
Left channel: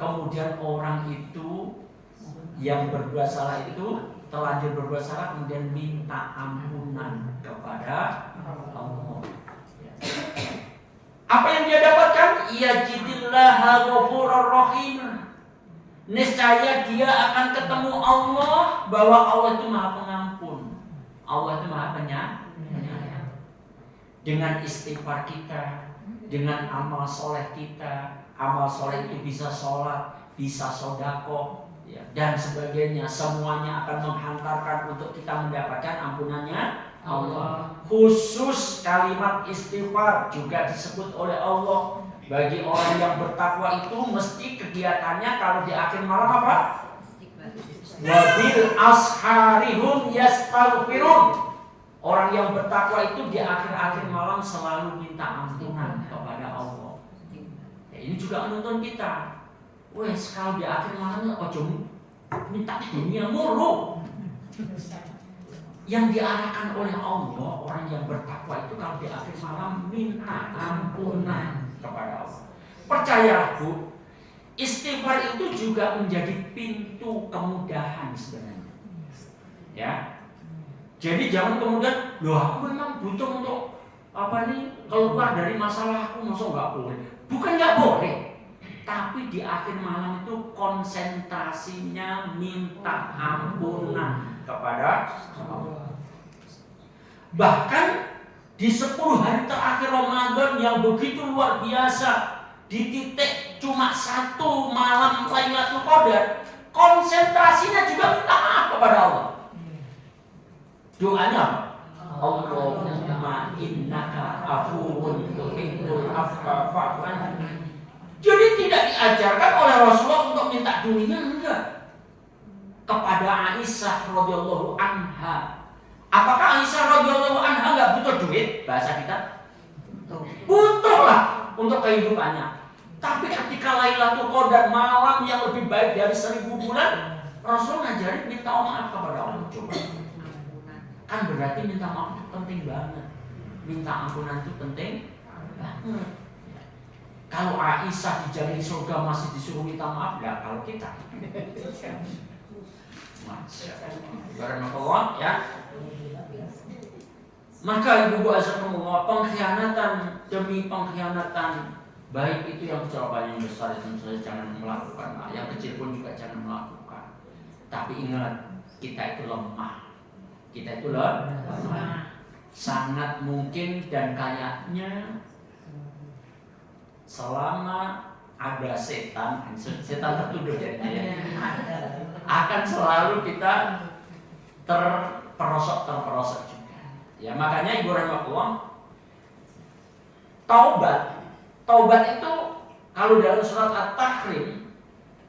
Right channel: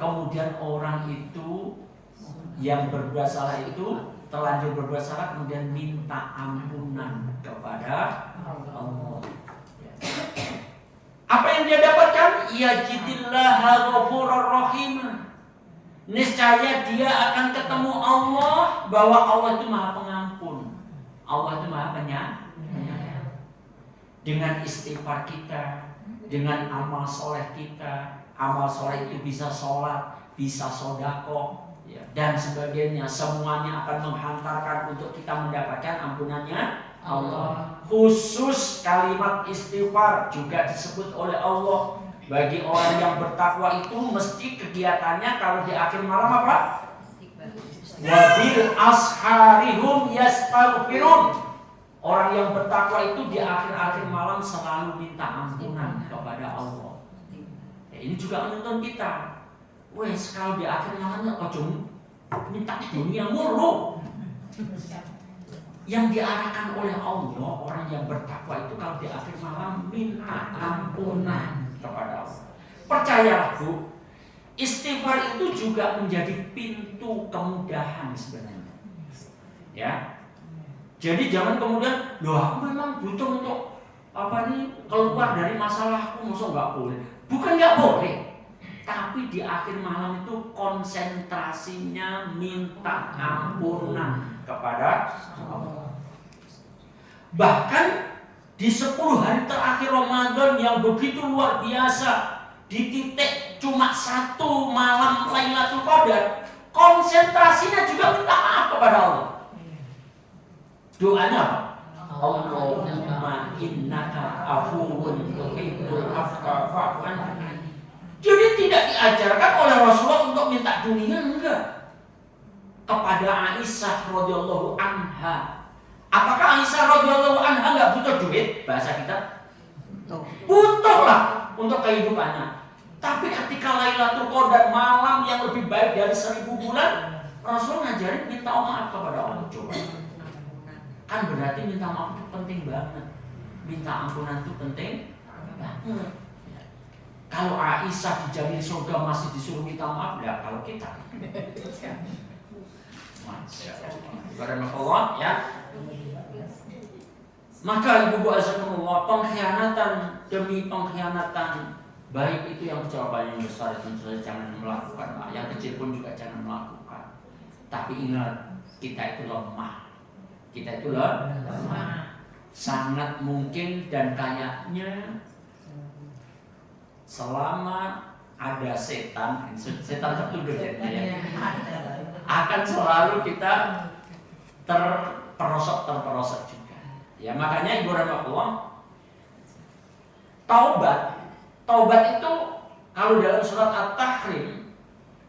Kemudian orang itu yang berbuat salah itu terlanjur berbuat salah kemudian minta ampunan kepada Allah. Apa yang dia dapatkan? Yajidillaha ghafurur rahim. Niscaya dia akan ketemu Allah, bahwa Allah itu Maha Pengampun. Allah itu Maha Penyayang. Dengan istighfar kita, dengan amal soleh kita. Amal soleh itu bisa sholat, bisa sodako, ya, dan sebagainya. Semuanya akan menghantarkan untuk kita mendapatkan ampunannya Allah. Khusus kalimat istighfar juga disebut oleh Allah. Bagi orang yang bertakwa itu mesti kegiatannya kalau di akhir malam apa? Wabil asharihum yastaghfirun. Orang yang bertakwa itu di akhir-akhir malam selalu minta ampunan kepada Allah. Ya, ini juga menuntun kita. Wes kalau di akhir malamnya ojo minta dunia mulu. Yang diarahkan oleh Allah, orang yang bertakwa itu kalau di akhir malam minta ampunan kepada Allah. Percayalah, Bu, istighfar itu juga menjadi pintu kemudahan sebenarnya. Ya. Jadi jangan kemudian, loh aku memang butuh untuk keluar dari masalahku, masa nggak boleh? Bukan nggak boleh, tapi di akhir malam itu konsentrasinya minta ampunan kepada Allah. Bahkan di 10 hari terakhir Ramadan yang begitu luar biasa, di titik cuma 1 malam Lailatul Qadar, konsentrasinya juga minta maaf kepada Allah. Doanya apa? Allahumma innaka afuwun tuhibbul afwa fa'fu anni. Jadi tidak diajarkan oleh Rasulullah untuk minta dunia, enggak. Kepada Aisyah radhiyallahu anha. Apakah Aisyah radhiyallahu anha enggak butuh duit? Bahasa kita butuh lah untuk kehidupannya. Tapi ketika Lailatul Qadar, malam yang lebih baik dari 1000 bulan, Rasul ngajarin minta maaf kepada Allah. Coba. Kan berarti minta maaf itu penting banget. Minta ampunan itu penting banget. Kalau Aisyah dijamin surga masih disuruh minta maaf, lah kalau kita Masya Allah ya. Maka ibu-ibu azakumullah, pengkhianatan demi pengkhianatan, baik itu yang kecelakaan yang besar tentu saja jangan melakukan, yang kecil pun juga jangan melakukan. Tapi ingat, kita itu lemah. Kita itu lemah. Sangat mungkin dan kayaknya selama ada setan tertuduh ya, akan selalu kita terperosok juga. Ya makanya Ibu rahimahullah, taubat itu kalau dalam surat At-Tahrim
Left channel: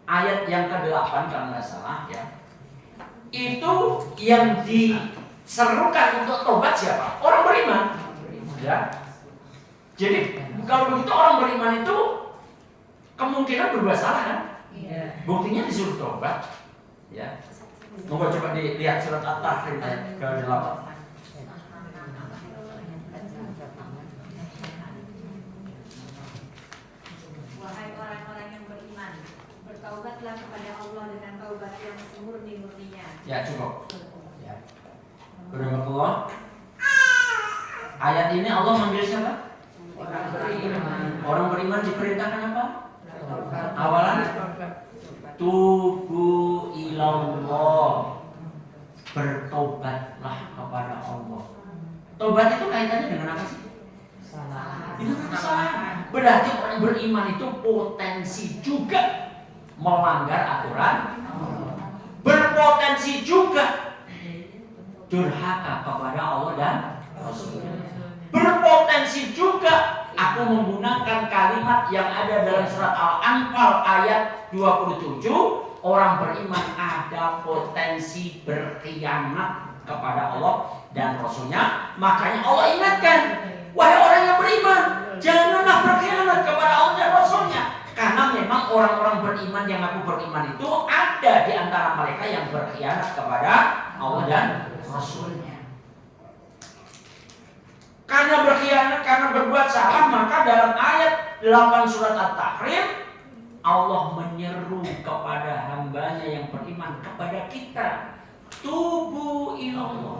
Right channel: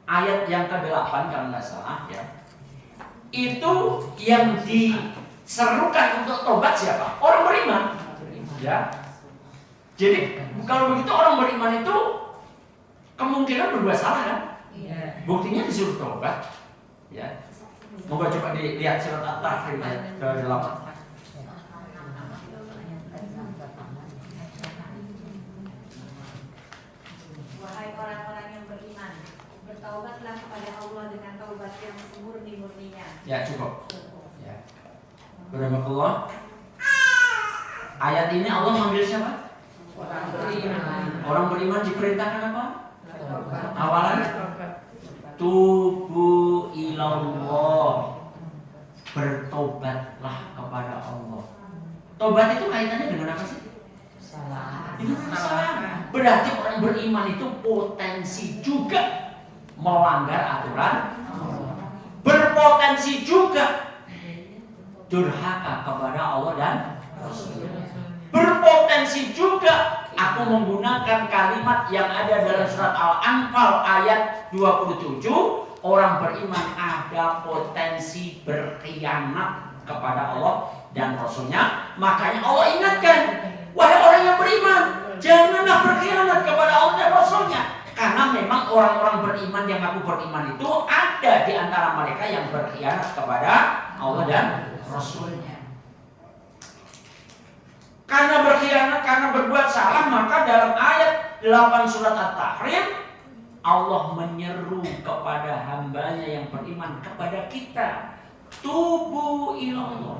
ayat yang ke-8 kalau nggak salah ya, itu yang diserukan untuk taubat siapa? Orang beriman. Ya. Jadi kalau begitu orang beriman itu kemungkinan berbuat salah kan? Buktinya disuruh taubat. Ya. Moga coba dilihat surat At-Tahrim ayat ke-8. Wahai orang-orang yang beriman, bertaubatlah kepada Allah dengan taubat yang semurni-murninya. Ya cukup. Ya. Berahmatullah. Ayat ini Allah manggil siapa? Orang beriman. Orang beriman diperintahkan apa? Awalan tubu ilallah, bertobatlah kepada Allah. Tobat itu kaitannya dengan apa sih? Dengan kesalahan. Berarti orang beriman itu potensi juga melanggar aturan, berpotensi juga durhaka kepada Allah dan Rasulnya. Berpotensi juga aku menggunakan kalimat yang ada dalam surat Al-Anfal ayat 27, orang beriman ada potensi berkhianat kepada Allah dan Rasulnya. Makanya Allah ingatkan, wahai orang yang beriman, janganlah berkhianat kepada Allah dan Rasulnya. Karena memang orang-orang beriman yang aku beriman itu ada di antara mereka yang berkhianat kepada Allah dan Rasulnya. Karena berkhianat, karena berbuat salah, maka dalam ayat 8 surat At-Tahrim Allah menyeru kepada hambanya yang beriman, kepada kita, tubu ilallah,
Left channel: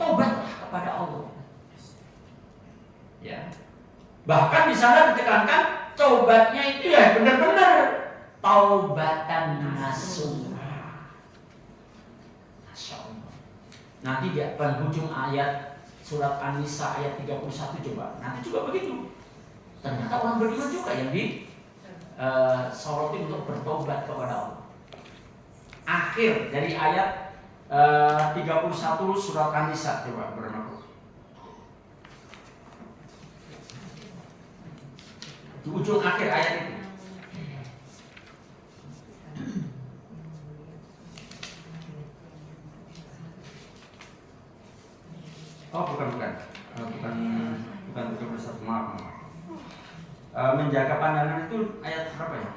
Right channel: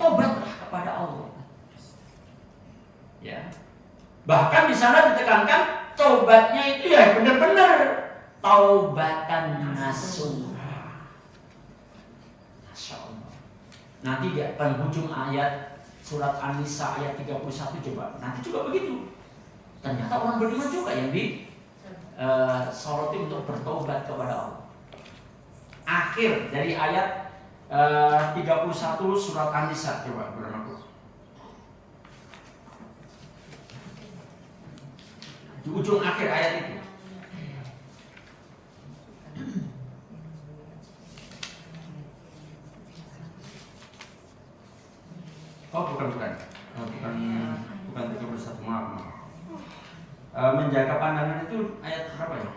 tobatlah kepada Allah. Ya. Bahkan di sana ditekankan taubatnya itu ya benar-benar taubatan nasuha. Masya Allah. Nanti di penghujung ayat surat An-Nisa ayat 31 coba. Nanti juga begitu. Ternyata orang beriman juga yang disoroti untuk bertobat kepada Allah. Akhir dari ayat 31 surat An-Nisa coba bermakna. Di ujung akhir ayat itu. Oh bukan 31, maaf. Menjaga pandangan itu ayat berapa ya?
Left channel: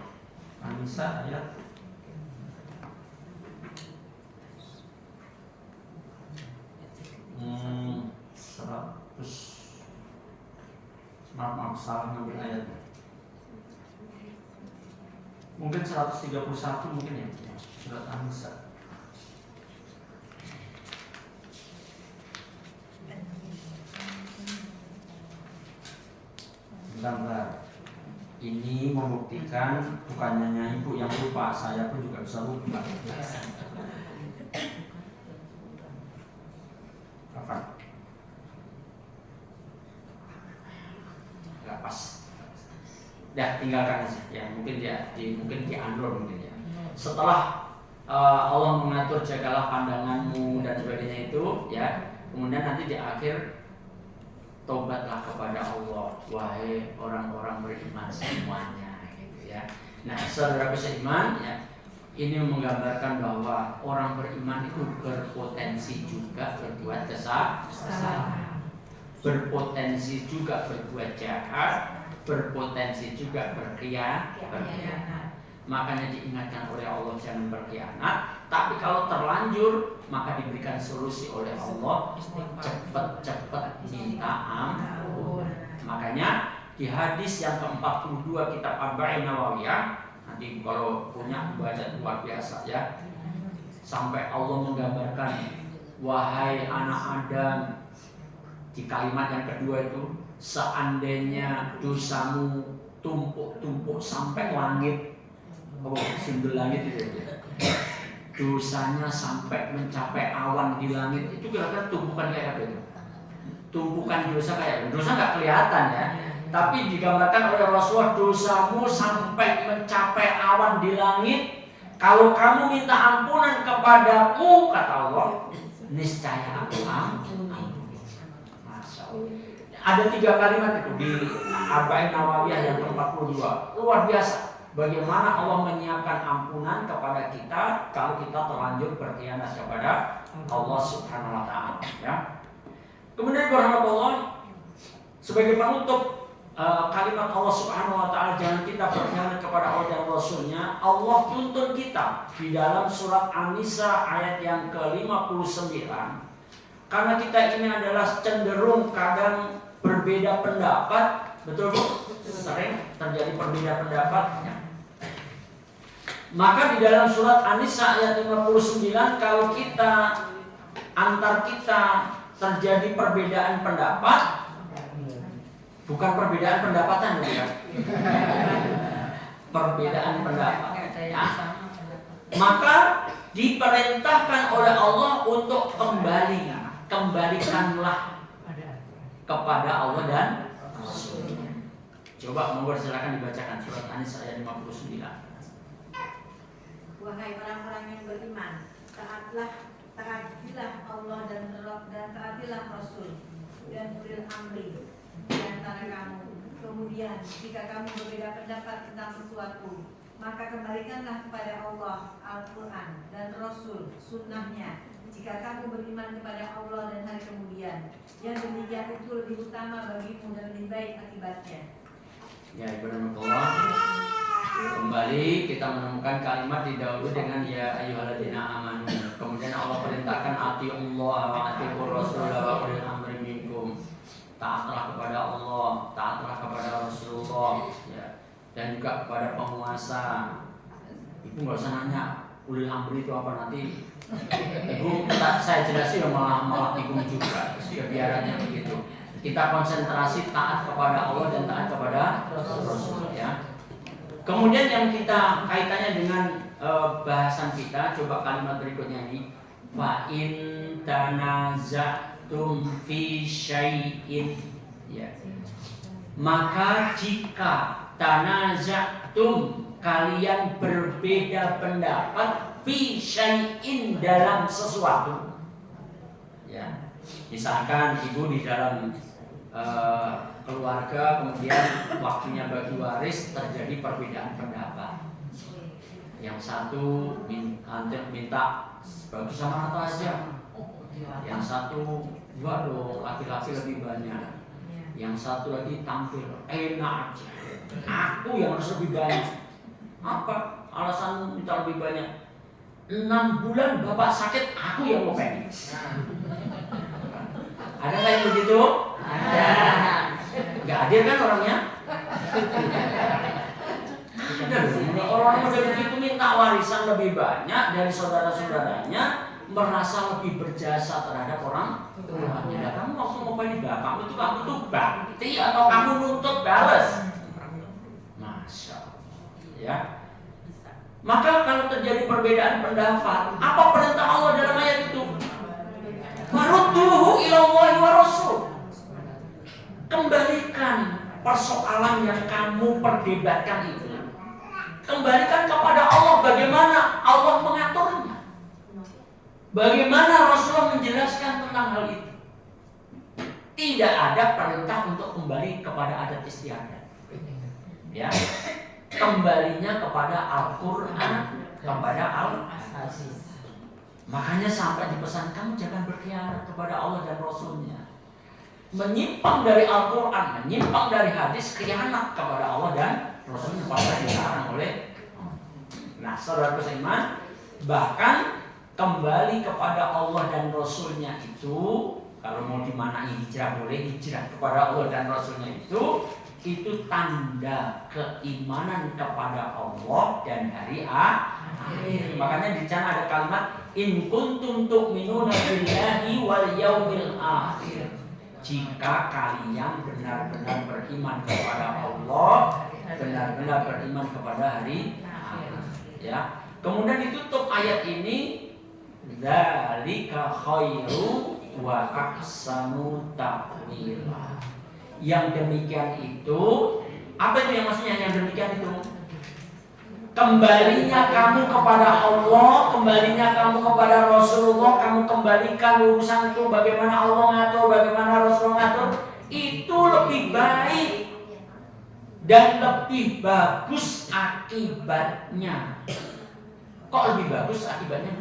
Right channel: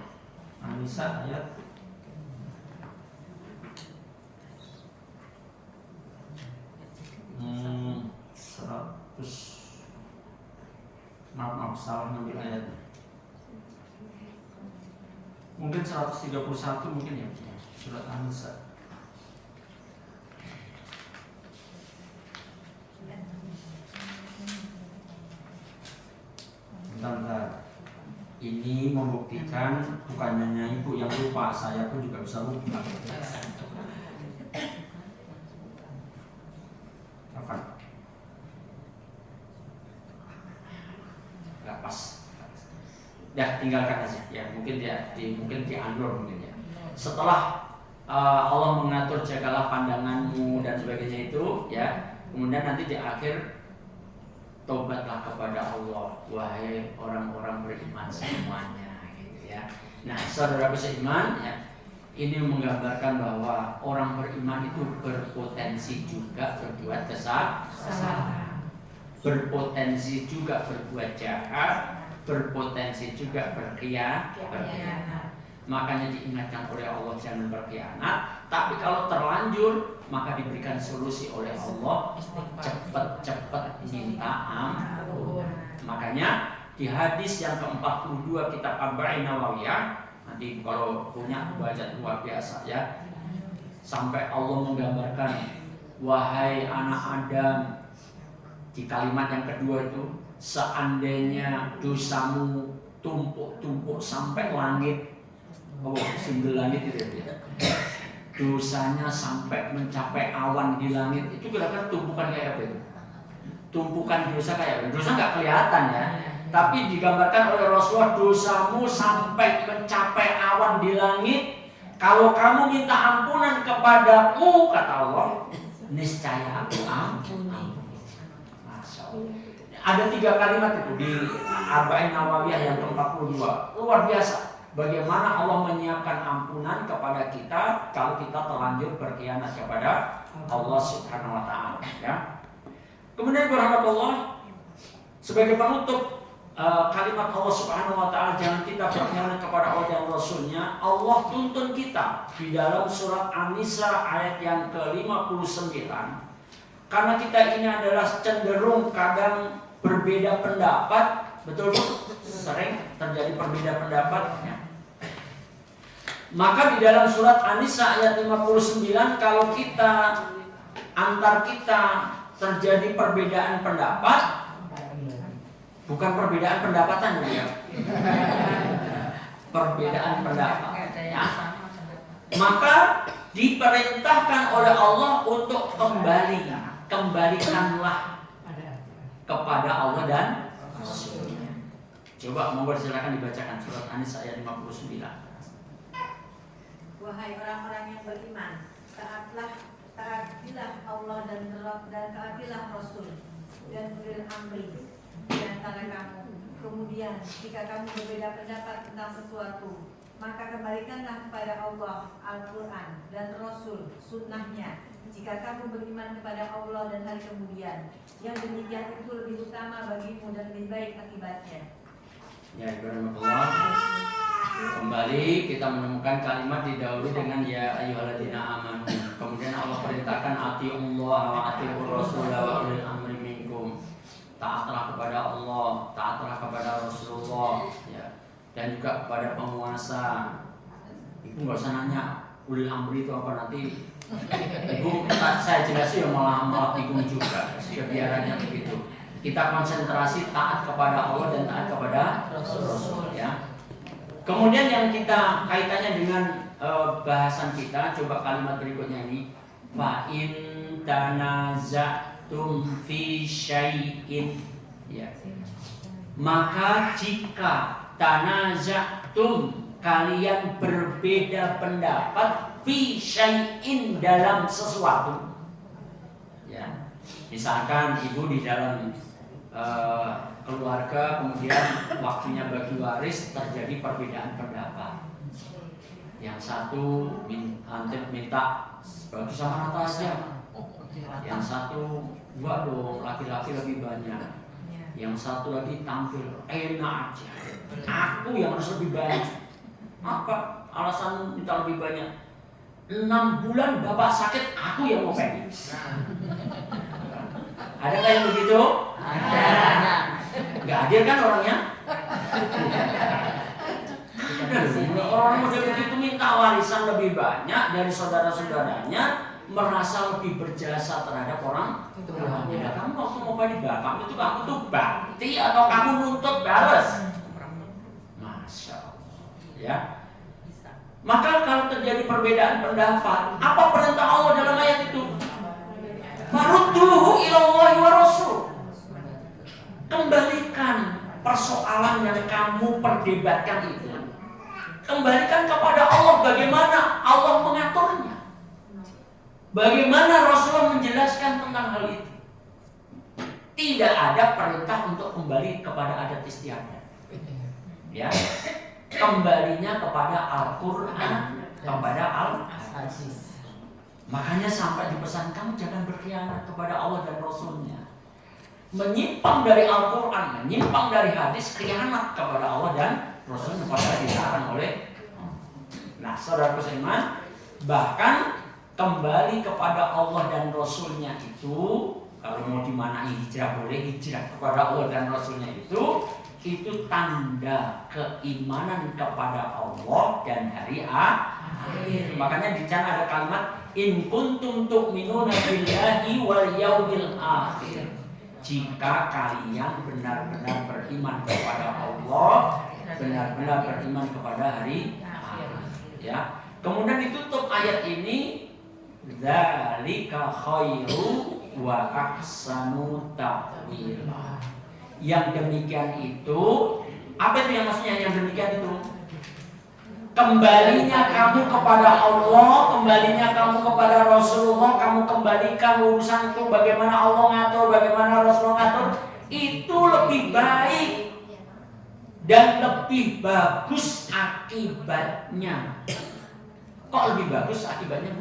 An-Nisa ayat 100. Maaf salah ngambil ayat. Mungkin 131 mungkin ya, surat An-Nisa. Bentar. Ini membuktikan bukan hanya ibu yang lupa, saya pun juga bisa lupa. Apa? Gak pas. Ya tinggalkan aja. Ya mungkin mungkin diundur mungkin ya. Setelah Allah mengatur jagalah pandanganmu dan sebagainya itu, ya. Kemudian nanti di akhir tobatlah kepada Allah, wahai orang-orang beriman semuanya, gitu ya. Nah, saudara beriman, ya, ini menggambarkan bahwa orang beriman itu berpotensi juga berbuat kesalahan, berpotensi juga berbuat jahat, berpotensi juga berkhianat. Makanya diingatkan oleh Allah jangan berkhianat. Tapi kalau terlanjur maka diberikan solusi oleh Allah, cepat-cepat minta ampun. Makanya di hadis yang ke-42 kitab Arba'in Nawawiyah, nanti kalau punya baca luar biasa ya. Sampai Allah menggambarkan, wahai anak Adam, di kalimat yang kedua itu, seandainya dosamu tumpuk-tumpuk sampai langit, singgul langit itu ya. Dosanya sampai mencapai awan di langit, itu kira-kira tumpukan kayak apa itu? Tumpukan dosa kayak apa? Dosa nggak kelihatan ya, tapi digambarkan oleh Rasulullah, dosamu sampai mencapai awan di langit. Kalau kamu minta ampunan kepadaku, kata Allah, niscaya aku ampuni. Masya Allah. Ada 3 kalimat itu di Arba'in Nawawiyah yang ke-42, luar biasa. Bagaimana Allah menyiapkan ampunan kepada kita kalau kita terlanjur berkhianat kepada Allah Subhanahu wa Ta'ala, ya. Kemudian berahmatullah, sebagai penutup kalimat Allah Subhanahu wa Ta'ala, jangan kita berkhianat kepada Allah dan Rasulnya. Allah tuntun kita di dalam surat An-Nisa ayat yang ke-59. Karena kita ini adalah cenderung kadang berbeda pendapat, betul Bu? Sering terjadi perbedaan pendapat, ya. Maka di dalam surat An-Nisa ayat 59, kalau kita antar kita terjadi perbedaan pendapat, bukan perbedaan pendapatan ya, perbedaan pendapat, ya. Maka diperintahkan oleh Allah untuk kembalikanlah kepada Allah dan Rasulnya. Coba monggo silakan dibacakan surat An-Nisa ayat 59. Wahai orang-orang yang beriman, taatilah Allah dan taatilah Rasul dan ulil amri di antara kamu. Kemudian jika kamu berbeda pendapat tentang sesuatu, maka kembalikanlah kepada Allah Al-Quran dan Rasul sunnahnya. Jika kamu beriman kepada Allah dan hari kemudian, yang demikian itu lebih utama bagimu dan lebih baik akibatnya. Ya, ibarat Allah. Kembali kita menemukan kalimat didahului dengan ya ayyuhalladzina amanu. Kemudian Allah perintahkan atiullah wa atiur rasul wa ulil amri minkum. Taatlah kepada Allah, taatlah kepada Rasulullah, ya. Dan juga kepada penguasa. Ibu nggak usah nanya ulil amri itu apa, nanti Ibu saya jelasin malah bingung juga. Kebiarannya begitu. Kita konsentrasi taat kepada Allah dan taat kepada Rasul, ya. Kemudian yang kita kaitannya dengan bahasan kita, coba kalimat berikutnya ini, fa in tanaza'tum fi syai'in, ya. Maka jika tanaza'tum, kalian berbeda pendapat, fi syai'in, dalam sesuatu, ya. Misalkan ibu di dalam keluarga, kemudian waktunya bagi waris terjadi perbedaan pendapat. Yang satu minta bagi sama rata aja, yang satu waduh laki-laki lebih banyak, yang satu lagi tampil enak aja, aku yang harus lebih banyak. Apa alasan minta lebih banyak? 6 bulan bapak sakit, aku yang mau pending. Ada nggak yang begitu? Ada. Nggak hadir kan orangnya? Ada loh, orang model begitu minta warisan lebih banyak dari saudara-saudaranya, merasa lebih berjasa terhadap orang tuanya. Nah, kamu waktu mau balik bapak itu kamu tuh bakti atau kamu nuntut balas? Masya Allah, ya. Maka kalau terjadi perbedaan pendapat, apa perintah Allah dalam ayat itu? Farudduhu ilallahi wa rasul. Kembalikan persoalan yang kamu perdebatkan itu. Kembalikan kepada Allah bagaimana Allah mengaturnya. Bagaimana Rasulullah menjelaskan tentang hal itu. Tidak ada perintah untuk kembali kepada adat istiadat. Ya. Kembalinya kepada Al-Quran, kepada Al-Hadis. Makanya sampai dipesan kamu jangan berkhianat kepada Allah dan Rasulnya. Menyimpang dari Al-Quran, menyimpang dari hadis, khianat kepada Allah dan Rasulnya pada dilarang oleh. Nah, saudaraku seiman, bahkan kembali kepada Allah dan Rasulnya itu, kalau mau dimanai hijrah boleh, hijrah kepada Allah dan Rasulnya itu tanda keimanan kepada Allah dan hari akhir. Makanya di sana ada kalimat in kuntum tu'minuna billahi wal yaumil akhir. Jika kalian benar-benar beriman kepada Allah, benar-benar beriman kepada hari akhir. Ya. Kemudian ditutup ayat ini dzalika khairu wa ahsanu ta'wila. Yang demikian itu, apa itu yang maksudnya yang demikian itu? Kembalinya kamu kepada Allah, kembalinya kamu kepada Rasulullah, kamu kembalikan urusan itu bagaimana Allah ngatur, bagaimana Rasulullah ngatur, itu lebih baik dan lebih bagus akibatnya. Kok lebih bagus akibatnya?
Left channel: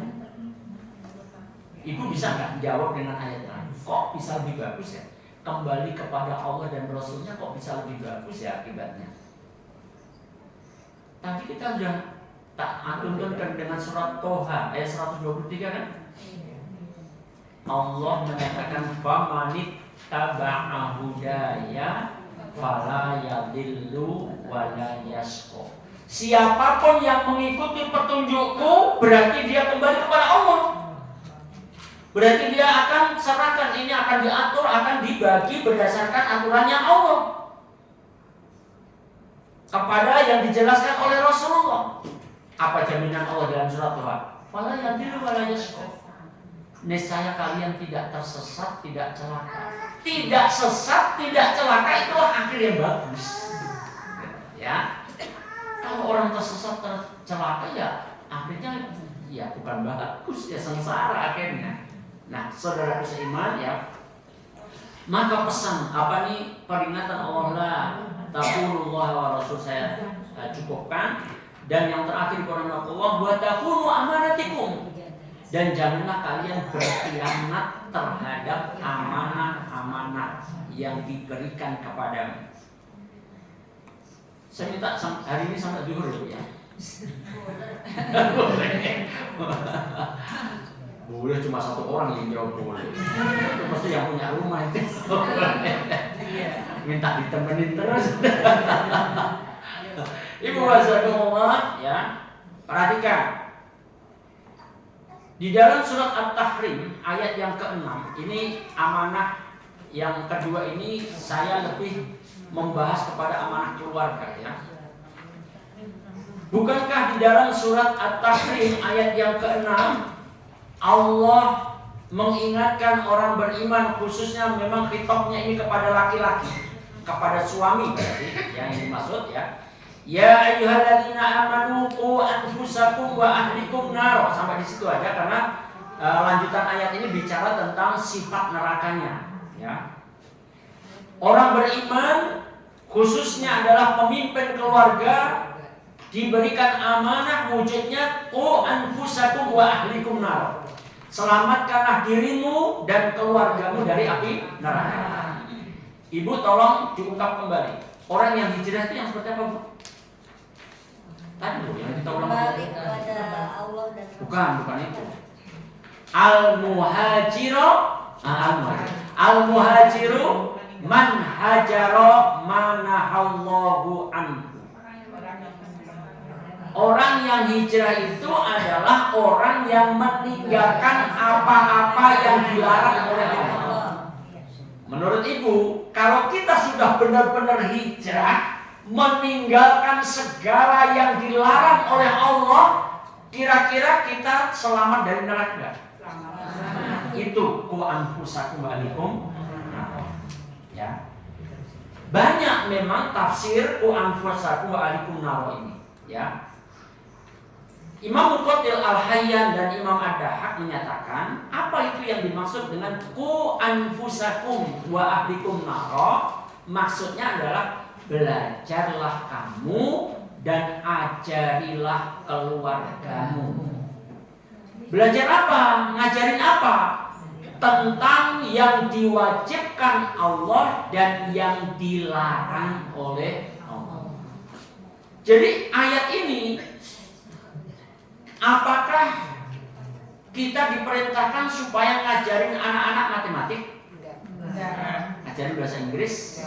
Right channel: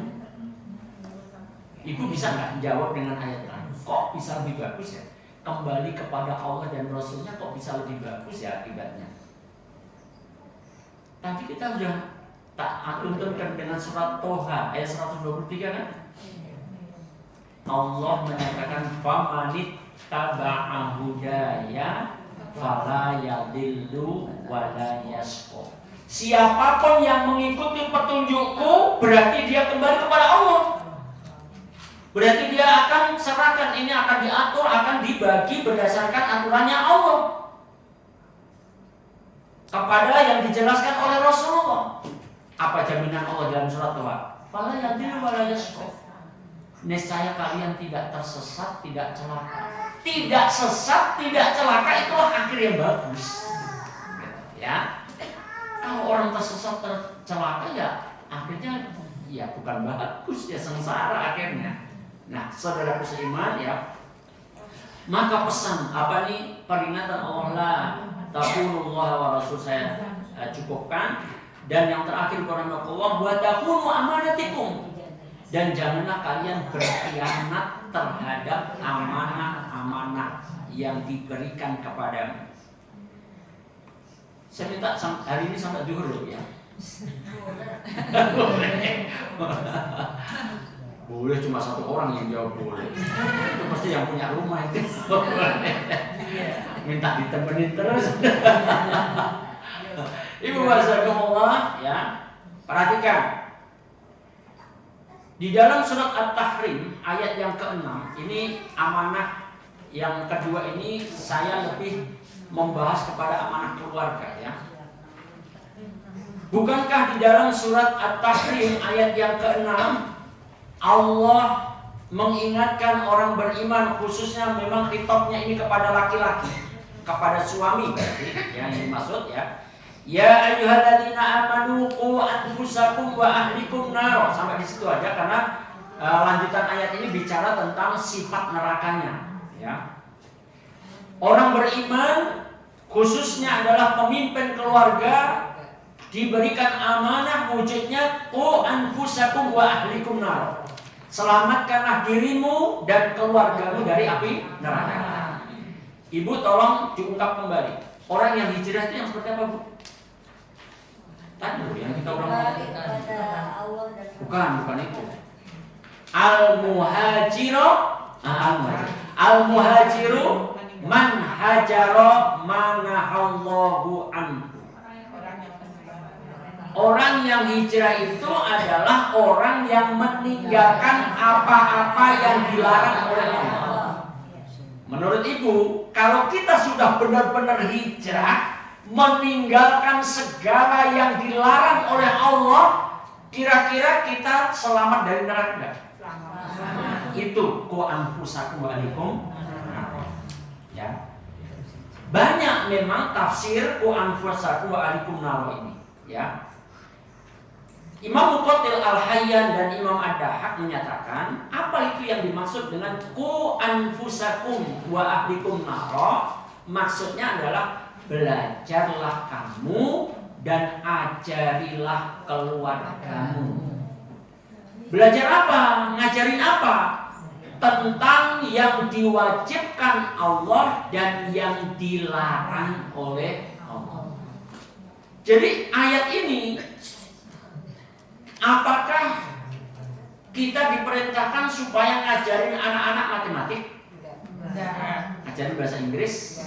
Ibu bisa nggak jawab dengan ayat lain? Kok bisa lebih bagus ya? Kembali kepada Allah dan Rasulnya kok bisa lebih bagus ya akibatnya? Tadi kita sudah tak tuntunkan dengan surat Toha ayat 123 kan? Allah menyatakan famanit taba'a hudaya fala yadillu wala yashqa. Siapapun yang mengikuti petunjukku berarti dia kembali kepada Allah. Berarti dia akan serahkan, ini akan diatur, akan dibagi berdasarkan aturannya Allah kepada yang dijelaskan oleh Rasulullah. Apa jaminan Allah dalam surat Toha? Fala yadillu wala yashqa. Niscaya kalian tidak tersesat, tidak celaka. Tidak sesat, tidak celaka, itu akhir yang bagus. Ya. Kalau orang tersesat, tercelaka ya akhirnya ya bukan bagus, ya sengsara akhirnya. Nah, saudaraku seiman ya, maka pesan apa nih peringatan Allah taqulullah wa rasul saya cukupkan, dan yang terakhir Allah wa taqulu amanatikum, dan janganlah kalian berkhianat terhadap amanah-amanah yang diberikan kepadamu. Saya minta hari ini sampai zuhur ya. Boleh cuma satu orang yang jawab boleh. Itu pasti yang punya rumah itu. Minta ditemenin terus. Ibu wazakumullah ya. Perhatikan. Di dalam surat At-Tahrim ayat yang ke-6, ini amanah yang kedua ini saya lebih membahas kepada amanah keluarga ya. Bukankah di dalam surat At-Tahrim ayat yang ke-6 Allah mengingatkan orang beriman, khususnya memang khitabnya ini kepada laki-laki, kepada suami berarti yang dimaksud ya. Ya ayyuhalladzina amanu qu anfusakum wa ahlikum nar. Sampai di situ aja karena lanjutan ayat ini bicara tentang sifat nerakanya ya. Orang beriman khususnya adalah pemimpin keluarga diberikan amanah wujudnya qu anfusakum wa ahlikum nar. Selamatkanlah dirimu dan keluargamu dari api neraka. Ibu tolong diungkap kembali. Orang yang hijrah itu yang seperti apa, Bu? Tadi Bu yang kita ulang. Bukan itu. Al-muhajiru man hajara manahallahu anhu. Orang yang hijrah itu adalah orang yang meninggalkan apa-apa yang dilarang oleh Allah. Menurut Ibu, kalau kita sudah benar-benar hijrah, meninggalkan segala yang dilarang oleh Allah, kira-kira kita selamat dari neraka? Itu ku anfusakum wa ahlikum. Ya. Banyak memang tafsir ku anfusakum wa ahlikum nar ini, ya. Imam Muqatil Al-Hayyan dan Imam Ad-Dahhak menyatakan, apa itu yang dimaksud dengan ku anfusakum wa ahlikum nar? Maksudnya adalah belajarlah kamu dan ajarilah keluargamu. Belajar apa? Ngajarin apa? Tentang yang diwajibkan Allah dan yang dilarang oleh Allah. Jadi ayat ini, apakah kita diperintahkan supaya ngajarin anak-anak matematik? Ngajarin bahasa Inggris?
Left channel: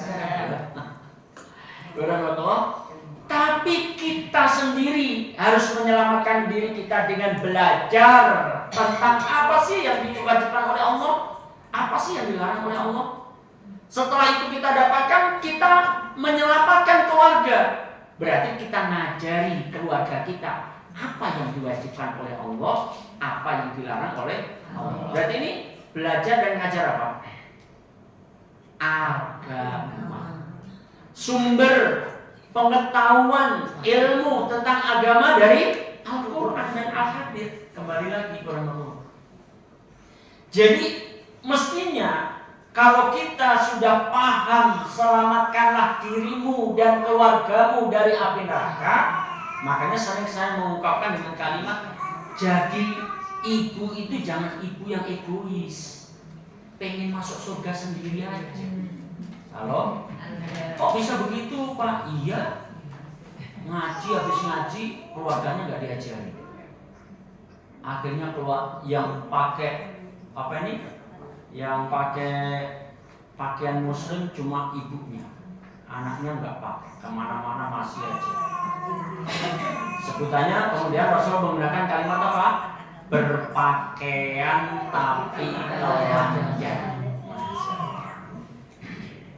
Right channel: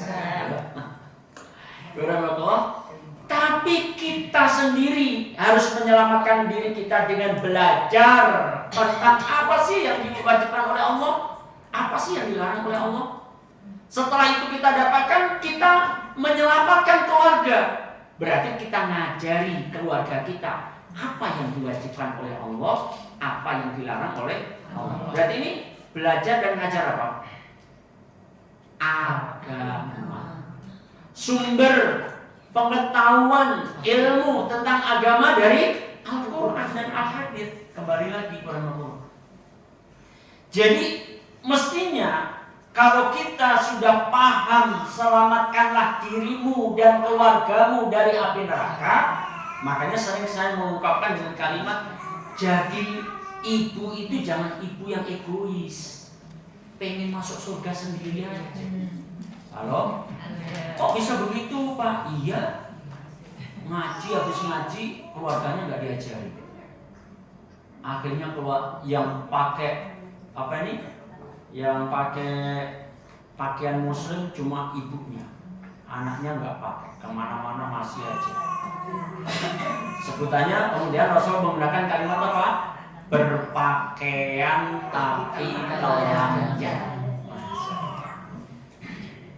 Tapi kita sendiri harus menyelamatkan diri kita dengan belajar tentang apa sih yang diwajibkan oleh Allah, apa sih yang dilarang oleh Allah. Setelah itu kita dapatkan, kita menyelamatkan keluarga. Berarti kita ngajari keluarga kita apa yang diwajibkan oleh Allah, apa yang dilarang oleh Allah. Berarti ini belajar dan ngajar apa? Agama. Sumber pengetahuan ilmu tentang agama dari Al-Quran dan Al-Hadits. Kembali lagi kepada Allah. Jadi mestinya kalau kita sudah paham, selamatkanlah dirimu dan keluargamu dari api neraka. Makanya sering saya mengungkapkan dengan kalimat, jadi ibu itu jangan ibu yang egois, pengen masuk surga sendiri aja. Halo? Kok bisa begitu, Pak? Iya, ngaji habis ngaji keluarganya nggak diajari. Akhirnya keluar yang pakai apa ini? Yang pakai pakaian muslim cuma ibunya, anaknya nggak pakai, kemana-mana masih aja. Sebutannya kemudian Rasul menggunakan kalimat apa? Berpakaian tapi telanjang.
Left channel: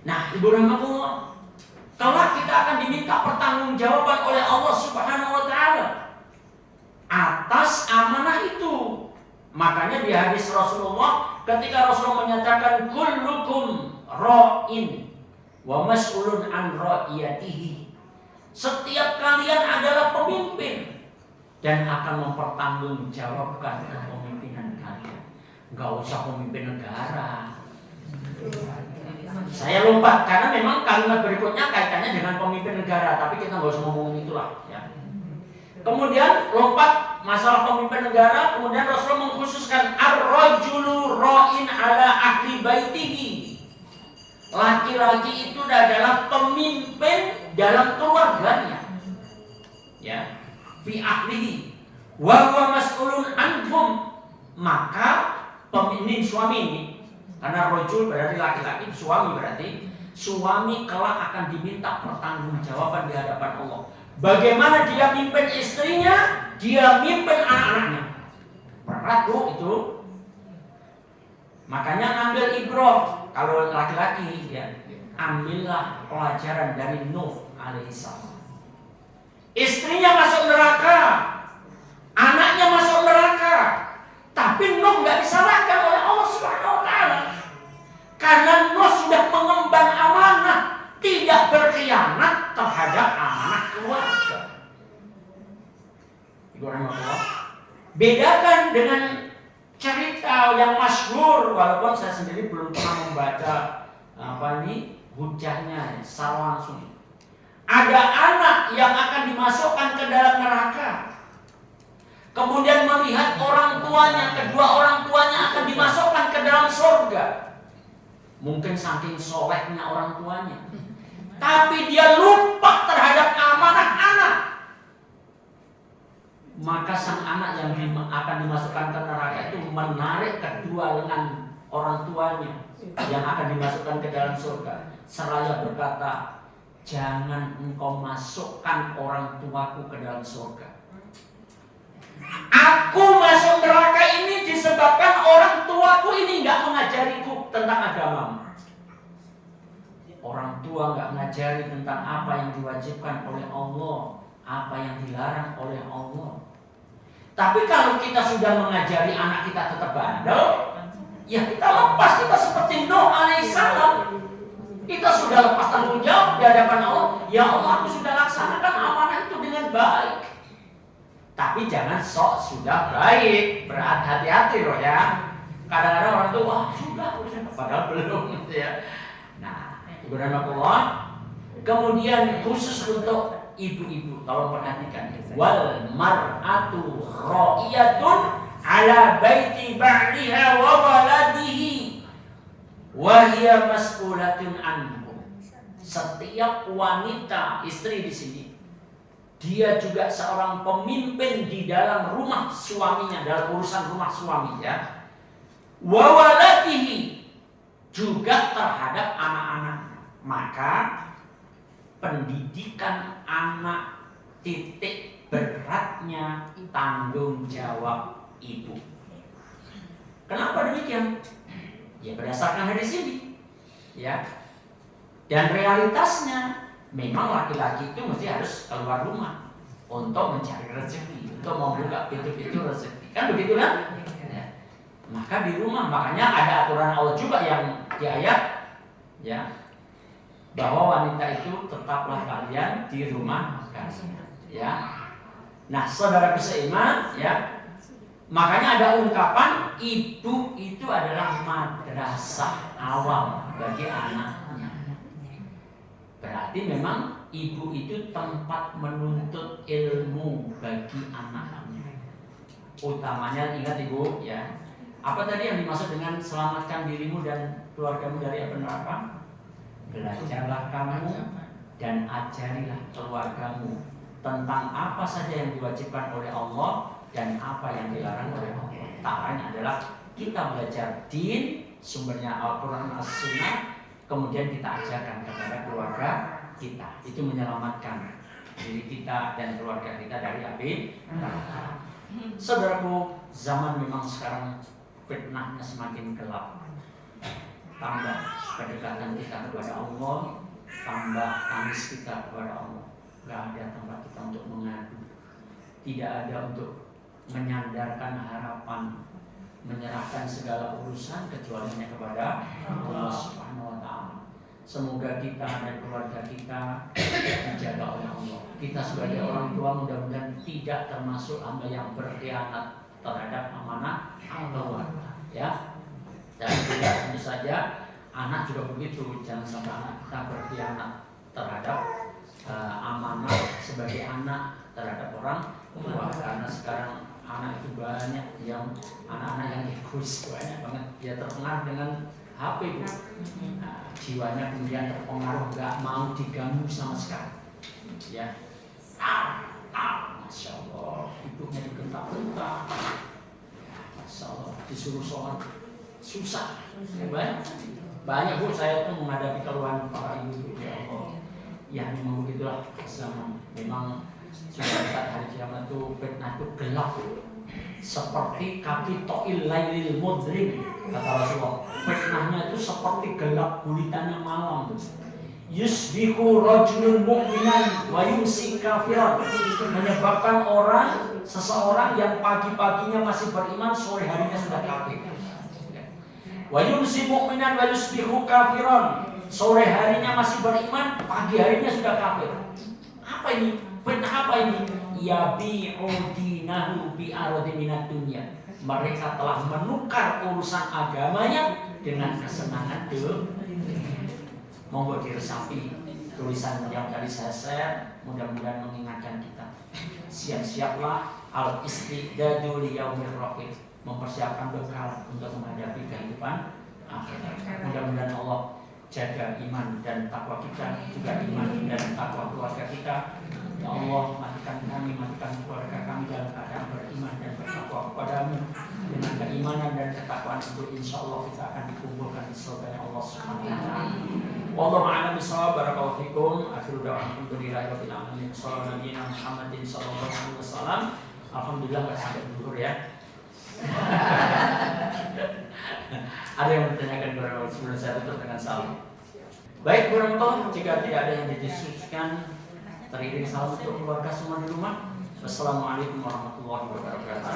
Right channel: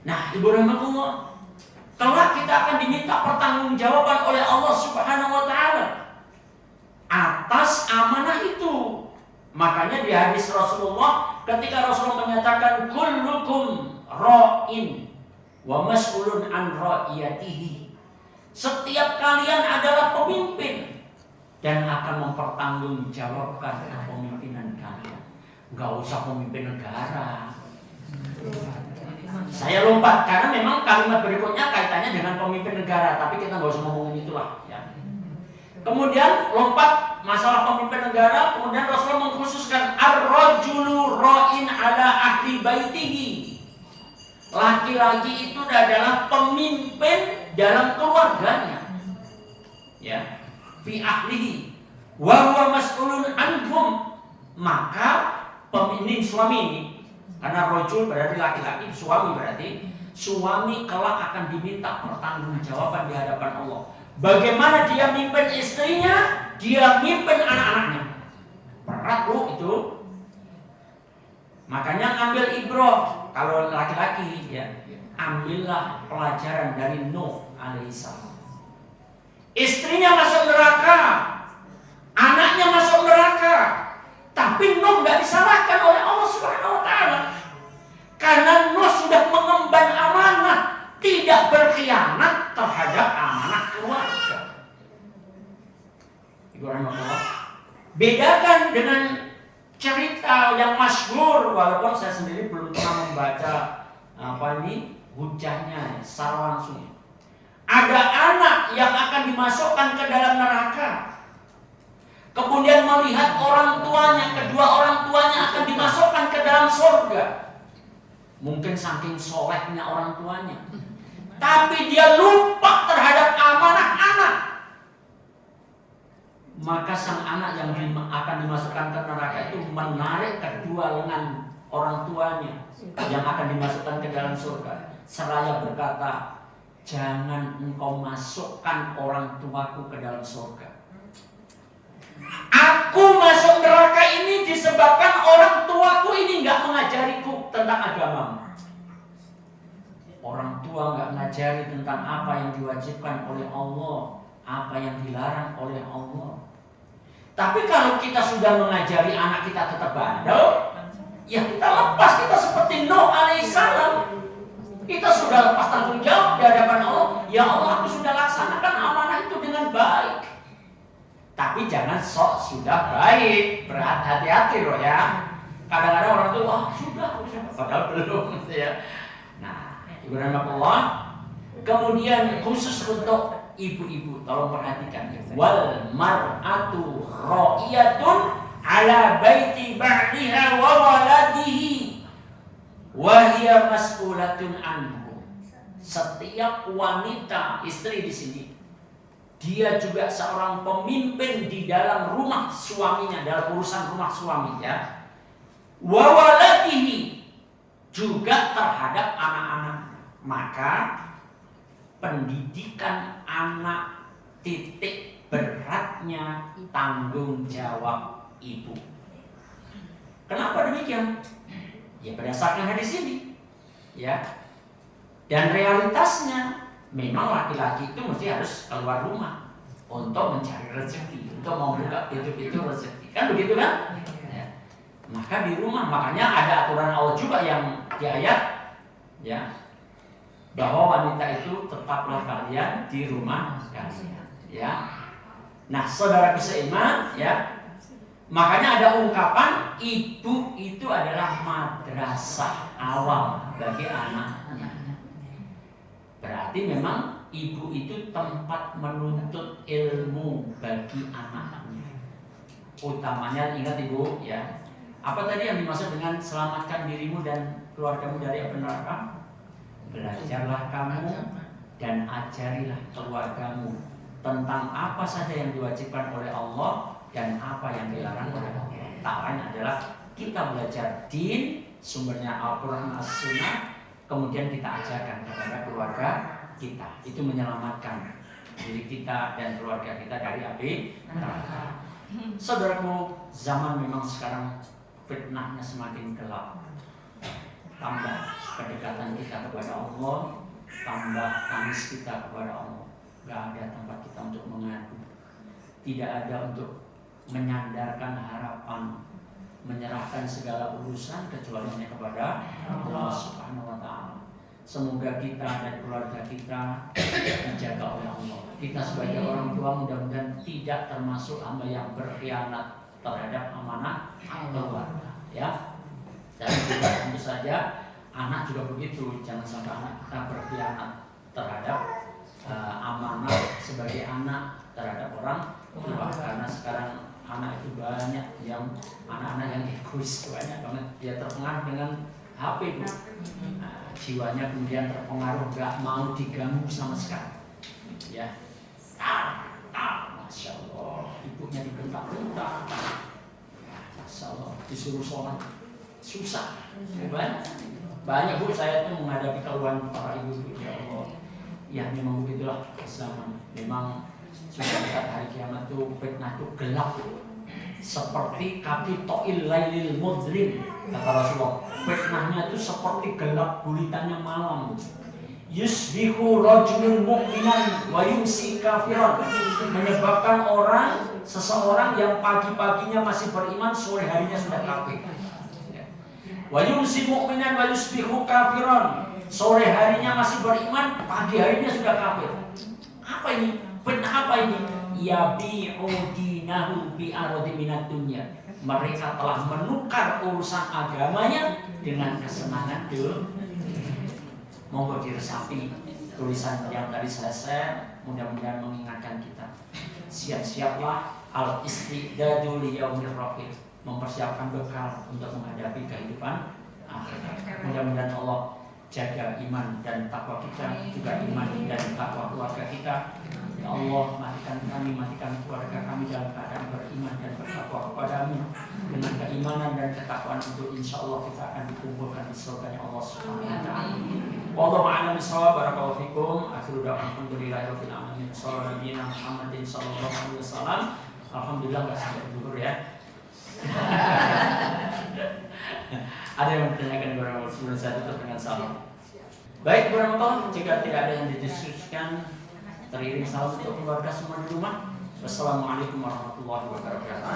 Nah, Ibu rahmatullah, kelak kita akan diminta pertanggungjawaban oleh Allah Subhanahu wa taala atas amanah itu. Makanya di hadis Rasulullah, ketika Rasulullah menyatakan kullukum ra'in wa mas'ulun an ra'iyatihi, setiap kalian adalah pemimpin dan akan mempertanggungjawabkan kepemimpinan kalian. Enggak usah pemimpin negara. Saya lompat karena memang kalimat berikutnya kaitannya dengan pemimpin negara, tapi kita nggak usah ngomongin itulah ya. Kemudian lompat masalah pemimpin negara, kemudian Rasulullah mengkhususkan ar-rajulu ra'in ala ahli baitihi. Laki-laki itu adalah pemimpin dalam keluarganya. Ya, fi ahlihi wa huwa mas'ulun anhum. Maka pemimpin suami ini, karena rojul berarti laki-laki, suami berarti suami kelak akan diminta pertanggungjawaban di hadapan Allah. Bagaimana dia mimpin istrinya, dia mimpin anak-anaknya. Berat loh itu. Makanya ngambil ibrah kalau laki-laki ya, ambillah pelajaran dari Nuh alaihissalam. Istrinya masuk neraka, anaknya masuk neraka, tapi Nuh nggak disalahkan oleh Allah Subhanahu wa taala. Karena Nuh sudah mengemban amanah, tidak berkhianat terhadap amanah keluarga. Ibu rahmatullah, bedakan dengan cerita yang masyhur, walaupun saya sendiri belum pernah membaca hujahnya secara langsung. Ada anak yang akan dimasukkan ke dalam neraka, kemudian melihat orang tuanya, kedua orang tuanya akan dimasukkan ke dalam surga. Mungkin saking solehnya orang tuanya, tapi dia lupa terhadap amanah anak. Maka sang anak yang akan dimasukkan ke neraka itu menarik kedua lengan orang tuanya yang akan dimasukkan ke dalam surga, seraya berkata, jangan engkau masukkan orang tuaku ke dalam surga. Aku masuk neraka ini disebabkan orang tuaku ini nggak mengajariku tentang agamamu. Orang tua nggak ngajari tentang apa yang diwajibkan oleh Allah, apa yang dilarang oleh Allah. Tapi kalau kita sudah mengajari anak kita tetap bandel, ya kita lepas, kita seperti Nuh alaihissalam. Kita sudah lepas tanggung jawab di hadapan Allah. Ya Allah, aku sudah laksanakan amanah itu dengan baik. Tapi jangan sok sudah baik. Berhati-hati loh ya. Kadang-kadang orang tuh sudah, padahal belum gitu ya. Nah, Subhanallah. Kemudian khusus untuk ibu-ibu, tolong perhatikan. Wal mar'atu ra'iyatun ala baiti ba'liha wa waladihi wa hiya mas'ulatun anhu. Setiap wanita, istri di sini, dia juga seorang pemimpin di dalam rumah suaminya, dalam urusan rumah suaminya. Wa waladihi, juga terhadap anak-anak. Maka pendidikan anak titik beratnya tanggung jawab ibu. Kenapa demikian? Ya berdasarkan hadis ini. Ya. Dan realitasnya memang laki-laki itu mesti harus keluar rumah untuk mencari rezeki, untuk membuka pintu-pintu rezeki. Kan begitu kan? Ya. Maka di rumah, makanya ada aturan Allah juga yang di ayat, ya, bahwa wanita itu tetaplah kalian di rumah kalian, ya. Nah, saudaraku seiman, ya, makanya ada ungkapan ibu itu adalah madrasah awal bagi anaknya. Berarti memang ibu itu tempat menuntut ilmu bagi anaknya. Utamanya ingat ibu, ya. Apa tadi yang dimaksud dengan selamatkan dirimu dan keluargamu dari api neraka? Belajarlah kamu dan ajarilah keluargamu tentang apa saja yang diwajibkan oleh Allah dan apa yang dilarang oleh Allah. Tak lain adalah kita belajar din, sumbernya Al-Quran As-Sunnah, kemudian kita ajarkan kepada keluarga kita. Itu menyelamatkan diri kita dan keluarga kita dari api neraka. Saudaraku, zaman memang sekarang fitnahnya semakin gelap. Tambah kedekatan kita kepada Allah, tambah tangis kita kepada Allah. Gak ada tempat kita untuk mengadu, tidak ada untuk menyandarkan harapan, menyerahkan segala urusan kecuali hanya kepada Allah Subhanahu wa Ta'ala. Semoga kita dan keluarga kita dijaga oleh Allah. Kita sebagai orang tua mudah-mudahan tidak termasuk hamba yang berkhianat terhadap amanah keluarga, ya. Dan juga tentu saja anak juga begitu, jangan sampai anak kita berkhianat terhadap amanah sebagai anak terhadap orang tua. Karena sekarang anak itu banyak yang anak-anak yang egois, banyak banget dia terpengaruh dengan HP itu. Jiwanya kemudian terpengaruh, gak mau diganggu sama sekali, ya. Masya Allah, ibunya dibentak-bentak, Masya Allah, disuruh sholat susah. Banyak bu, saya tuh menghadapi keluhan para ibu. Ya Allah, ya memang begitulah zaman. Memang sudah dekat hari kiamat tuh fitnah tuh gelap, seperti kapitoil lailil mudlim, kata Rasulullah. Fitnahnya itu seperti gelap gulitanya malam. Yusbihu rajulun mu'minan wa yumsi kafiran, menyebabkan seseorang yang pagi-paginya masih beriman, sore harinya sudah kafir. Wa yumsi mu'minan wa yusbihu kafiran, sore harinya masih beriman, pagi harinya sudah kafir. Apa ini? Fitnah apa ini? Yabi'u dinahu bi aradi minad dunya. Mereka telah menukar urusan agamanya dengan kesenangan dunia. Monggo diresapi tulisan yang tadi saya share, mudah-mudahan mengingatkan kita. Siap-siaplah al istidadu li yaumir raqib, mempersiapkan bekal untuk menghadapi kehidupan akhirat. Mudah-mudahan Allah jaga iman dan takwa kita, juga iman dan takwa keluarga kita. Ya Allah, matikan kami, matikan keluarga kami dalam keadaan beriman dan bertakwa kepadamu. Dengan keimanan dan ketakwaan itu, insya Allah kita akan dikumpulkan di surga Allah Subhanahu wa Ta'ala. Wallahu a'lam bishawab. Barakallahu fikum. Akhiru da'wakum alhamdulillahirabbil alamin. Sallallahu Muhammadin sallallahu alaihi wasallam. Alhamdulillah nggak sampai zuhur ya. Ada yang bertanyakan kepada Allah sebelum saya tutup dengan salam. Baik Bu Ramato, jika tidak ada yang didiskusikan, teriring salam untuk keluarga semua di rumah. Wassalamualaikum warahmatullahi wabarakatuh.